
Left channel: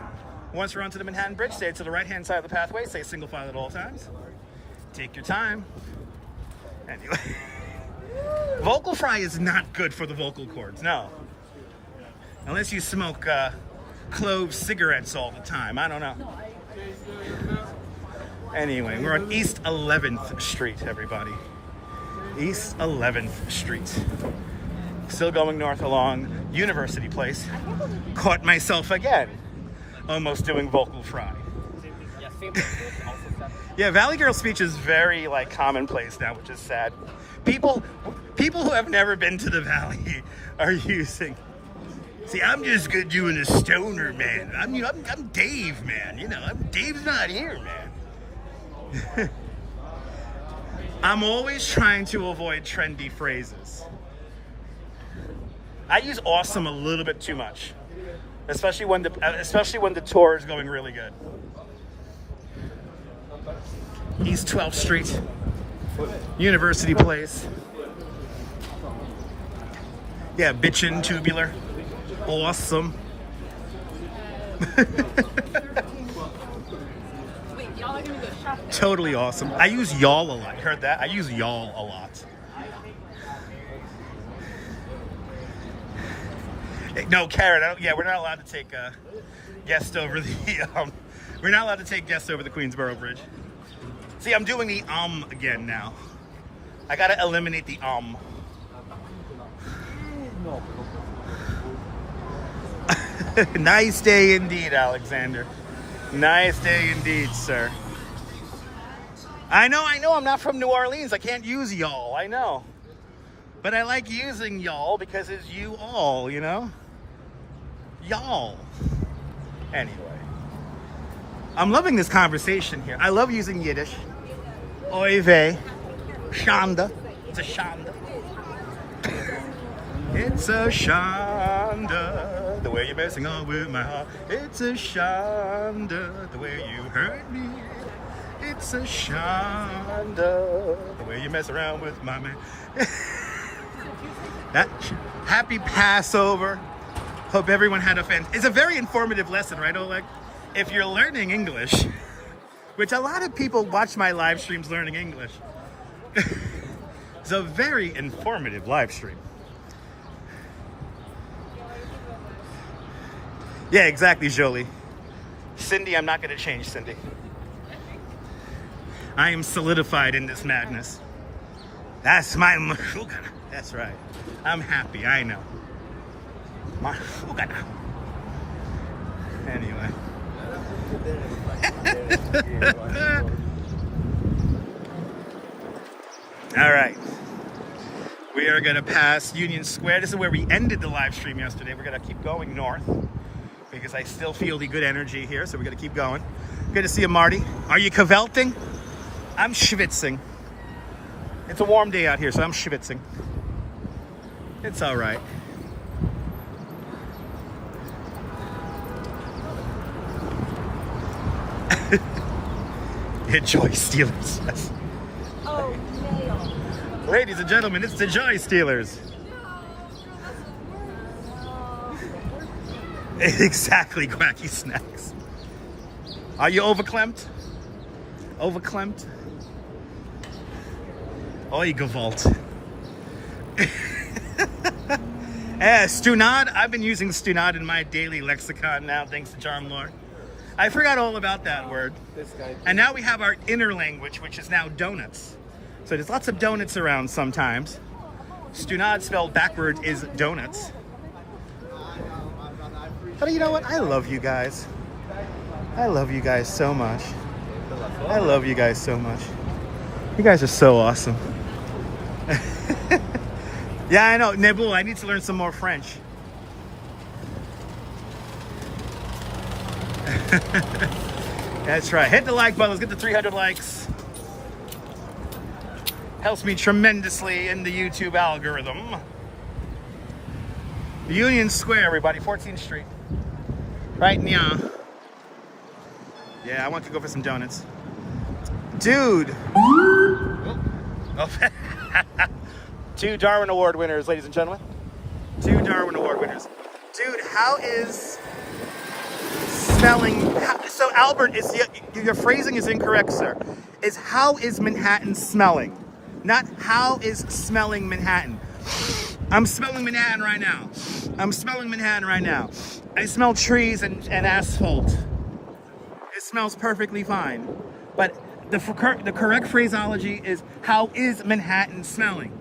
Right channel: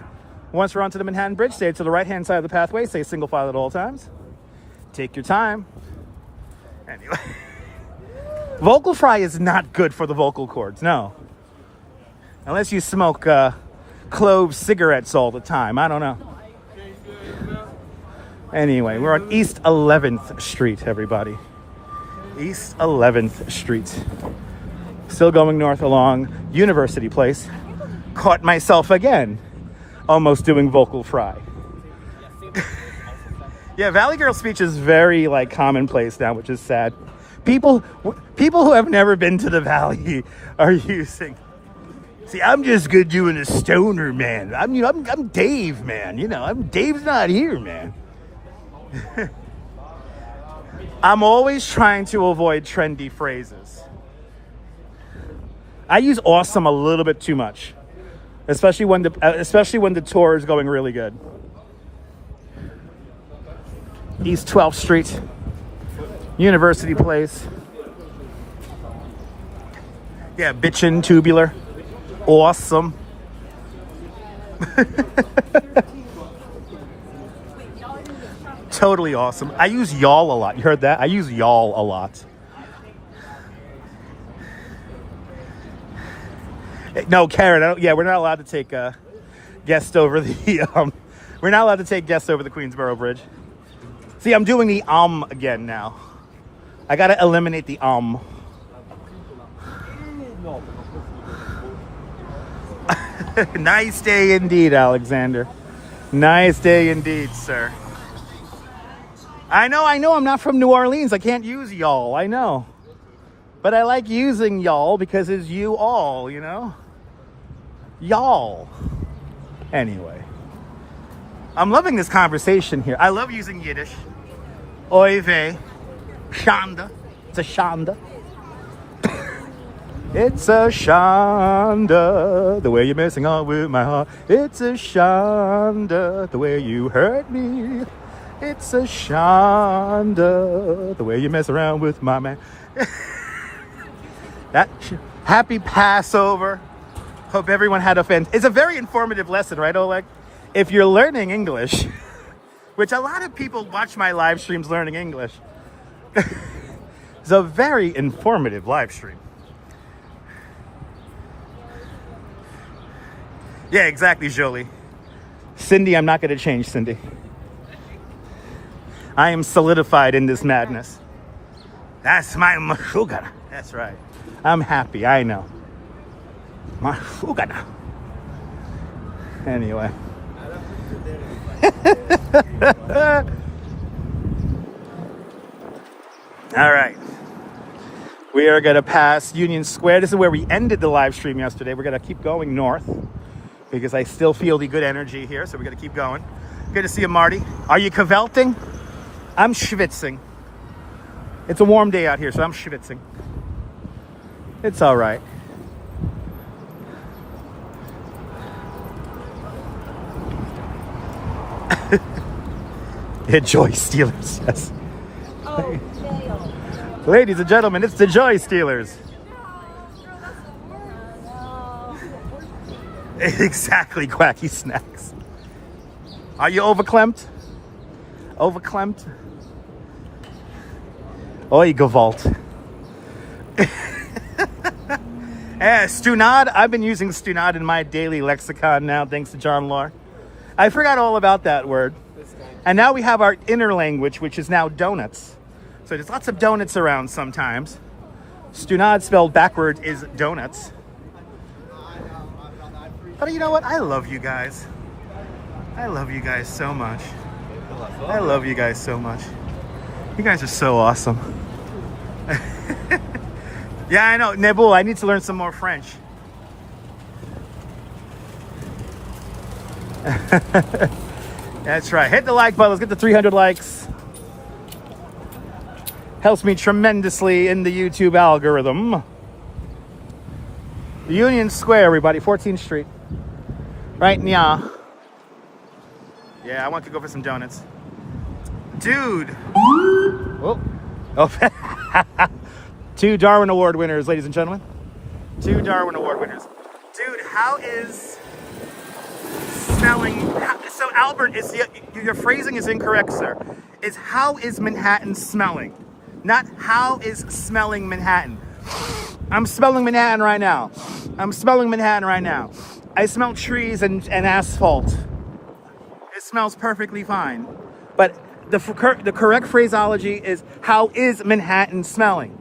Once we're onto the Manhattan Bridge, stay to the right-hand side of the pathway. Stay single file at all times. Take your time. Anyway. Vocal fry is not good for the vocal cords, no. Unless you smoke clove cigarettes all the time. I don't know. Anyway, we're on East 11th Street, everybody. East 11th Street. Still going north along University Place. Caught myself again. Almost doing vocal fry. Yeah, Valley Girl speech is very like commonplace now, which is sad. People who have never been to the Valley are using. See, I'm just good doing a stoner, man. I'm Dave, man. You know, Dave's not here, man. I'm always trying to avoid trendy phrases. I use awesome a little bit too much, especially when the tour is going really good. East 12th Street, University Place. Yeah, bitchin' tubular. Awesome. Totally awesome. I use y'all a lot. You heard that? I use y'all a lot. No, Karen. Yeah, we're not allowed to take guests over the. We're not allowed to take guests over the Queensboro Bridge. See, I'm doing the again now. I gotta eliminate the Nice day indeed, Alexander. Nice day indeed, sir. I know. I'm not from New Orleans. I can't use y'all. I know. But I like using y'all because it's you all, you know? Y'all. Anyway. I'm loving this conversation here. I love using Yiddish. Oy vey. Shanda. It's a shanda. It's a shanda, the way you're messing on with my heart. It's a shanda, the way you hurt me. It's a shanda, the way you mess around with my man. Happy Passover. Hope everyone had a fan. It's a very informative lesson, right, Oleg? If you're learning English, which a lot of people watch my live streams learning English. It's a very informative live stream. Yeah, exactly, Jolie. Cindy, I'm not going to change, Cindy. I am solidified in this madness. That's my mashugana. That's right. I'm happy, I know. Mashugana. Anyway. All right. We are going to pass Union Square. This is where we ended the live stream yesterday. We're going to keep going north because I still feel the good energy here. So we're going to keep going. Good to see you, Marty. Are you cavelting? I'm schwitzing. It's a warm day out here, so I'm schwitzing. It's all right. Enjoy Steelers. Yes. Ladies and gentlemen, it's the Joy Stealers. Exactly, Quacky Snacks. Are you overklempt? Overklempt? Oi, Gewalt. Stunad. I've been using Stunad in my daily lexicon now, thanks to John Law. I forgot all about that word. And now we have our inner language, which is now donuts. So there's lots of donuts around sometimes. Stunad spelled backward is donuts. But you know what? I love you guys. I love you guys so much. I love you guys so much. You guys are so awesome. Yeah, I know. Nebul, I need to learn some more French. That's right. Hit the like button. Let's get to 300 likes. Helps me tremendously in the YouTube algorithm. Union Square, everybody. 14th Street. Right now. Yeah, I want to go for some donuts. Dude. Oh. 2 Darwin Award winners, ladies and gentlemen. 2 Darwin Award winners. Dude, how is smelling... So, Albert, your phrasing is incorrect, sir. It's how is Manhattan smelling? Not how is smelling Manhattan. I'm smelling Manhattan right now. I'm smelling Manhattan right now. I smell trees and asphalt. It smells perfectly fine. But the correct phraseology is how is Manhattan smelling?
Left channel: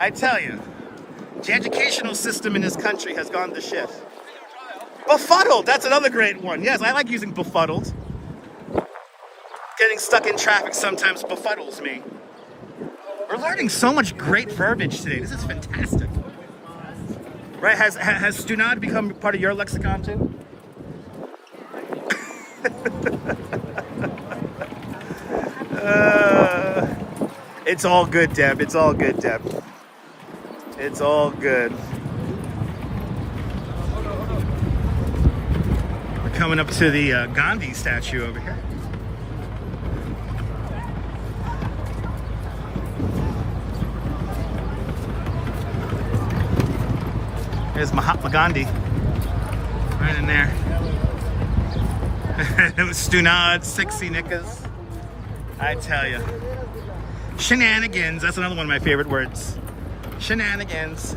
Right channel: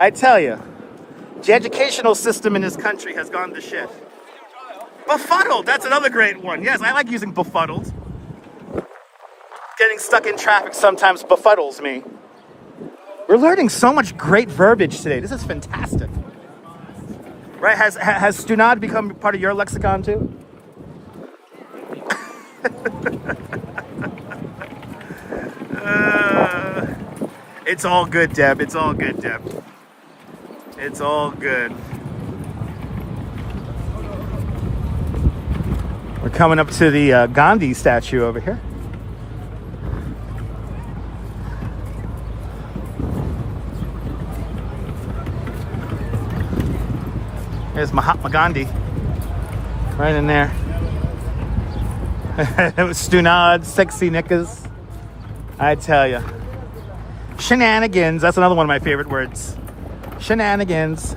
I tell you, the educational system in this country has gone to shit. Befuddled, that's another great one. Yes, I like using befuddled. Getting stuck in traffic sometimes befuddles me. You're learning so much great verbiage today. This is fantastic. Right, has Stunad become part of your lexicon too? It's all good, Deb. It's all good, Deb. It's all good. We're coming up to the Gandhi statue over here. There's Mahatma Gandhi. Right in there. It was Stunad, sexy knickers. I tell you. Shenanigans. That's another one of my favorite words. Shenanigans.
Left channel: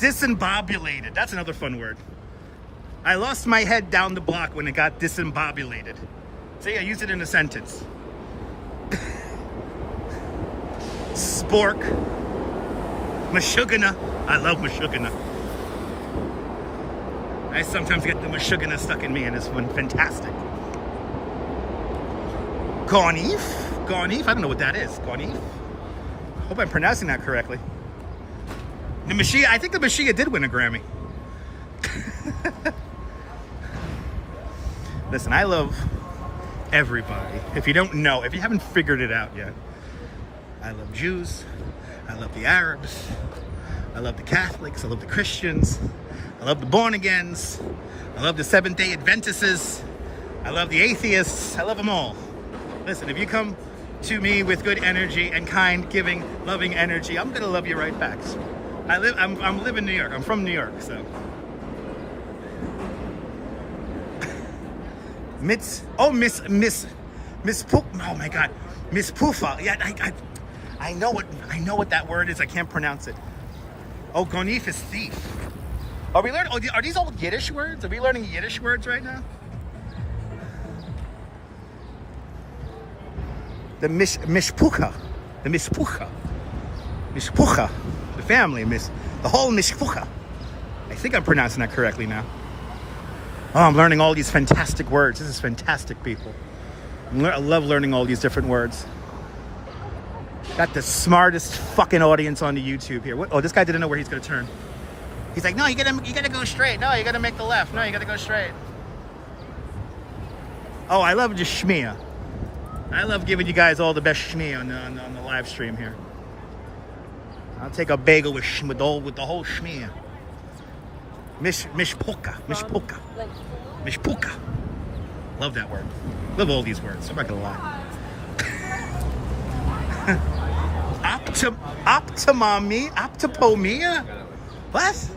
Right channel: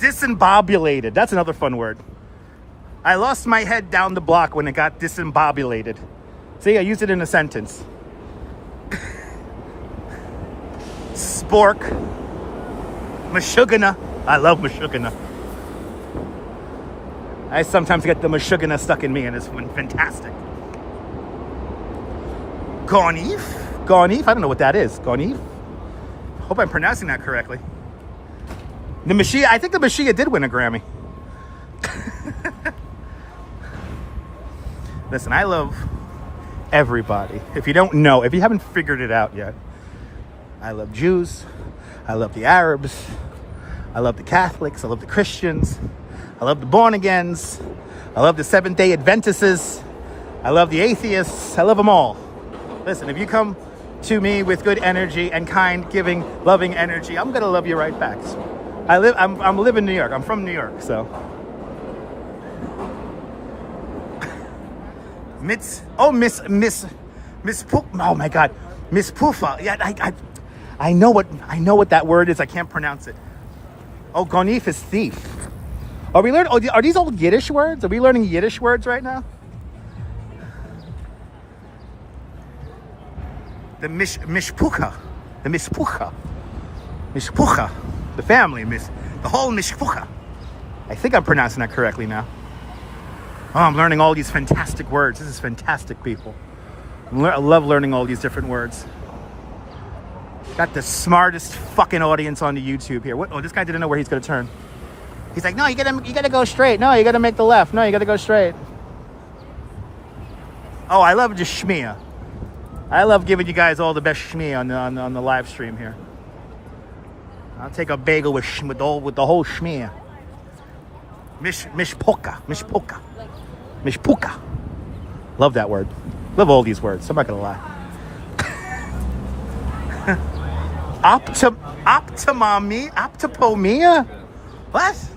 Disembobulated. That's another fun word. I lost my head down the block when it got disembobulated. See, I used it in a sentence. Spork. Mashugana. I love Mashugana. I sometimes get the Mashugana stuck in me, and it's been fantastic. Gonif? Gonif? I don't know what that is. Gonif? Hope I'm pronouncing that correctly. The Mashiach, I think the Mashiach did win a Grammy. Listen, I love everybody. If you don't know, if you haven't figured it out yet, I love Jews. I love the Arabs. I love the Catholics. I love the Christians. I love the born-agains. I love the Seventh-day Adventists. I love the atheists. I love them all. Listen, if you come to me with good energy and kind, giving, loving energy, I'm gonna love you right back. I live in New York. I'm from New York, so. Miss Poof. Oh my God, Miss Poofa. Yeah, I know what that word is. I can't pronounce it. Oh, Gonif is thief. Are we learning? Are these old Yiddish words? Are we learning Yiddish words right now? The mishpucha, the family, the whole mishpucha. I think I'm pronouncing that correctly now. Oh, I'm learning all these fantastic words. This is fantastic, people. I love learning all these different words. Got the smartest fucking audience on the YouTube here. What? Oh, this guy didn't know where he's gonna turn. He's like, no, you gotta go straight. No, you gotta make the left. No, you gotta go straight. Oh, I love just shmia. I love giving you guys all the best shmia on the live stream here. I'll take a bagel with the whole shmia. Mishpucha. Love that word. Love all these words. I'm not gonna lie. Optipomia? What?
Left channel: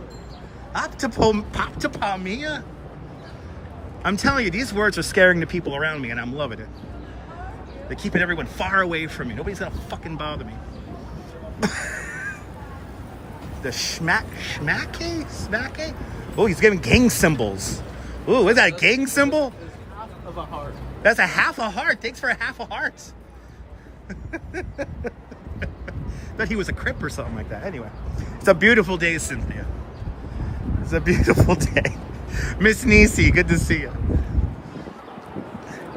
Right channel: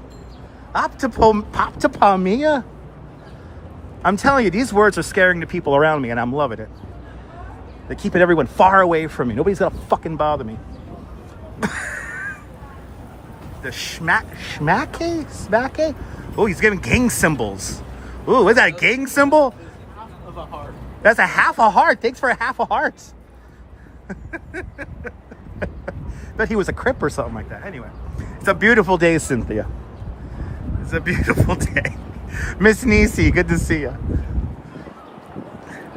Optipomia? I'm telling you, these words are scaring the people around me, and I'm loving it. They're keeping everyone far away from me. Nobody's gonna fucking bother me. The smacke? Oh, he's giving gang symbols. Ooh, is that a gang symbol? Half of a heart. That's a half a heart. Thanks for a half a heart. Thought he was a Crip or something like that. Anyway, it's a beautiful day, Cynthia. It's a beautiful day. Miss Nisi, good to see you.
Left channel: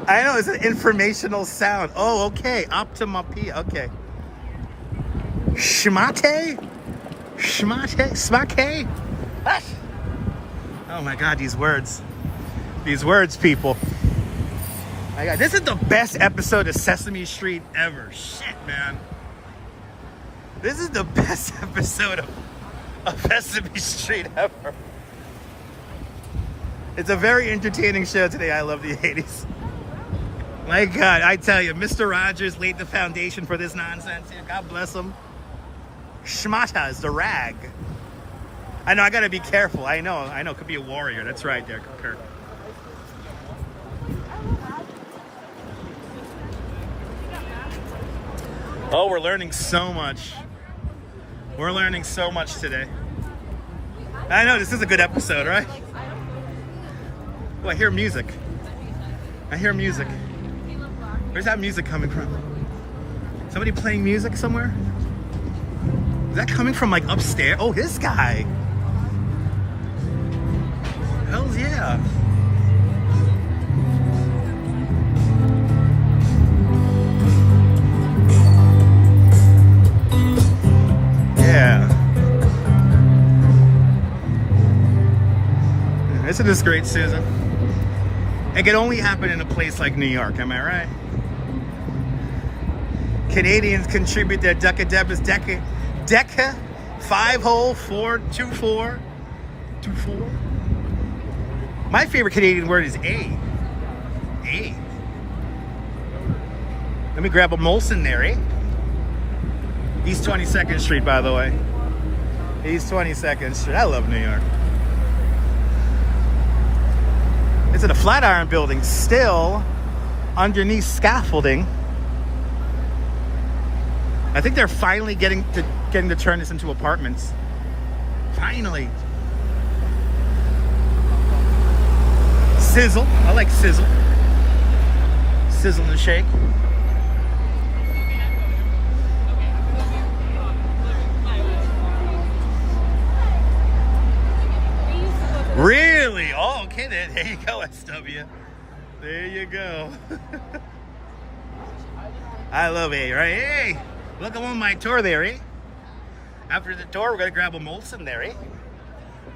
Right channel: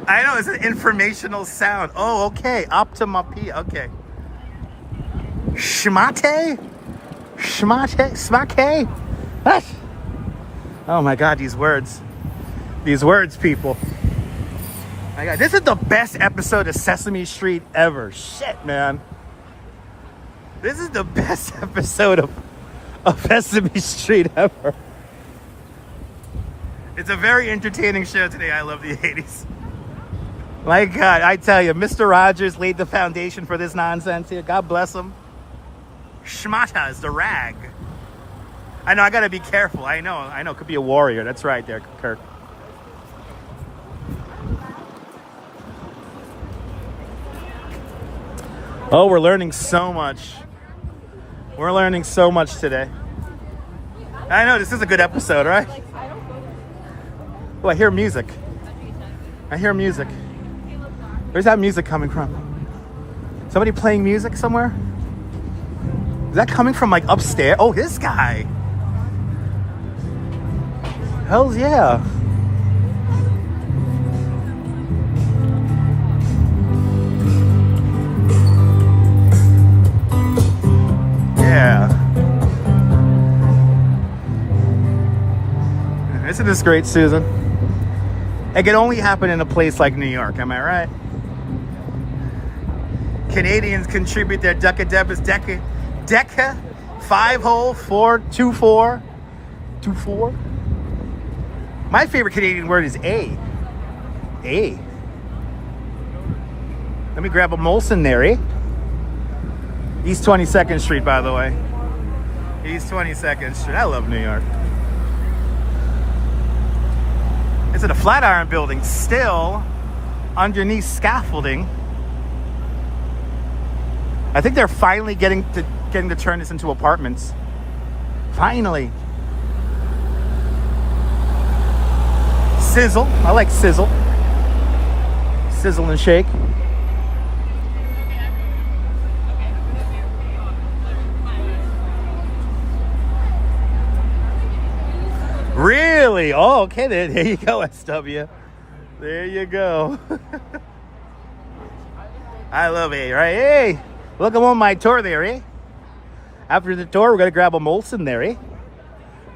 I know, it's an informational sound. Oh, okay. Optimapia. Okay. Smake? What? Oh my God, these words. These words, people. My God, this is the best episode of Sesame Street ever. Shit, man. This is the best episode of Sesame Street ever. It's a very entertaining show today. I love the 80s. My God, I tell you, Mr. Rogers laid the foundation for this nonsense here. God bless him. Shmata is the rag. I know, I gotta be careful. I know, could be a warrior. That's right there, Kirk. Oh, we're learning so much. We're learning so much today. I know, this is a good episode, right? Oh, I hear music. Where's that music coming from? Somebody playing music somewhere? Is that coming from like upstairs? Oh, this guy. Hell yeah. Yeah. Isn't this great, Susan? It can only happen in a place like New York, am I right? Canadians contribute their Deca 5-hole 4-2-4. 2-4. My favorite Canadian word is A. A. Let me grab a Molson there, eh? East 22nd Street, by the way. East 22nd Street. I love New York. It's in a Flatiron building, still underneath scaffolding. I think they're finally getting to turn this into apartments. Finally. Sizzle. I like sizzle. Sizzle and shake. Really? Oh, okay. There you go, SW. There you go. I love it, right? Hey, welcome on my tour there, eh? After the tour, we're going to grab a Molson there, eh?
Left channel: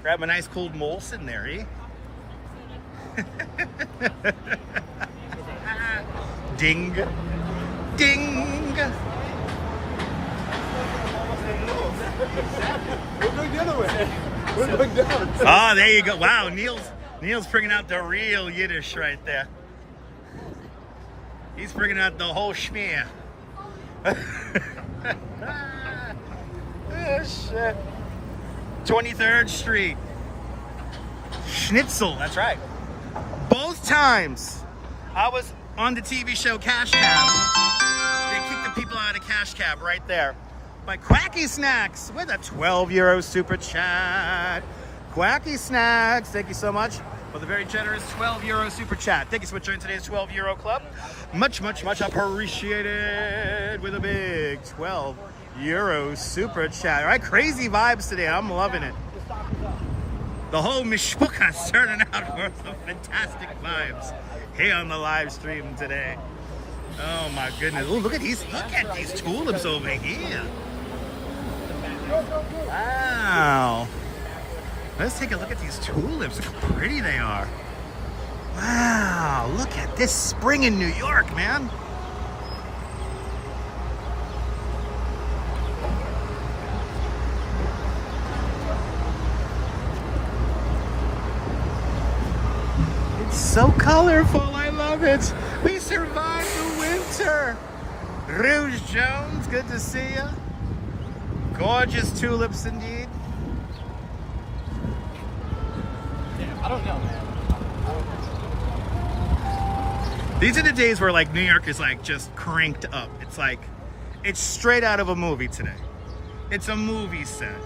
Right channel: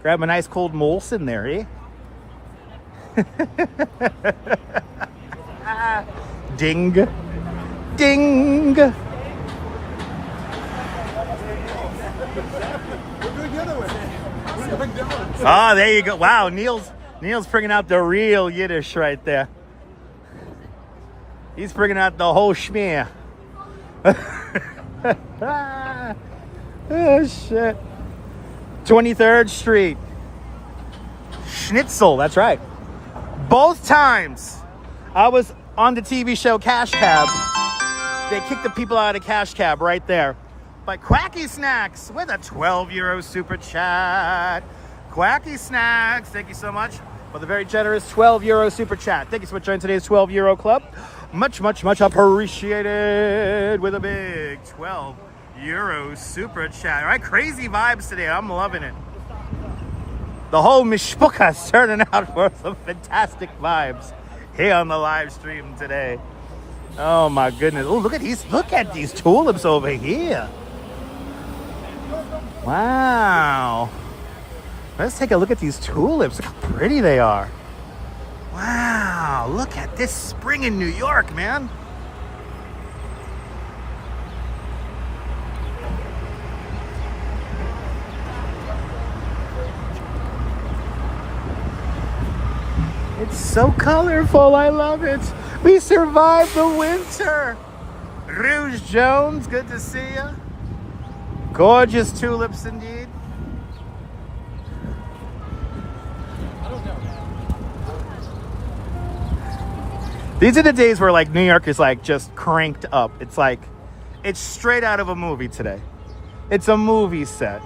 Grab a nice cold Molson there, eh? Ding. Ding. Oh, there you go. Wow, Neil's bringing out the real Yiddish right there. He's bringing out the whole schmear. Oh, shit. 23rd Street. Schnitzel, that's right. Both times I was on the TV show Cash Cab, they kicked the people out of Cash Cab right there. By Quacky Snacks with a 12 euro super chat. Quacky Snacks, thank you so much for the very generous 12 euro super chat. Thank you so much for joining today's 12 euro club. Much, much, much appreciated with a big 12 euro super chat. All right, crazy vibes today. I'm loving it. The whole mishpucha is turning out for some fantastic vibes here on the live stream today. Oh my goodness. Oh, look at these tulips over here. Wow. Let's take a look at these tulips. Look how pretty they are. Wow, look at this spring in New York, man. It's so colorful, I love it. We survived the winter. Rouge Jones, good to see you. Gorgeous tulips indeed. I don't know, man. These are the days where like New York is like just cranked up. It's like, it's straight out of a movie today. It's a movie set.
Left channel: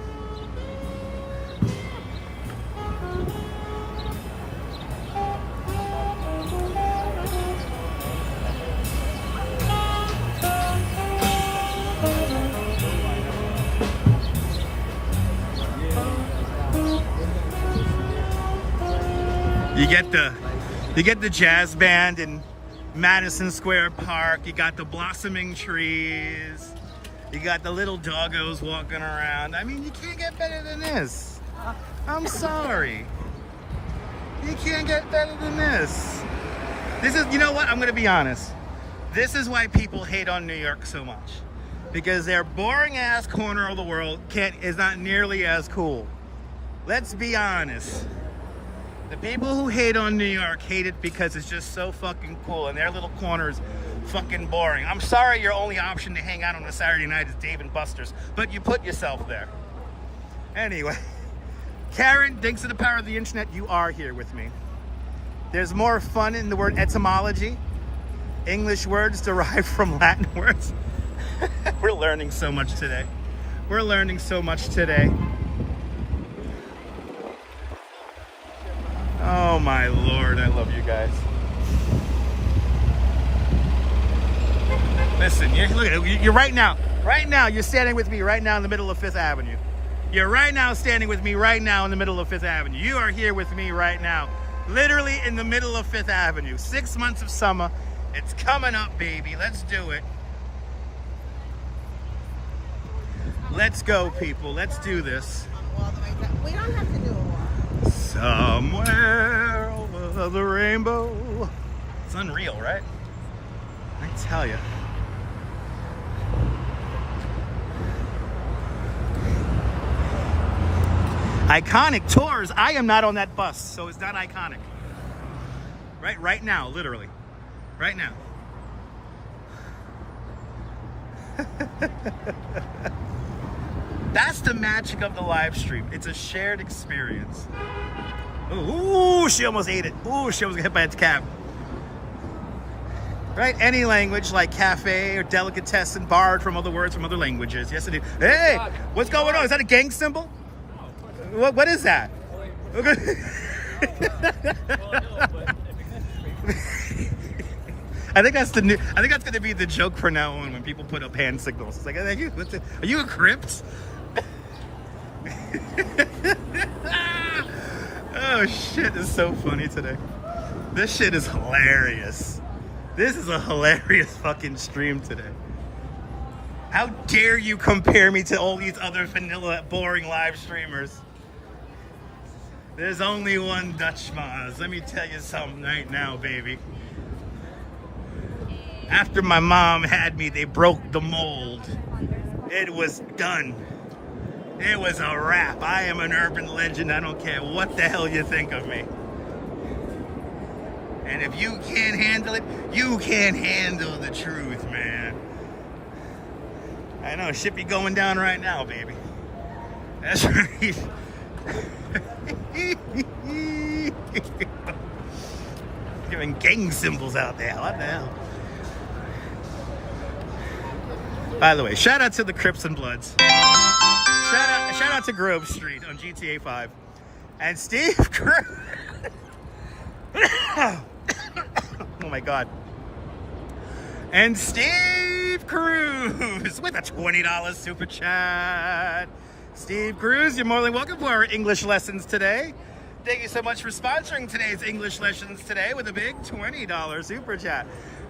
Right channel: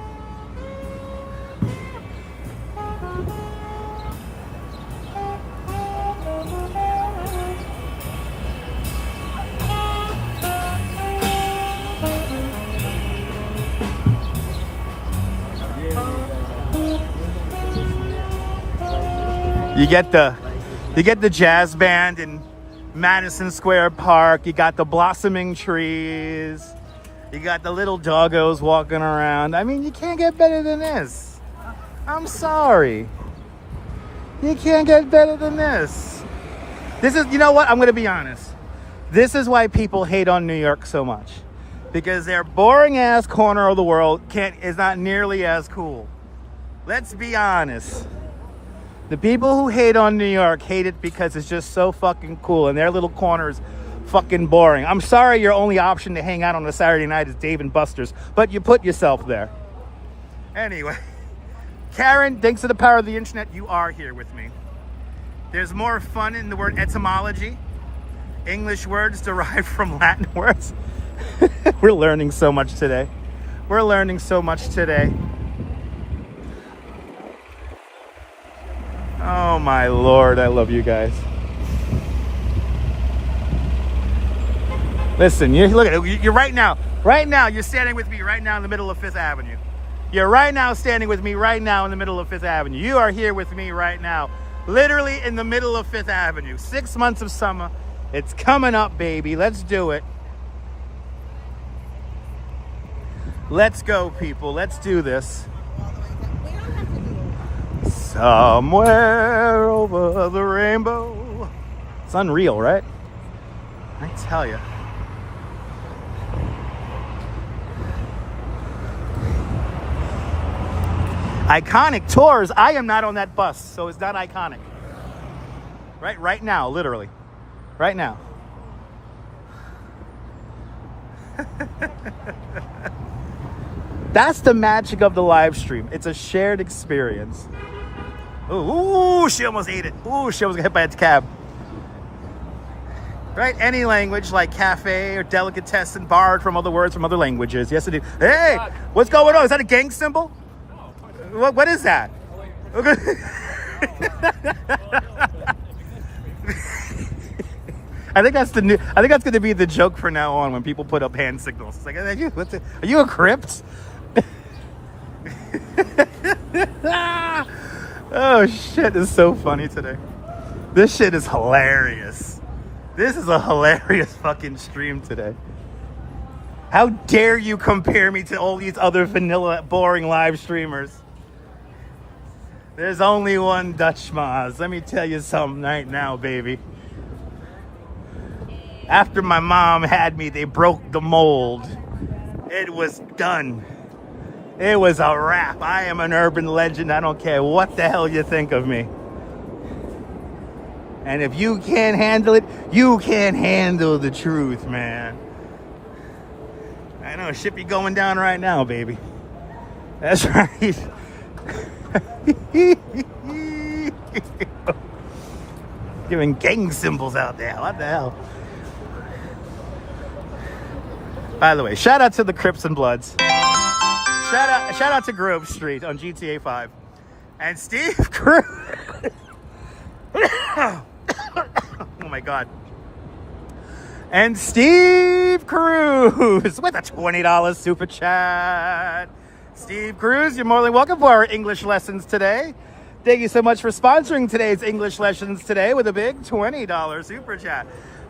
You get the jazz band in Madison Square Park. You got the blossoming trees. You got the little doggos walking around. I mean, you can't get better than this. I'm sorry. You can't get better than this. This is, you know what? I'm going to be honest. This is why people hate on New York so much. Because their boring ass corner of the world is not nearly as cool. Let's be honest. The people who hate on New York hate it because it's just so fucking cool and their little corner's fucking boring. I'm sorry your only option to hang out on a Saturday night is Dave & Buster's, but you put yourself there. Anyway, Karen, thanks to the power of the internet, you are here with me. There's more fun in the word etymology. English words derived from Latin words. We're learning so much today. We're learning so much today. Oh my Lord, I love you guys. Listen, look at it. You're right now, you're standing with me right now in the middle of Fifth Avenue. You're right now standing with me right now in the middle of Fifth Avenue. You are here with me right now, literally in the middle of Fifth Avenue. 6 months of summer. It's coming up, baby. Let's do it. Let's go, people. Let's do this. We don't have to do it. Somewhere over the rainbow. It's unreal, right? I tell you. Iconic tours. I am not on that bus, so it's not iconic. Right now, literally. Right now. That's the magic of the live stream. It's a shared experience. Ooh, she almost ate it. Ooh, she almost got hit by its cab. Right? Any language like cafe or delicatessen borrowed from other words from other languages. Yes, indeed. Hey, what's going on? Is that a gang symbol? What is that? I think that's going to be the joke from now on when people put up hand signals. It's like, are you a crypt? Oh shit, this is so funny today. This shit is hilarious. This is a hilarious fucking stream today. How dare you compare me to all these other vanilla, boring live streamers? There's only one Dutch Maz. Let me tell you something right now, baby. After my mom had me, they broke the mold. It was done. It was a wrap. I am an urban legend. I don't care what the hell you think of me. And if you can't handle it, you can't handle the truth, man. I know, shit be going down right now, baby. That's right. Giving gang symbols out there. What the hell? By the way, shout out to the Crips and Bloods. Shout out to Grove Street on GTA 5. And Steve Cruz. Oh my God. And Steve Cruz with a $20 super chat. Steve Cruz, you're more than welcome for our English lessons today. Thank you so much for sponsoring today's English lessons today with a big $20 super chat.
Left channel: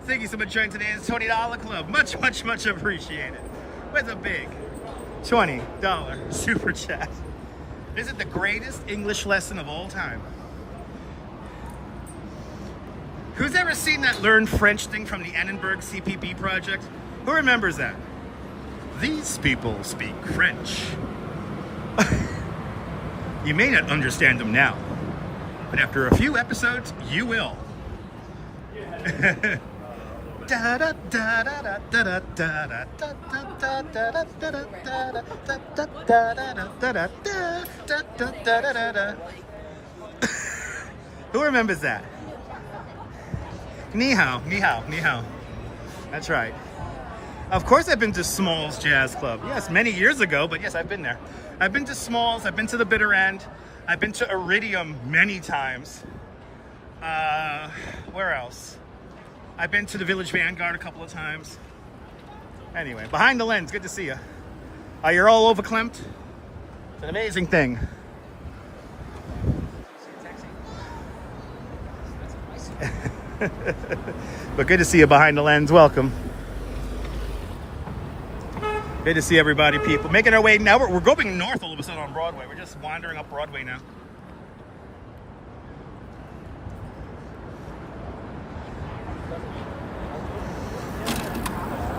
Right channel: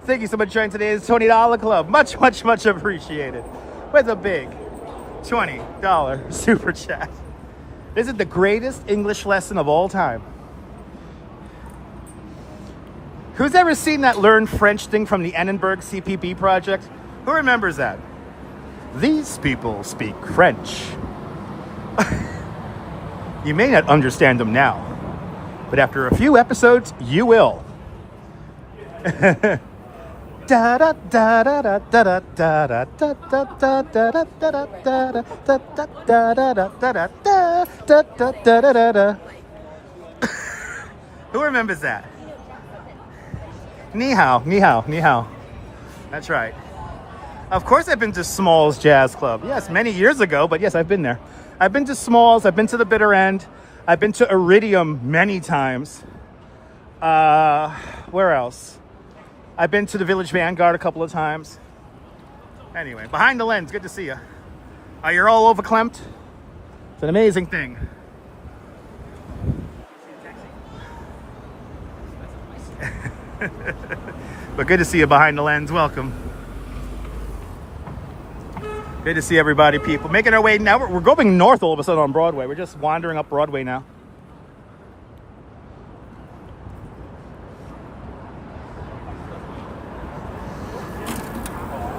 Thank you so much for joining today's $20 club. Much, much, much appreciated. With a big $20 super chat. This is the greatest English lesson of all time. Who's ever seen that Learn French thing from the Annenberg CPB project? Who remembers that? These people speak French. You may not understand them now, but after a few episodes, you will. Who remembers that? Ni hao, ni hao, ni hao. That's right. Of course I've been to Smalls Jazz Club. Yes, many years ago, but yes, I've been there. I've been to Smalls, I've been to the Bitter End. I've been to Iridium many times. Where else? I've been to the Village Vanguard a couple of times. Anyway, behind the lens, good to see you. You're all overclamped? It's an amazing thing. But good to see you behind the lens. Welcome. Good to see everybody, people. Making our way now. We're going north all of a sudden on Broadway. We're just wandering up Broadway now.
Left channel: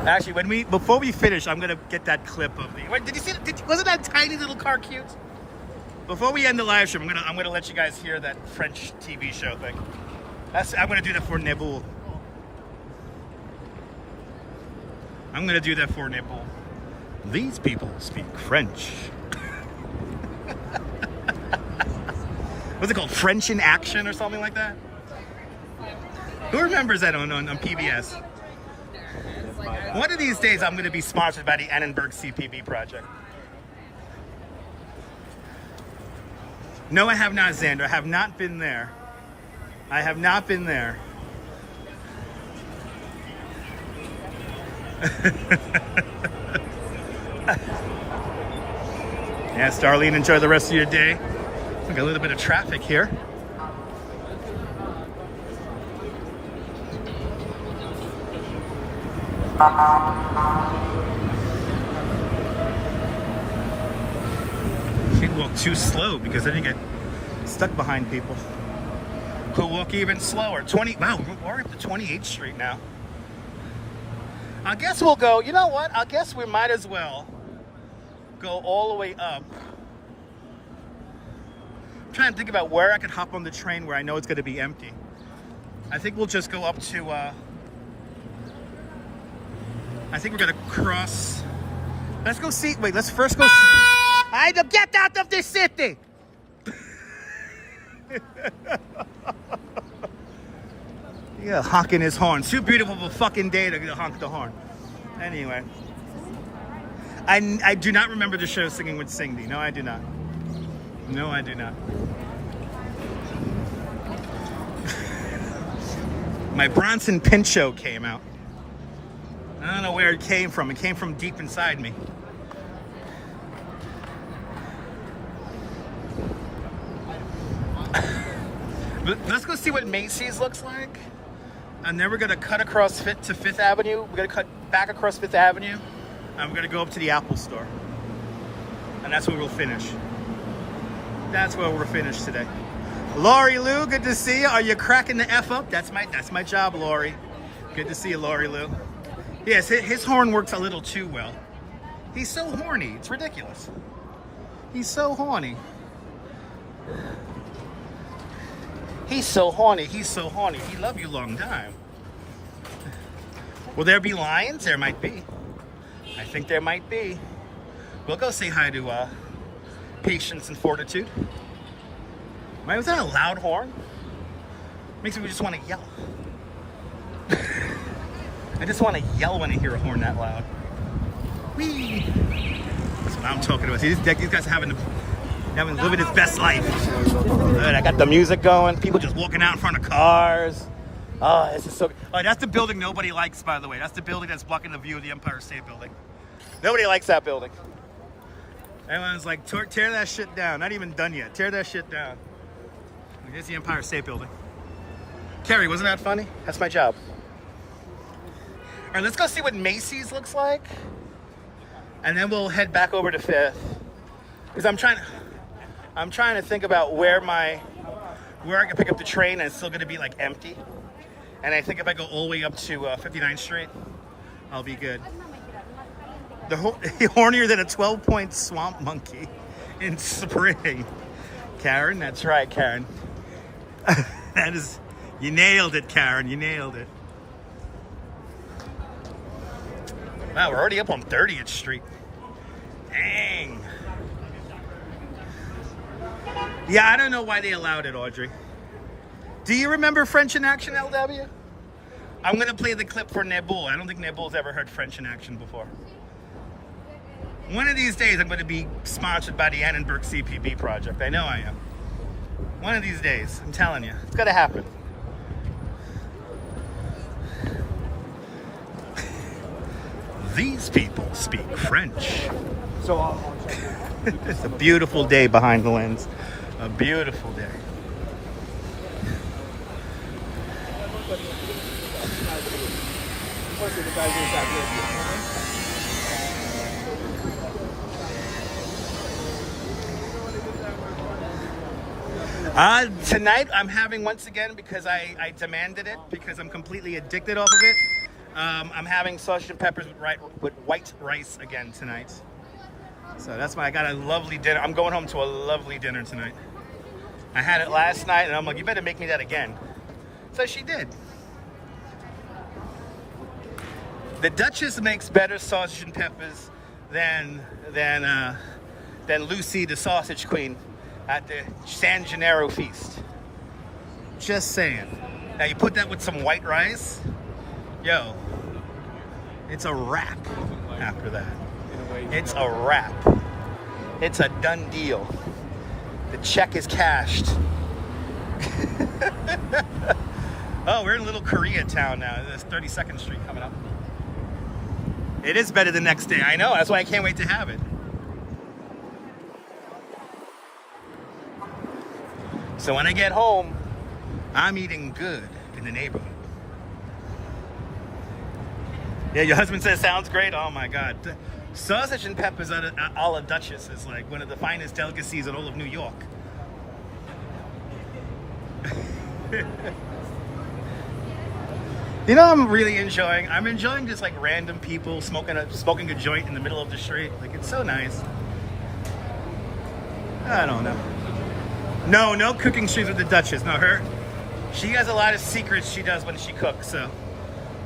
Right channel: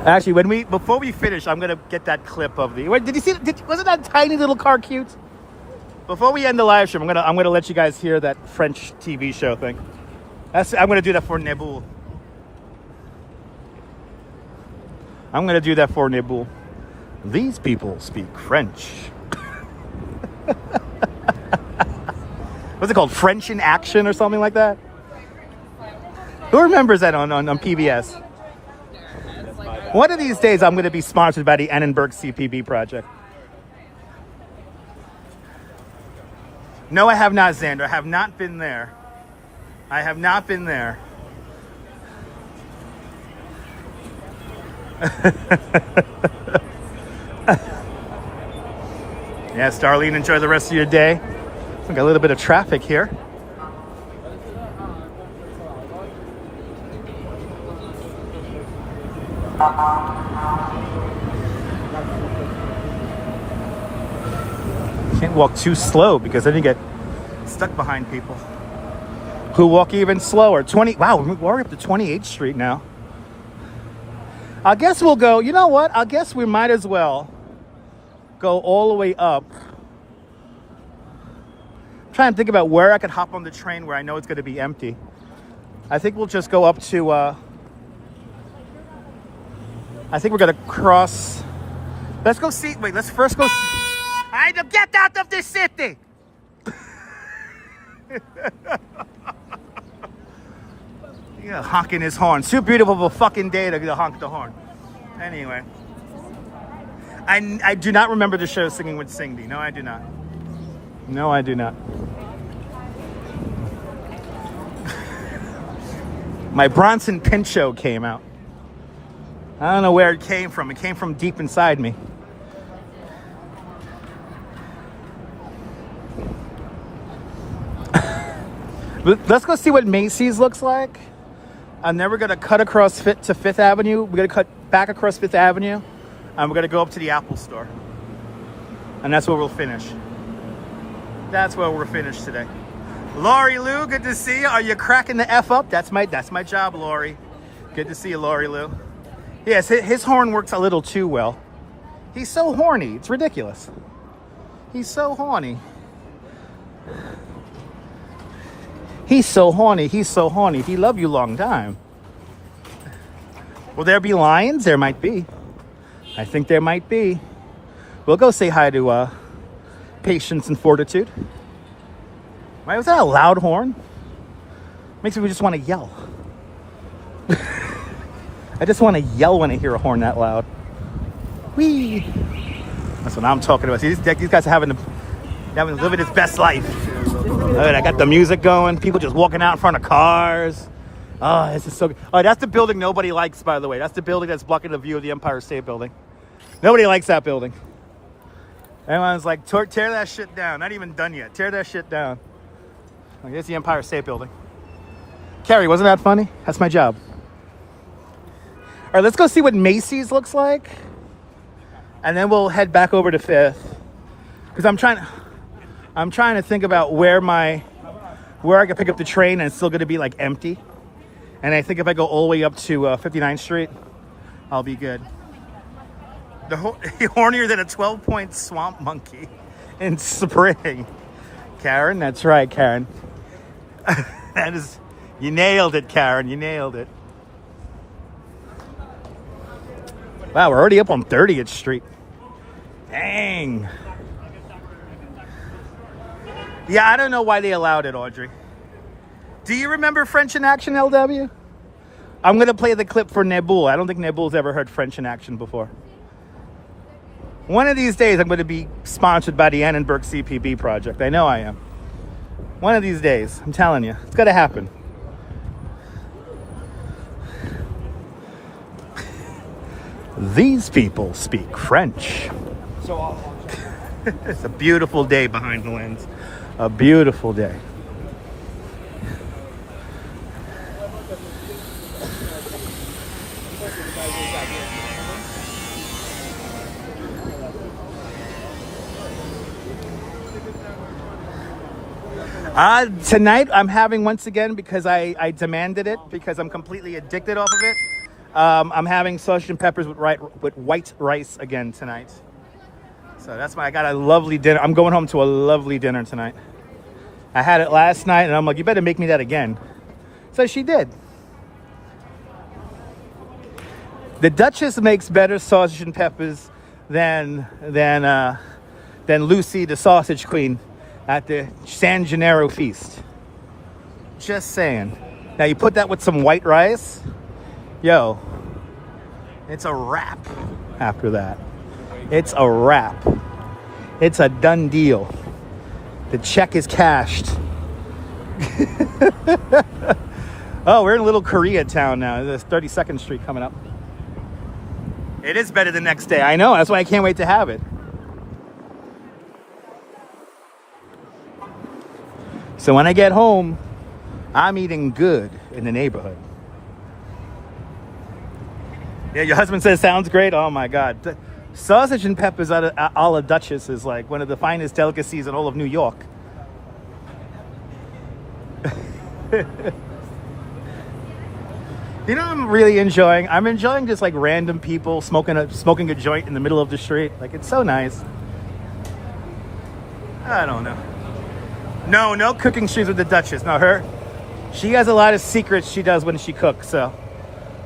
Actually, before we finish, I'm gonna get that clip of the. Did you see? Wasn't that tiny little car cute? Before we end the live stream, I'm gonna let you guys hear that French TV show thing. I'm gonna do that for Nebul. I'm gonna do that for Nebul. These people speak French. What's it called? French in Action or something like that? Who remembers that on PBS? One of these days, I'm going to be sponsored by the Annenberg CPB project. No, I have not, Xander. I have not been there. I have not been there. Yes, Darlene, enjoy the rest of your day. We got a little bit of traffic here. Can't walk too slow because then you get stuck behind people who walk even slower. Wow, we're up to 28th Street now. I guess we'll go, you know what? I guess we might as well go all the way up. I'm trying to think about where I could hop on the train where I know it's going to be empty. I think we'll just go up to, I think we're going to cross. Let's go see, wait, let's first go see. I don't get out of the city. Yeah, honking his horn. Too beautiful of a fucking day to honk the horn. Anyway. I do not remember the show Singing with Cindy. No, I do not. No, I do not. My Bronson Pinchot came out. I don't know where it came from. It came from deep inside me. Let's go see what Macy's looks like. And then we're gonna cut across to Fifth Avenue. We're gonna cut back across Fifth Avenue. And we're gonna go up to the Apple store. And that's where we'll finish. That's where we're finished today. Lori Lou, good to see you. Are you cracking the F up? That's my job, Lori. Good to see you, Lori Lou. Yes, his horn works a little too well. He's so horny, it's ridiculous. He's so horny. He's so horny, he's so horny. He love you long time. Will there be lions? There might be. I think there might be. We'll go say hi to Patience and Fortitude. Why was that a loud horn? Makes me just want to yell. I just want to yell when I hear a horn that loud. Whee! That's what I'm talking about. See, these guys are living his best life. I got the music going. People just walking out in front of cars. Ah, this is so good. Oh, that's the building nobody likes, by the way. That's the building that's blocking the view of the Empire State Building. Nobody likes that building. Everyone's like, tear that shit down. Not even done yet. Tear that shit down. I guess the Empire State Building. Carrie, wasn't that funny? That's my job. All right, let's go see what Macy's looks like. And then we'll head back over to Fifth. Because I'm trying to think about where I can pick up the train and it's still gonna be like empty. And I think if I go all the way up to 59th Street, I'll be good. Hornier than a 12-point swamp monkey in spring. Karen, that's right, Karen. You nailed it, Karen, you nailed it. Wow, we're already up on 30th Street. Dang. Yeah, I don't know why they allowed it, Audrey. Do you remember French in Action, LW? I'm going to play the clip for Nebul. I don't think Nebul's ever heard French in Action before. One of these days, I'm going to be sponsored by the Annenberg CPB project. I know I am. One of these days, I'm telling you. It's going to happen. These people speak French. So it's a beautiful day behind the lens. A beautiful day. Tonight I'm having once again because I demanded it because I'm completely addicted off of it. I'm having sausage and peppers with white rice again tonight. So that's why I got a lovely dinner. I'm going home to a lovely dinner tonight. I had it last night and I'm like, you better make me that again. So she did. The Duchess makes better sausage and peppers than Lucy, the sausage queen, at the San Gennaro feast. Just saying. Now you put that with some white rice, yo, it's a wrap after that. It's a wrap. It's a done deal. The check is cashed. Oh, we're in Little Koreatown now. There's 32nd Street coming up. It is better the next day. I know, that's why I can't wait to have it. So when I get home, I'm eating good in the neighborhood. Yeah, your husband says sounds great. Oh my God. The sausage and peppers a la Duchess is like one of the finest delicacies in all of New York. You know, I'm really enjoying. I'm enjoying just like random people smoking a joint in the middle of the street. Like, it's so nice. I don't know. No cooking streams with the Duchess. No, she has a lot of secrets she does when she cooks. So,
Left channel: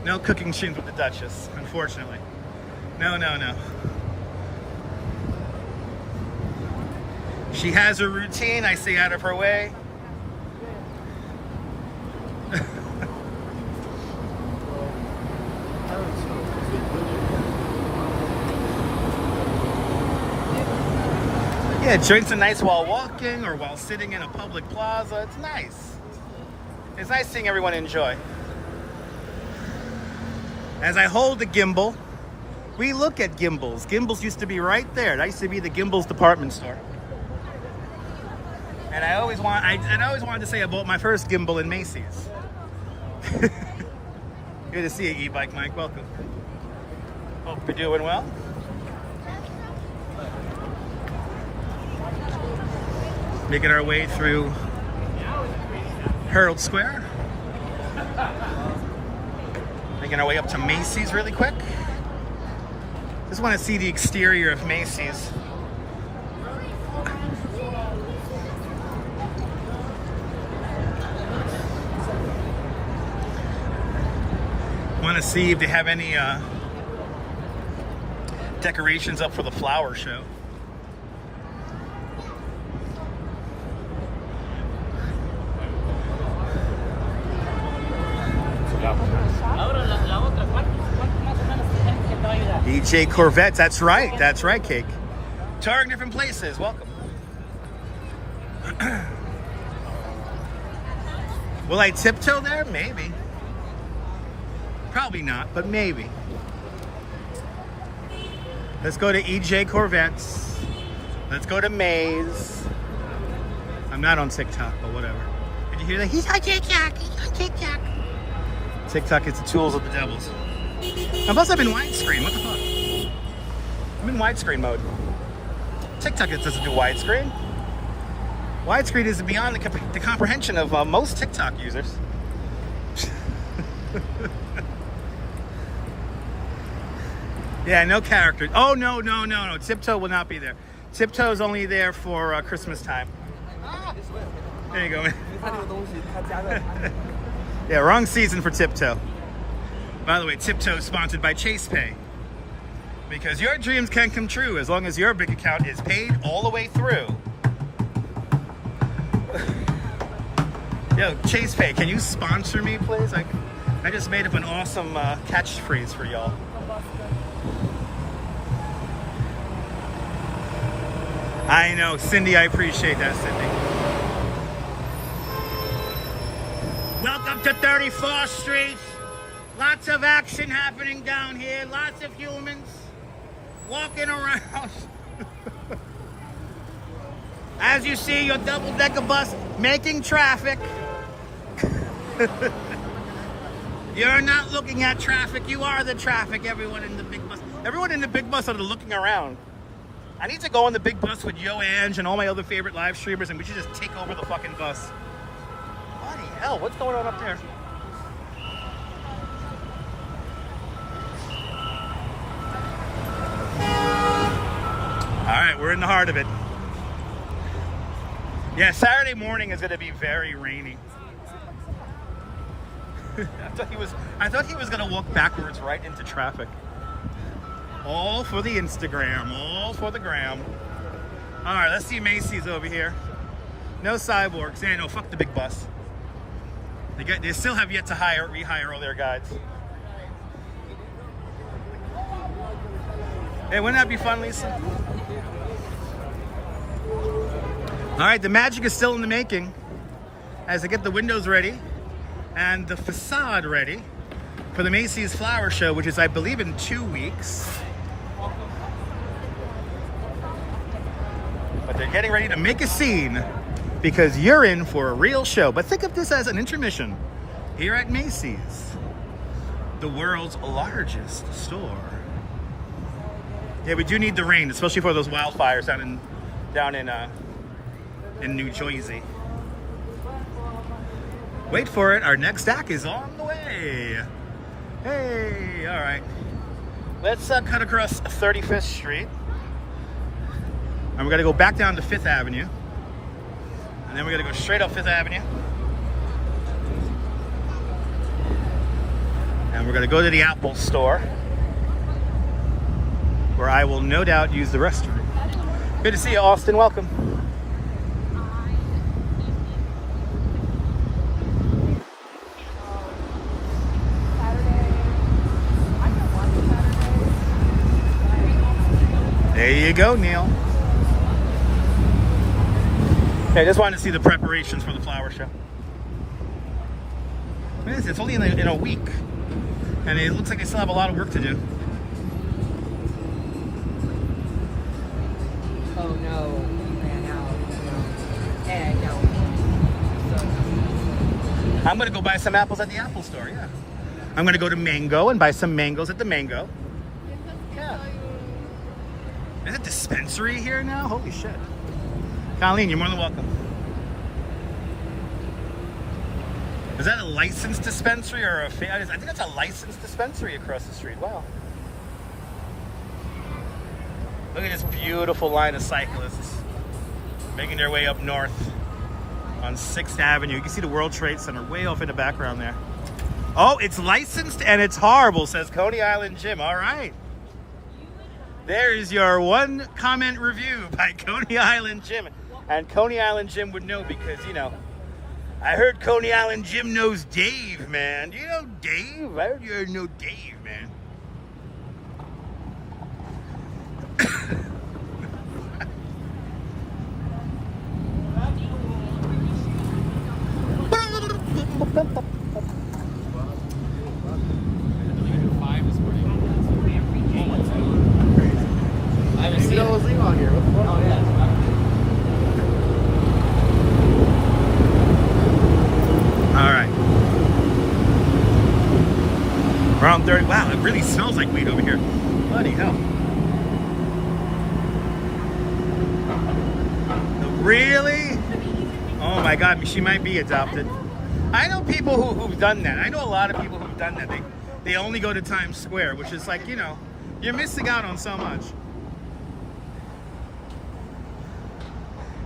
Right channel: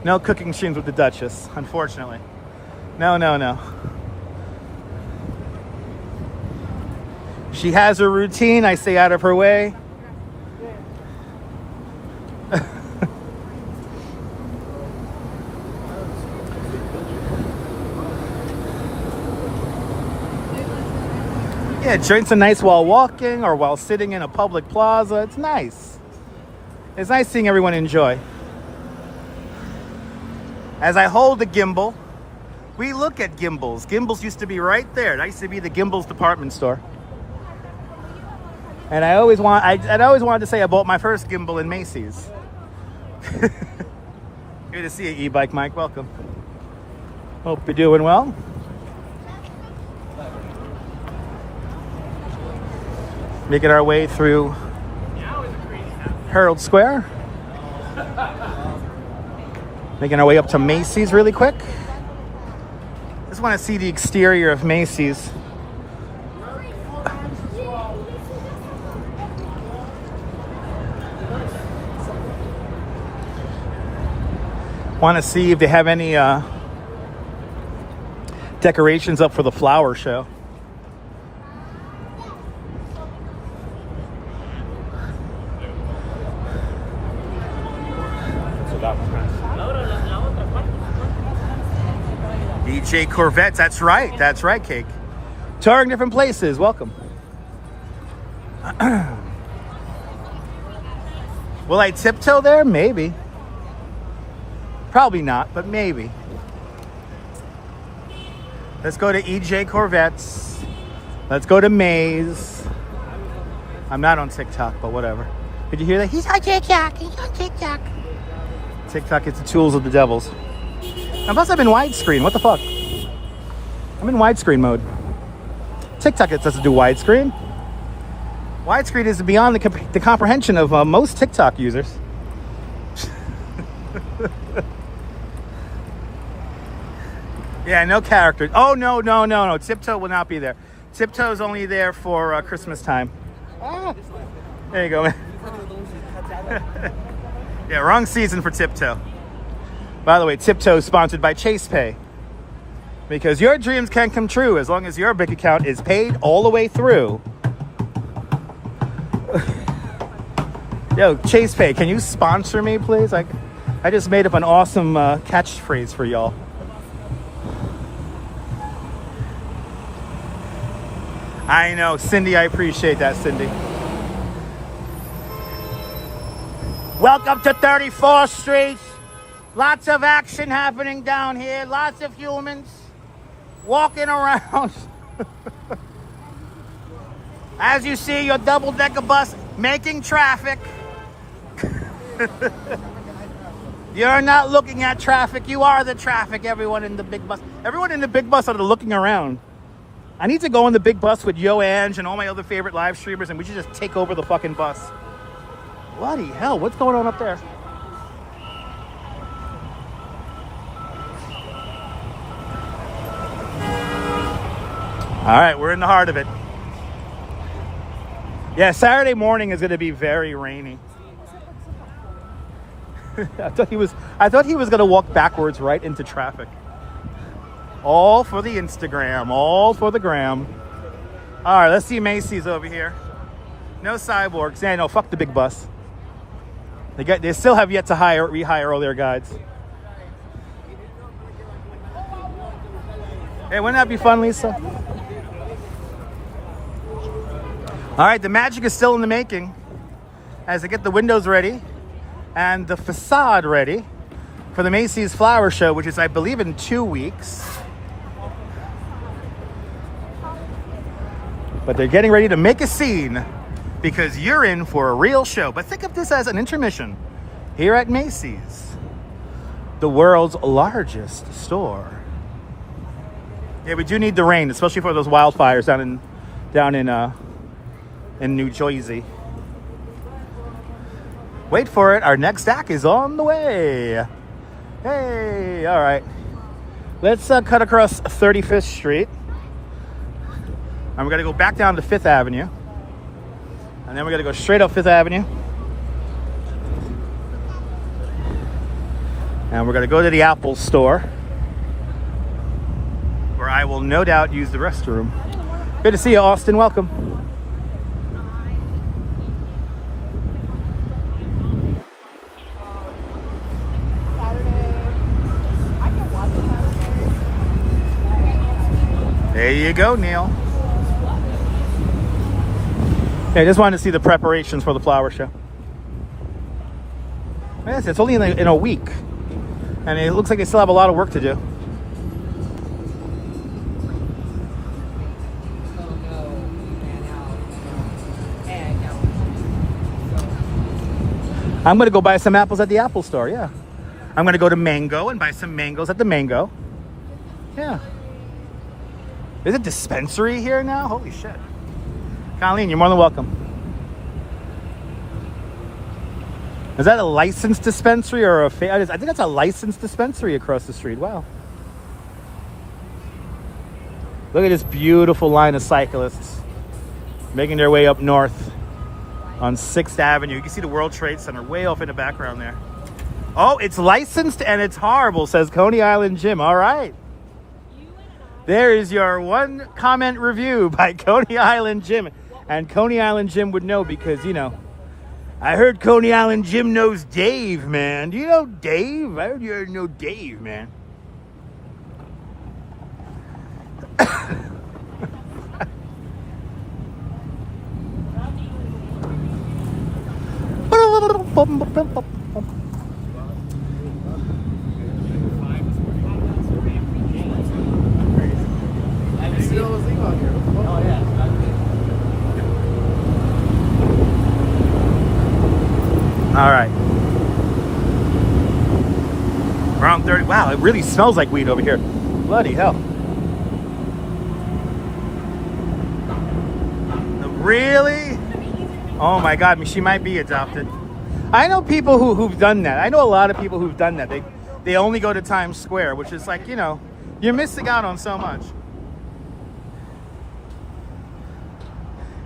no cooking streams with the Duchess, unfortunately. No. She has her routine. I stay out of her way. Yeah, joints are nice while walking or while sitting in a public plaza. It's nice. It's nice seeing everyone enjoy. As I hold the Gimble, we look at Gimbles. Gimbles used to be right there. That used to be the Gimble's department store. And I always wanted to say I bought my first Gimble in Macy's. Good to see you, e-bike Mike. Welcome. Hope you're doing well. Making our way through Herald Square. Making our way up to Macy's really quick. Just want to see the exterior of Macy's. Want to see if they have any decorations up for the flower show. DJ Corvettes, that's right, Cake. Touring different places, welcome. Will I tiptoe there? Maybe. Probably not, but maybe. Let's go to EJ Corvettes. Let's go to Maze. I'm not on TikTok, but whatever. Did you hear that? He's on TikTok. He's on TikTok. TikTok is the tools of the devils. And plus, I'm in widescreen. What the fuck? I'm in widescreen mode. TikTok, it doesn't do widescreen. Widescreen is beyond the comprehension of most TikTok users. Yeah, no characters. Oh, no. Tiptoe will not be there. Tiptoe is only there for Christmas time. There you go, man. Yeah, wrong season for Tiptoe. By the way, Tiptoe is sponsored by Chase Pay. Because your dreams can come true as long as your bank account is paid all the way through. Yo, Chase Pay, can you sponsor me, please? I just made up an awesome catchphrase for y'all. I know, Cindy, I appreciate that, Cindy. Welcome to 34th Street. Lots of action happening down here. Lots of humans walking around. As you see, your double-decker bus making traffic. You're not looking at traffic. You are the traffic, everyone in the big bus. Everyone in the big bus are looking around. I need to go in the big bus with Yo Ange and all my other favorite live streamers, and we should just take over the fucking bus. Bloody hell, what's going on up there? All right, we're in the heart of it. Yeah, Saturday morning is going to be very rainy. I thought he was going to walk backwards right into traffic. All for the Instagram, all for the gram. All right, let's see Macy's over here. No cyborgs. Yeah, no, fuck the big bus. They still have yet to rehire all their guides. Hey, wouldn't that be fun, Lisa? All right, the magic is still in the making as they get the windows ready and the facade ready for the Macy's Flower Show, which is, I believe, in 2 weeks. But they're getting ready to make a scene because you're in for a real show. But think of this as an intermission here at Macy's, the world's largest store. Yeah, we do need the rain, especially for those wildfires down in New Jersey. Wait for it, our next act is on the way. Hey, all right. Let's cut across 35th Street. And we're gonna go back down to 5th Avenue. And then we're gonna go straight up 5th Avenue. And we're gonna go to the Apple store, where I will no doubt use the restroom. Good to see you, Austin, welcome. There you go, Neil. I just wanted to see the preparations for the flower show. Yes, it's only in a week, and it looks like they still have a lot of work to do. Oh no, he ran out. And no. I'm gonna go buy some apples at the Apple Store. Yeah, I'm gonna go to Mango and buy some mangoes at the Mango. Yeah. There's a dispensary here now? Holy shit. Colleen, you're more than welcome. Is that a licensed dispensary or a fair? I think that's a licensed dispensary across the street. Wow. Look at this beautiful line of cyclists making their way up north on 6th Avenue. You can see the World Trade Center way off in the background there. Oh, it's licensed and it's horrible, says Coney Island Jim. All right. There is your one comment review by Coney Island Jim. And Coney Island Jim would know because, you know, I heard Coney Island Jim knows Dave, man. Do you know Dave? I heard you know Dave, man. All right. Around 30. Wow, it really smells like weed over here. Bloody hell. Really? Oh my God, she might be adopted. I know people who've done that. I know a lot of people who've done that. They only go to Times Square, which is like, you know, you're missing out on so much.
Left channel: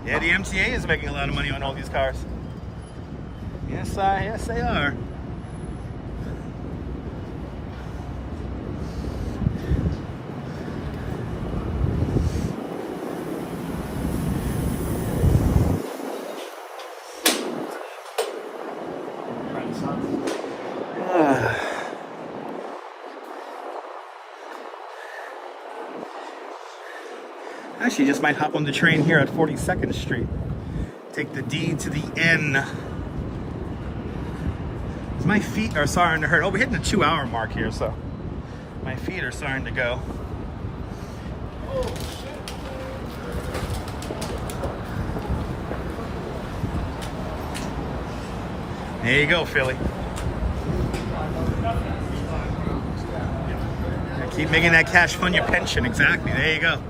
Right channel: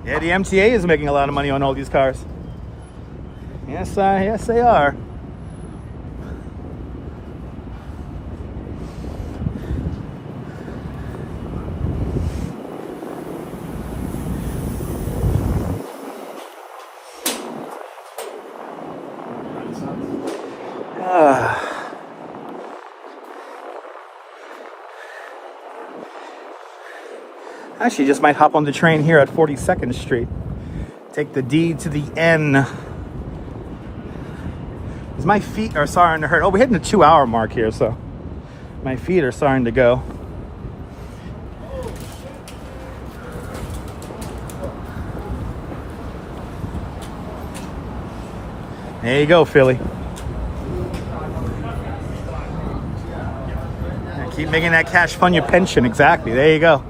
Yeah, the MTA is making a lot of money on all these cars. Yes, yes, they are. Actually, just might hop on the train here at 42nd Street. Take the D to the N. My feet are starting to hurt. Oh, we're hitting the 2-hour mark here, so my feet are starting to go. There you go, Philly. Yeah, keep making that cash fund your pension. Exactly. There you go.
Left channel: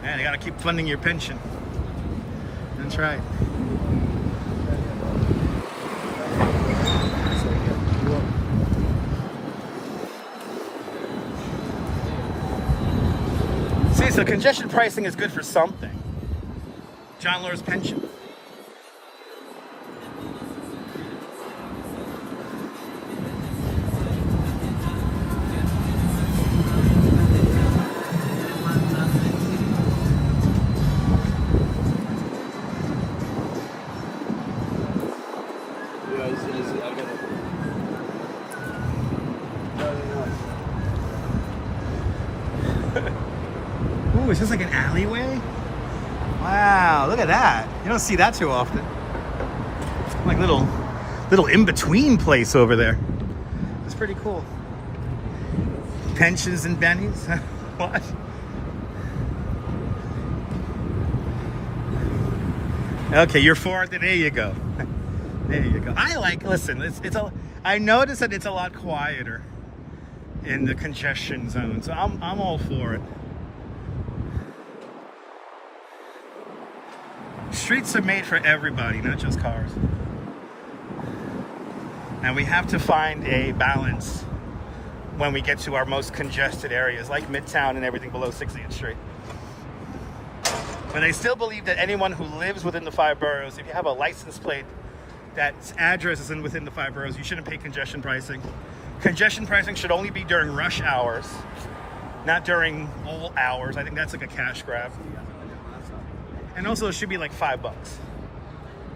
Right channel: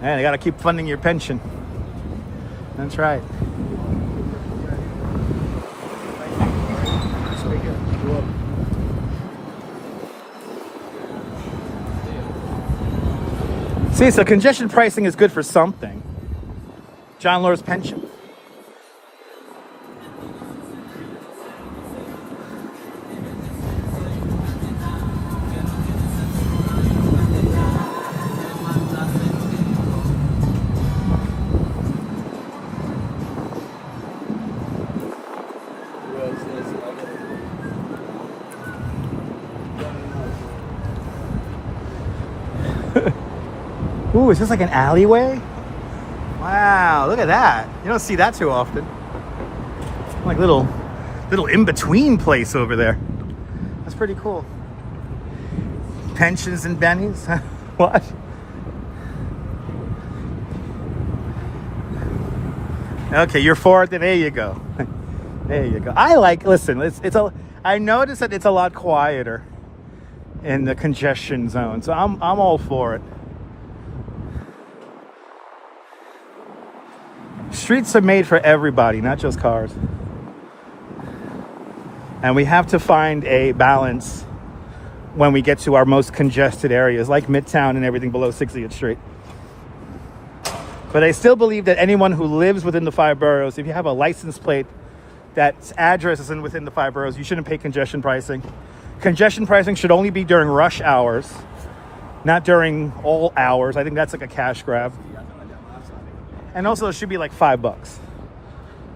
Man, you gotta keep funding your pension. That's right. See, so congestion pricing is good for something. John Law's pension. Ooh, is this like an alleyway? Wow, look at that. You don't see that too often. Like little in-between place over there. That's pretty cool. Pensions and bennies? What? Okay, you're for it, then there you go. There you go. Listen, I noticed that it's a lot quieter in the congestion zone, so I'm all for it. Streets are made for everybody, not just cars. And we have to find a balance when we get to our most congested areas, like Midtown and everything below 60th Street. But I still believe that anyone who lives within the 5 boroughs, if you have a license plate that's address is within the 5 boroughs, you shouldn't pay congestion pricing. Congestion pricing should only be during rush hours, not during all hours. I think that's like a cash grab. And also, it should be like $5.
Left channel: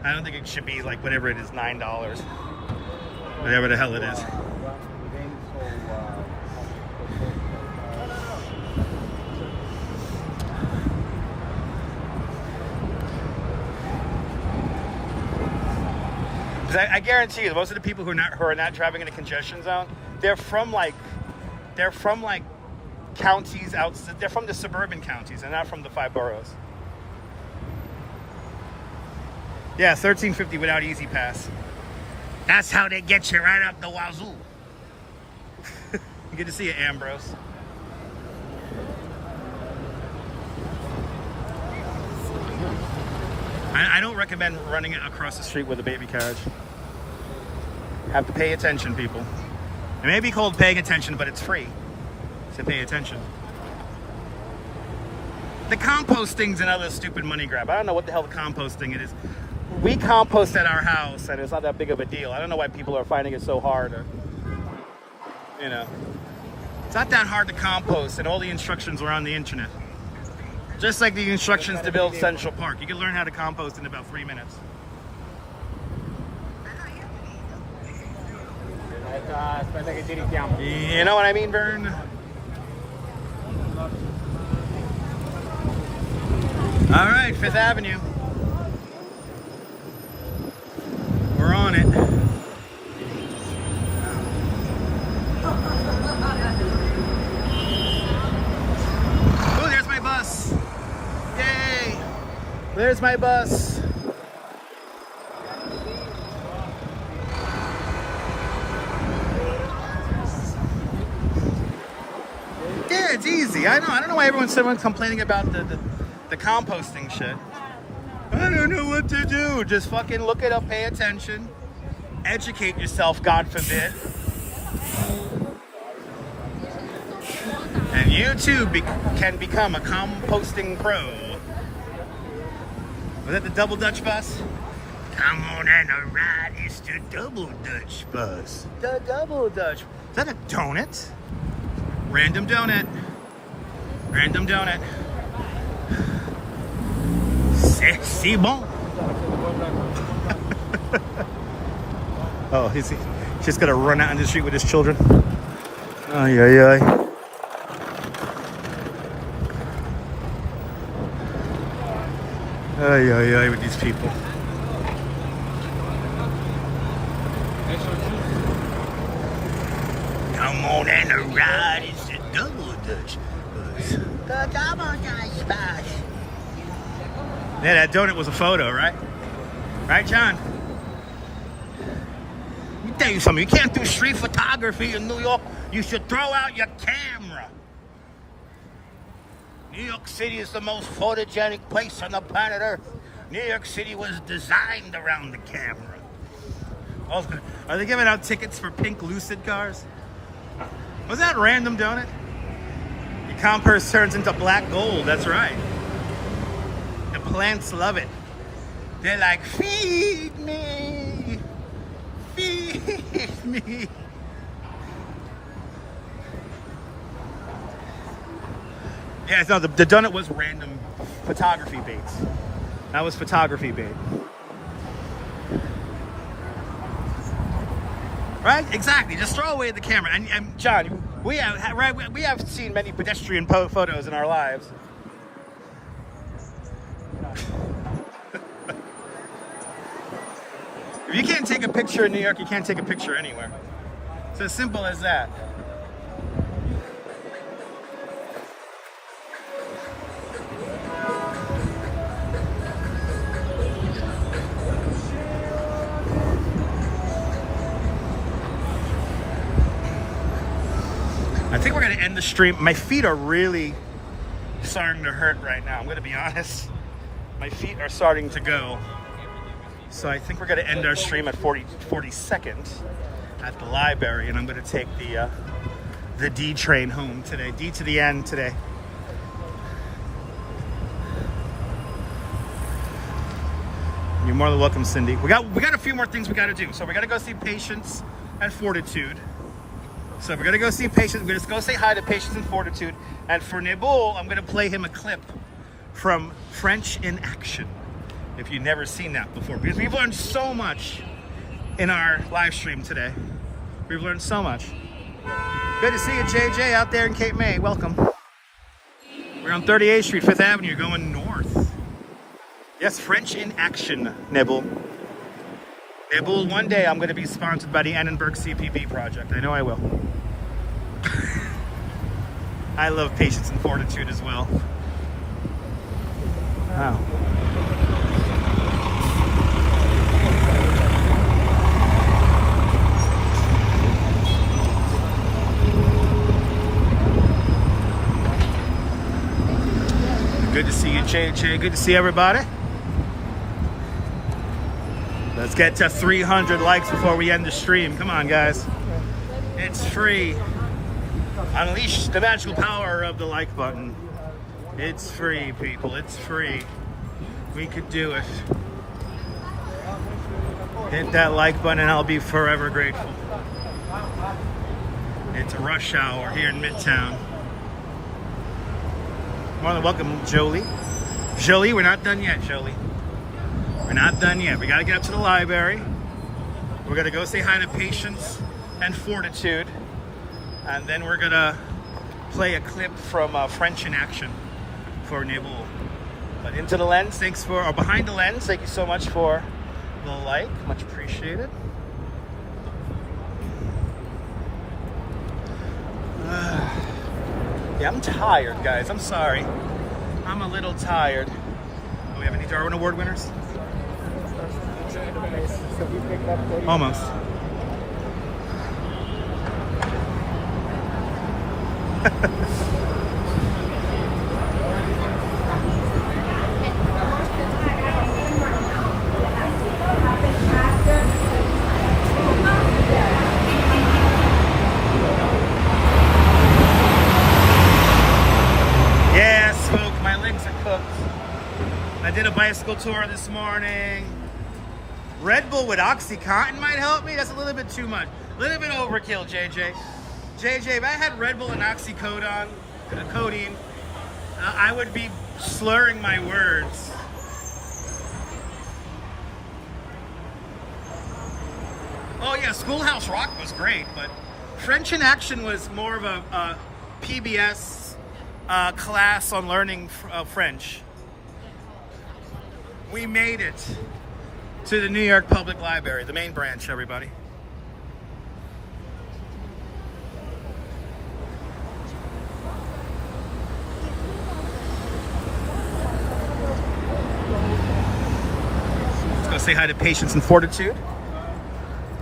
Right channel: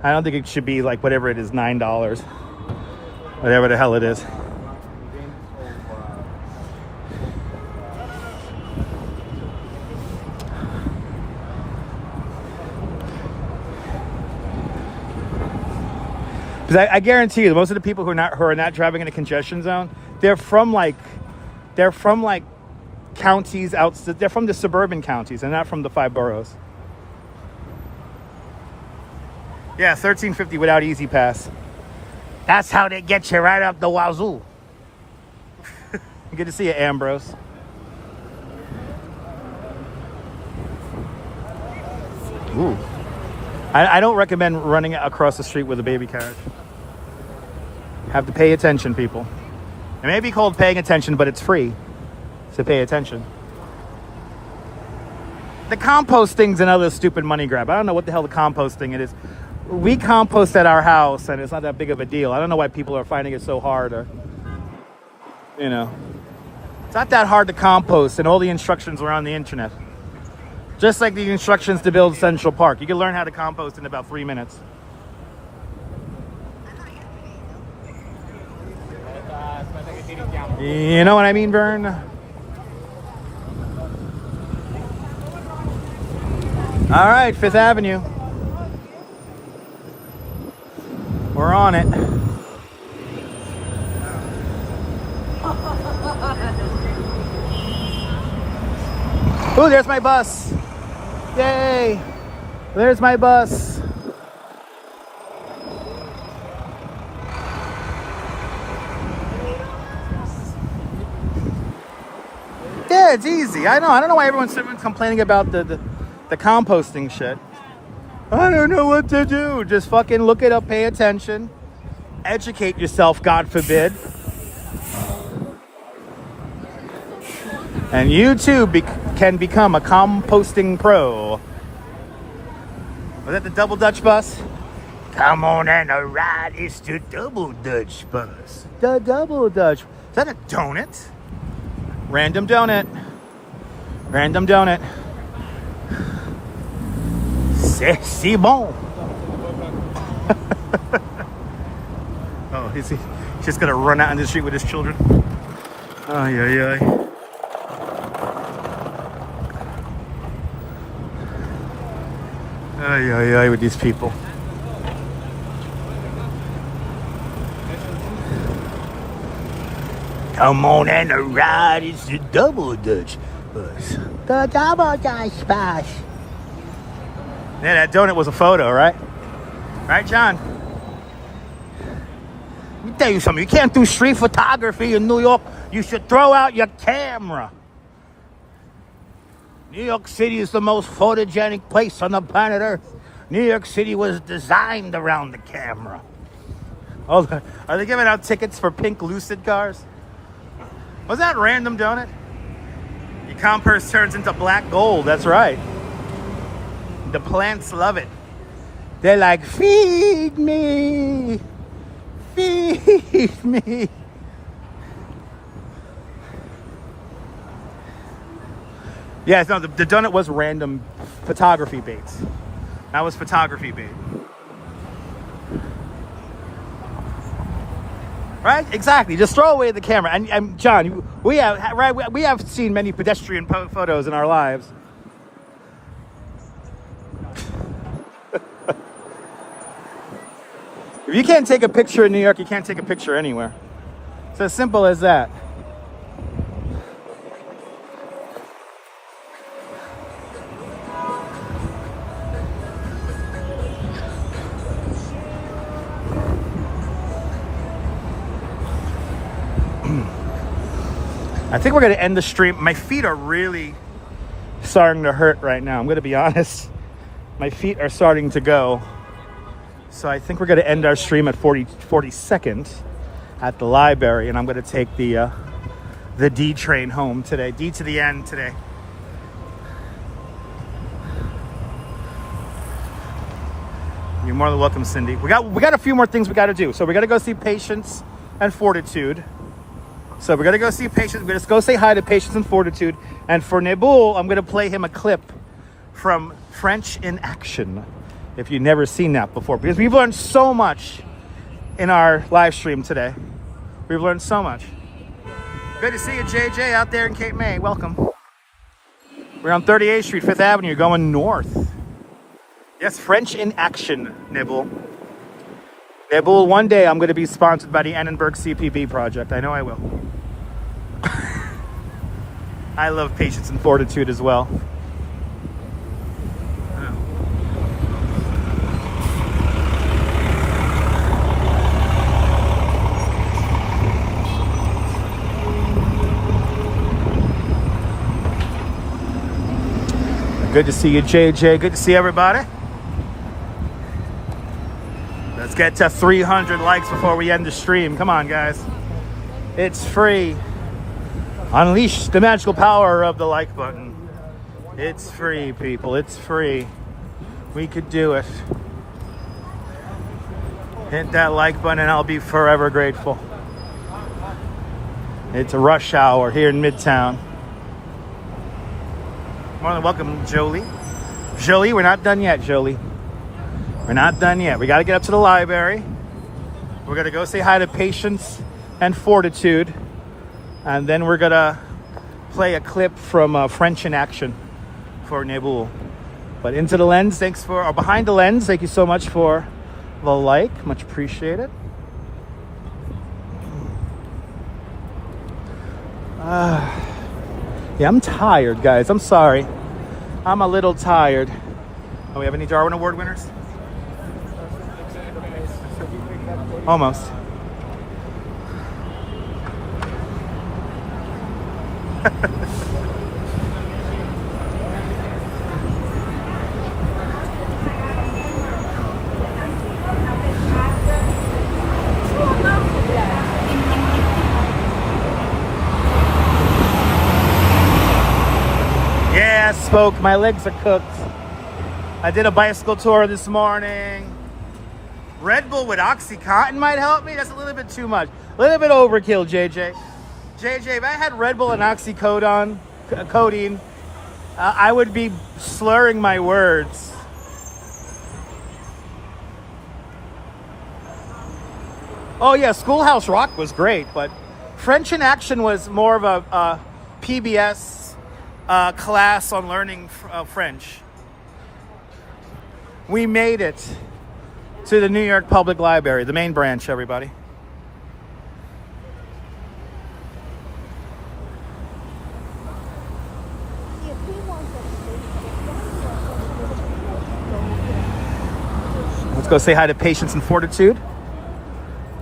I don't think it should be like whatever it is, $9. Whatever the hell it is. Because I guarantee you, most of the people who are not driving in a congestion zone, they're from like counties out. They're from the suburban counties and not from the 5 boroughs. Yeah, $13.50 without Easy Pass. That's how they get you right up the wazoo. Good to see you, Ambrose. Ooh. I don't recommend running across the street with a baby carriage. Have to pay attention, people. It may be called paying attention, but it's free to pay attention. The compost thing's another stupid money grab. I don't know what the hell the compost thing it is. We compost at our house, and it's not that big of a deal. I don't know why people are finding it so hard. Or, you know, it's not that hard to compost, and all the instructions are on the internet. Just like the instructions to build Central Park. You can learn how to compost in about 3 minutes. You know what I mean, Vern? All right, 5th Avenue. We're on it. Ooh, there's my bus. Yay! There's my bus. Yeah, it's easy. I know. I don't know why everyone's complaining about the composting shit. I don't know what to do. Just fucking look it up, pay attention, educate yourself, God forbid. And you too can become a composting pro. Was that the Double Dutch bus? Come on and a ride. It's the Double Dutch bus. The Double Dutch. Is that a donut? Random donut. Random donut. C'est bon. Oh, he's just gonna run out in the street with his children. Ay, ay, ay. Ay, ay, ay, with these people. Come on and a ride, it's the Double Dutch bus. The Double Dutch bus. Yeah, that donut was a photo, right? Right, John? Let me tell you something. You can't do street photography in New York. You should throw out your camera. New York City is the most photogenic place on the planet Earth. New York City was designed around the camera. Oh, are they giving out tickets for pink Lucid cars? Was that Random Donut? Your compost turns into black gold. That's right. The plants love it. They're like, feed me. Feed me. Yeah, no, the donut was random photography bait. That was photography bait. Right? Exactly. Just throw away the camera. And John, we have seen many pedestrian photos in our lives. If you can't take a picture in New York, you can't take a picture anywhere. It's as simple as that. I think we're going to end the stream. My feet are really starting to hurt right now. I'm going to be honest. My feet are starting to go. So I think we're going to end our stream at 42nd at the library. And I'm going to take the D train home today. D to the end today. You're more than welcome, Cindy. We got a few more things we got to do. So we got to go see Patience and Fortitude. So we're gonna go see Patience. We're gonna go say hi to Patience and Fortitude. And for Neboul, I'm gonna play him a clip from French in Action, if you've never seen that before, because we've learned so much in our live stream today. We've learned so much. Good to see you, JJ, out there in Cape May. Welcome. We're on 38th Street, 5th Avenue, going north. Yes, French in Action, Neboul. Yeah, but one day I'm going to be sponsored by the Annenberg CPV project. I know I will. I love patience and fortitude as well. Wow. Good to see you, JJ. Good to see everybody. Let's get to 300 likes before we end the stream. Come on, guys. It's free. Unleash the magical power of the like button. It's free, people. It's free. We could do it. Hit that like button and I'll be forever grateful. It's rush hour here in Midtown. More than welcome, Jolie. Jolie, we're not done yet, Jolie. We're not done yet. We got to get up to the library. We're going to go say hi to Patience and Fortitude. And then we're going to play a clip from French in Action for Nebul. But into the lens, thanks for, or behind the lens, thank you so much for the like. Much appreciated. Yeah, I'm tired, guys. I'm sorry. I'm a little tired. Oh, we have any Darwin Award winners? Almost. Yeah, spoke. My legs are cooked. I did a bicycle tour this morning. Red Bull with Oxycontin might help me. That's a little bit too much. A little bit overkill, JJ. JJ, if I had Red Bull and Oxycodone, codeine, I would be slurring my words. Oh yeah, Schoolhouse Rock was great, but French in Action was more of a PBS class on learning French. We made it to the New York Public Library, the main branch, everybody. Let's go say hi to Patience and Fortitude.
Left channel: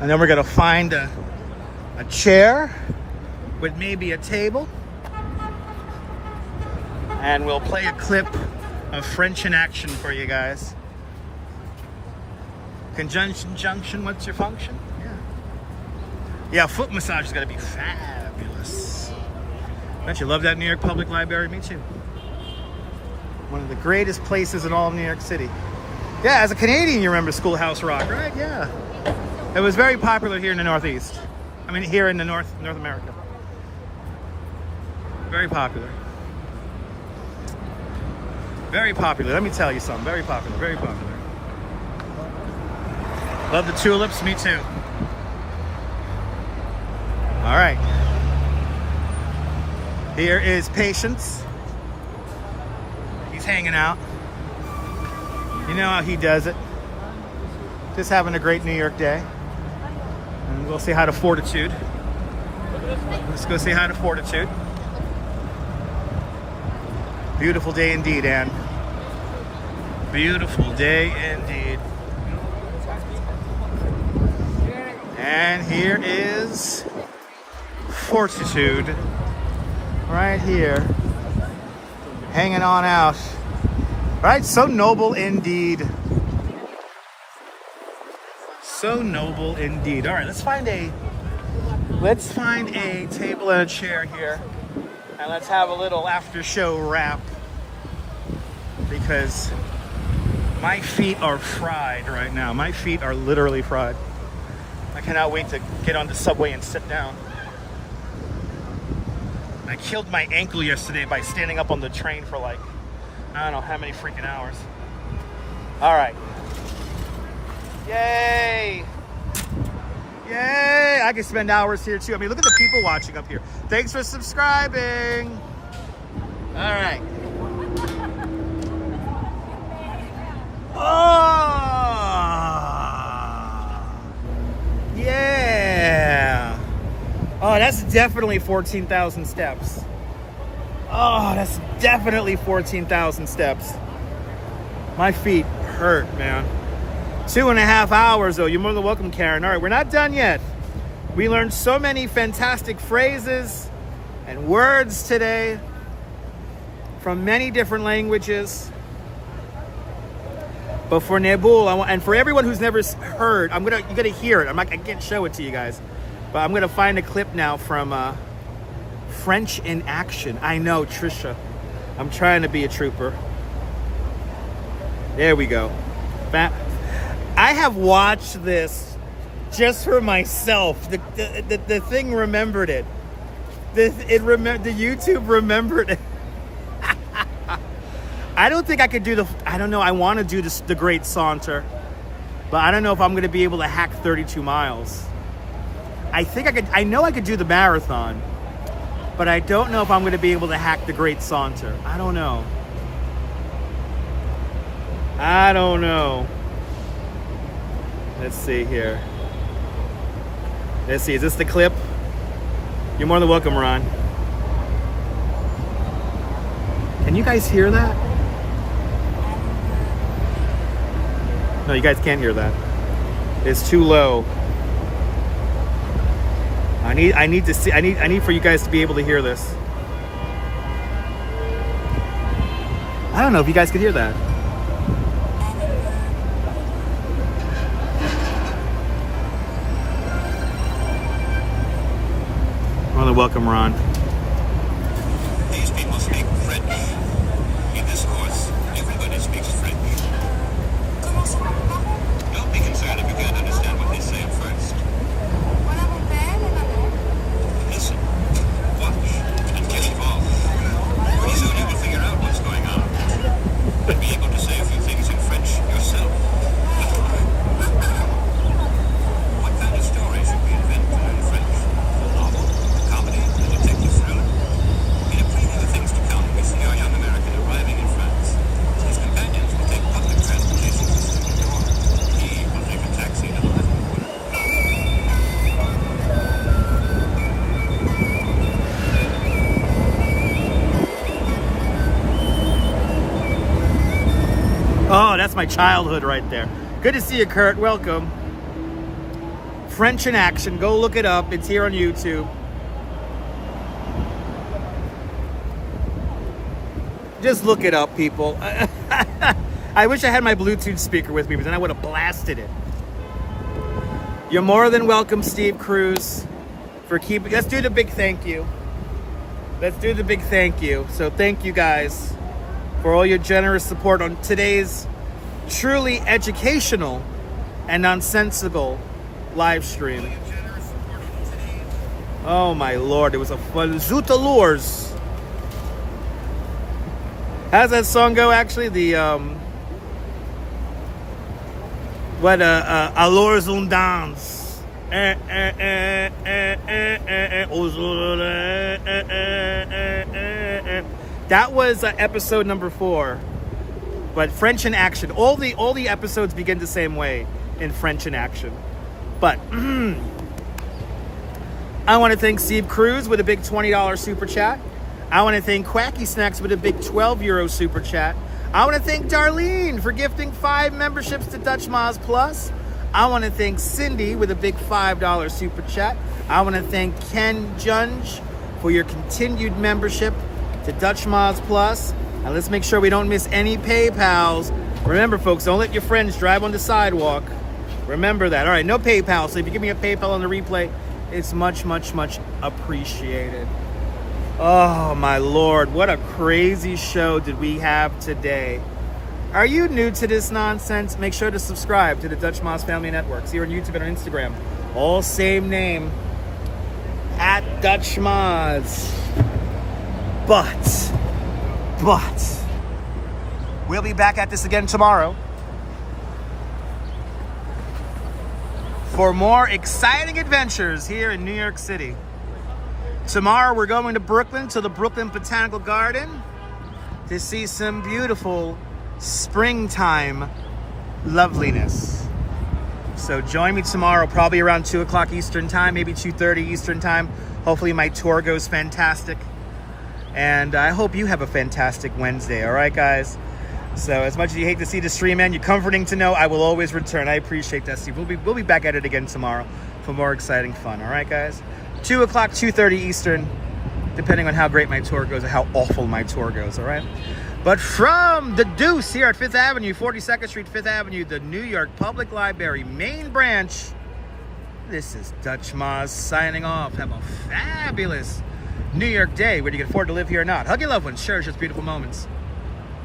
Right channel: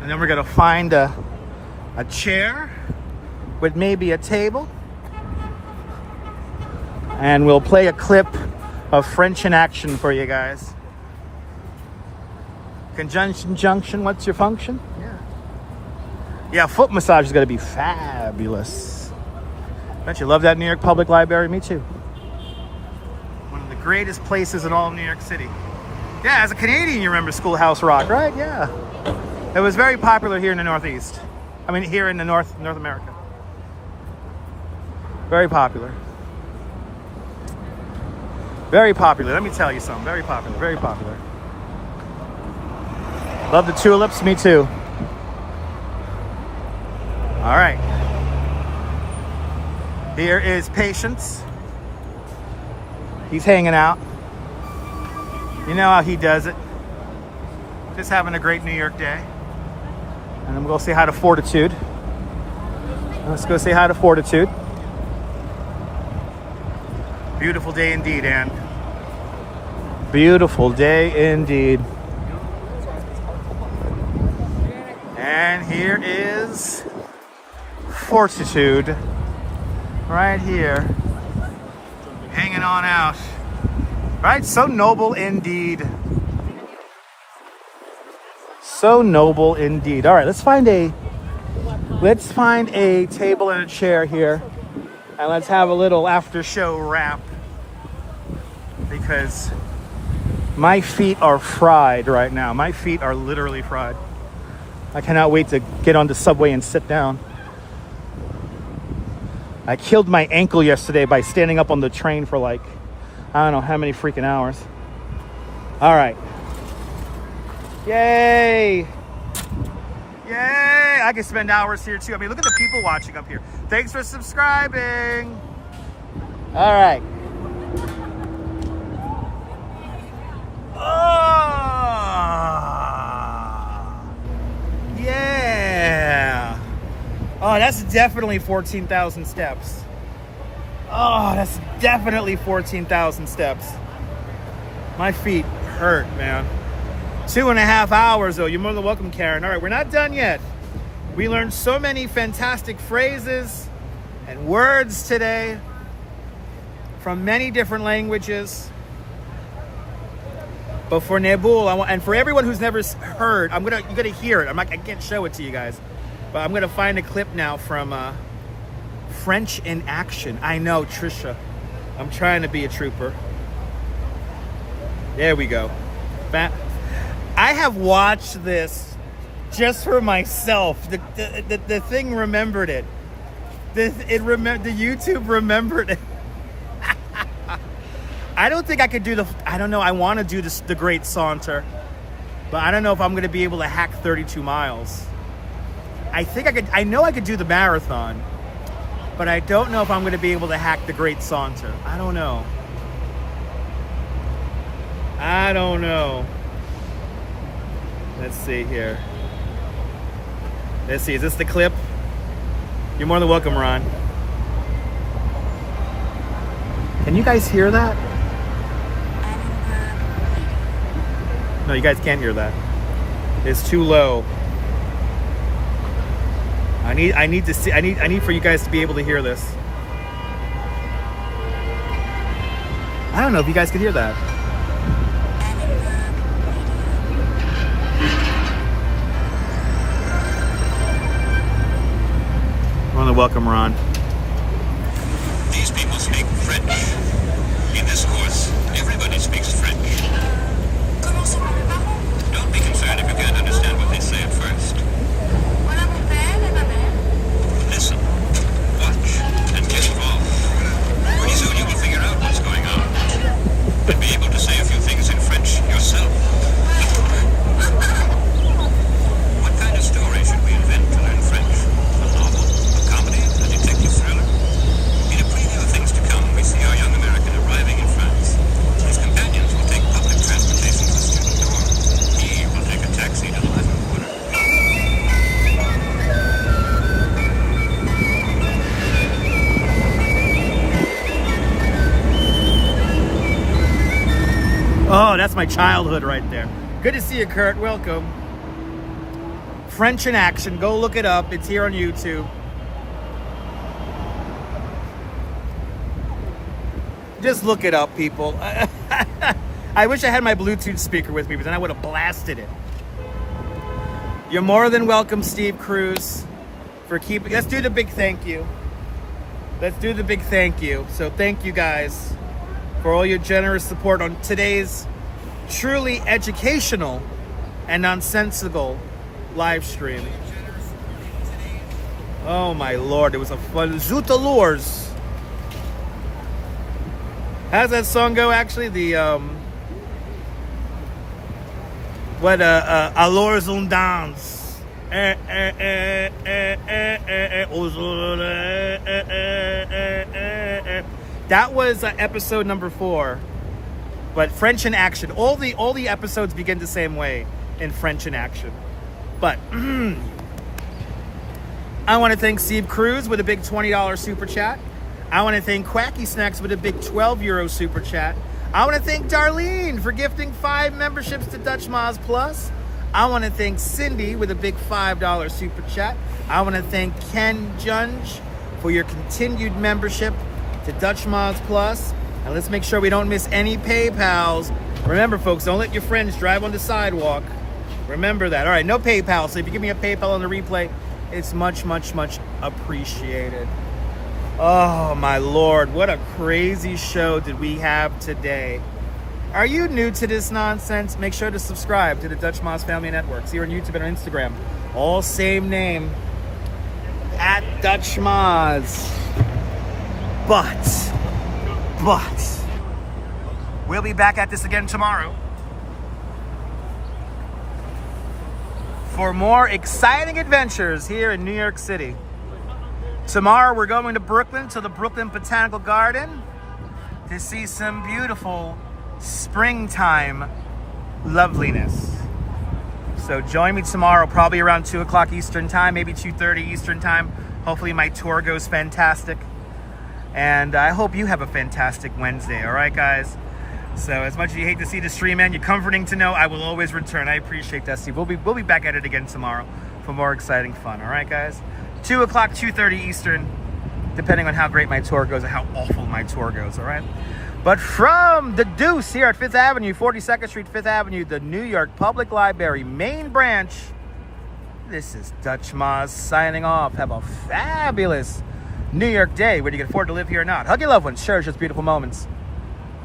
And then we're gonna find a chair with maybe a table. And we'll play a clip of French in Action for you guys. Conjunction junction, what's your function? Yeah. Yeah, foot massage is gonna be fabulous. Don't you love that New York Public Library? Me too. One of the greatest places in all of New York City. Yeah, as a Canadian, you remember Schoolhouse Rock, right? Yeah. It was very popular here in the Northeast. I mean, here in the North America. Very popular. Very popular. Let me tell you something. Very popular. Very popular. Love the tulips. Me too. All right. Here is Patience. He's hanging out. You know how he does it. Just having a great New York day. And I'm going to say hi to Fortitude. Let's go say hi to Fortitude. Beautiful day indeed, Anne. Beautiful day indeed. And here is Fortitude. Right here. Hanging on out. Right? So noble indeed. So noble indeed. All right, let's find a table and a chair here. And let's have a little after show wrap. Because my feet are fried right now. My feet are literally fried. I cannot wait to get on the subway and sit down. I killed my ankle yesterday by standing up on the train for like, I don't know how many freaking hours. All right. Yay. Yay. I can spend hours here too. I mean, look at the people watching up here. Thanks for subscribing. All right. that's definitely 14,000 steps. Oh, that's definitely 14,000 steps. My feet hurt, man. 2.5 hours, though. You're more than welcome, Karen. All right, we're not done yet. We learned so many fantastic phrases and words today from many different languages. But for Nebul, and for everyone who's never heard, you're gonna hear it. I can't show it to you guys, but I'm gonna find a clip now from French in Action. I know, Trisha. I'm trying to be a trooper. There we go. I have watched this just for myself. The thing remembered it. The YouTube remembered it. I don't think I could do I don't know. I want to do the Great Saunter, but I don't know if I'm going to be able to hack 32 miles. I think I could. I know I could do the marathon, but I don't know if I'm going to be able to hack the Great Saunter. I don't know. Let's see here. Let's see. Is this the clip? You're more than welcome, Ron. Can you guys hear that? No, you guys can't hear that. It's too low. I need to see. I need for you guys to be able to hear this. I don't know if you guys could hear that. I want to welcome Ron. These people speak French. In this course, everybody speaks French. Don't be concerned if you can't understand what they say at first. Listen, watch, and get involved. Pretty soon you will figure out what's going on. And be able to say a few things in French yourself. What kind of story should we invent to learn French? A novel? A comedy? A detective thriller? In a preview of things to come, we see our young American arriving in France. His companions will take public transportation to the student dorm. He will take a taxi to the living room. Oh, that's my childhood right there. Good to see you, Kurt. Welcome. French in Action. Go look it up. It's here on YouTube. Just look it up, people. I wish I had my Bluetooth speaker with me, but then I would have blasted it. You're more than welcome, Steve Cruz, for keeping... Let's do the big thank you. Let's do the big thank you. So thank you guys for all your generous support on today's truly educational and nonsensical live stream. Oh my Lord, it was a fun Zoutalors. How's that song go actually? The Alors on danse. That was episode number 4. But French in Action. All the episodes begin the same way in French in Action. But I want to thank Steve Cruz with a big $20 super chat. I want to thank Quacky Snacks with a big €12 super chat. I want to thank Darlene for gifting 5 memberships to Dutch Moz Plus. I want to thank Cindy with a big $5 super chat. I want to thank Ken Junge for your continued membership to Dutch Moz Plus. And let's make sure we don't miss any PayPals. Remember, folks, don't let your friends drive on the sidewalk. Remember that. All right, no PayPal. So if you give me a PayPal on the replay, it's much, much, much appreciated. Oh, my Lord. What a crazy show did we have today. Are you new to this nonsense? Make sure to subscribe to the Dutch Moz Family Networks here on YouTube and on Instagram. All same name. At Dutch Moz. But we'll be back at this again tomorrow for more exciting adventures here in New York City. Tomorrow we're going to Brooklyn, to the Brooklyn Botanical Garden, to see some beautiful springtime loveliness. So join me tomorrow, probably around 2 o'clock Eastern time, maybe 2:30 Eastern time. Hopefully my tour goes fantastic. And I hope you have a fantastic Wednesday. All right, guys? So as much as you hate to see the stream end, you're comforting to know I will always return. I appreciate that, Steve. We'll be back at it again tomorrow for more exciting fun. All right, guys? 2 o'clock, 2:30 Eastern, depending on how great my tour goes or how awful my tour goes. All right? But from the Deuce here at 5th Avenue, 42nd Street, 5th Avenue, the New York Public Library main branch, this is Dutch Moz signing off. Have a fabulous New York day, whether you can afford to live here or not. Hug your loved ones, cherish those beautiful moments.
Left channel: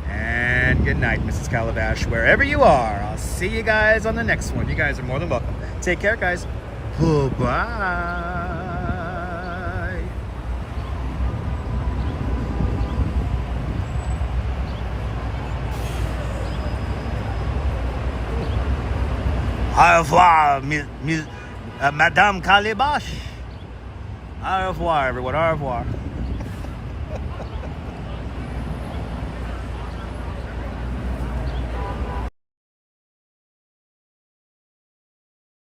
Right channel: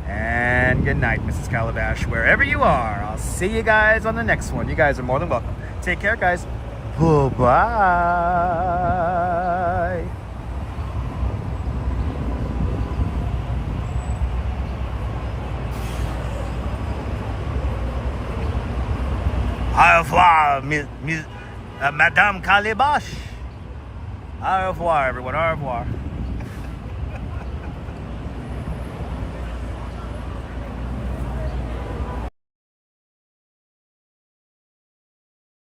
And good night, Mrs. Calabash, wherever you are. I'll see you guys on the next one. You guys are more than welcome. Take care, guys. Bye-bye. Au revoir, Madame Calabash. Au revoir, everyone. Au revoir.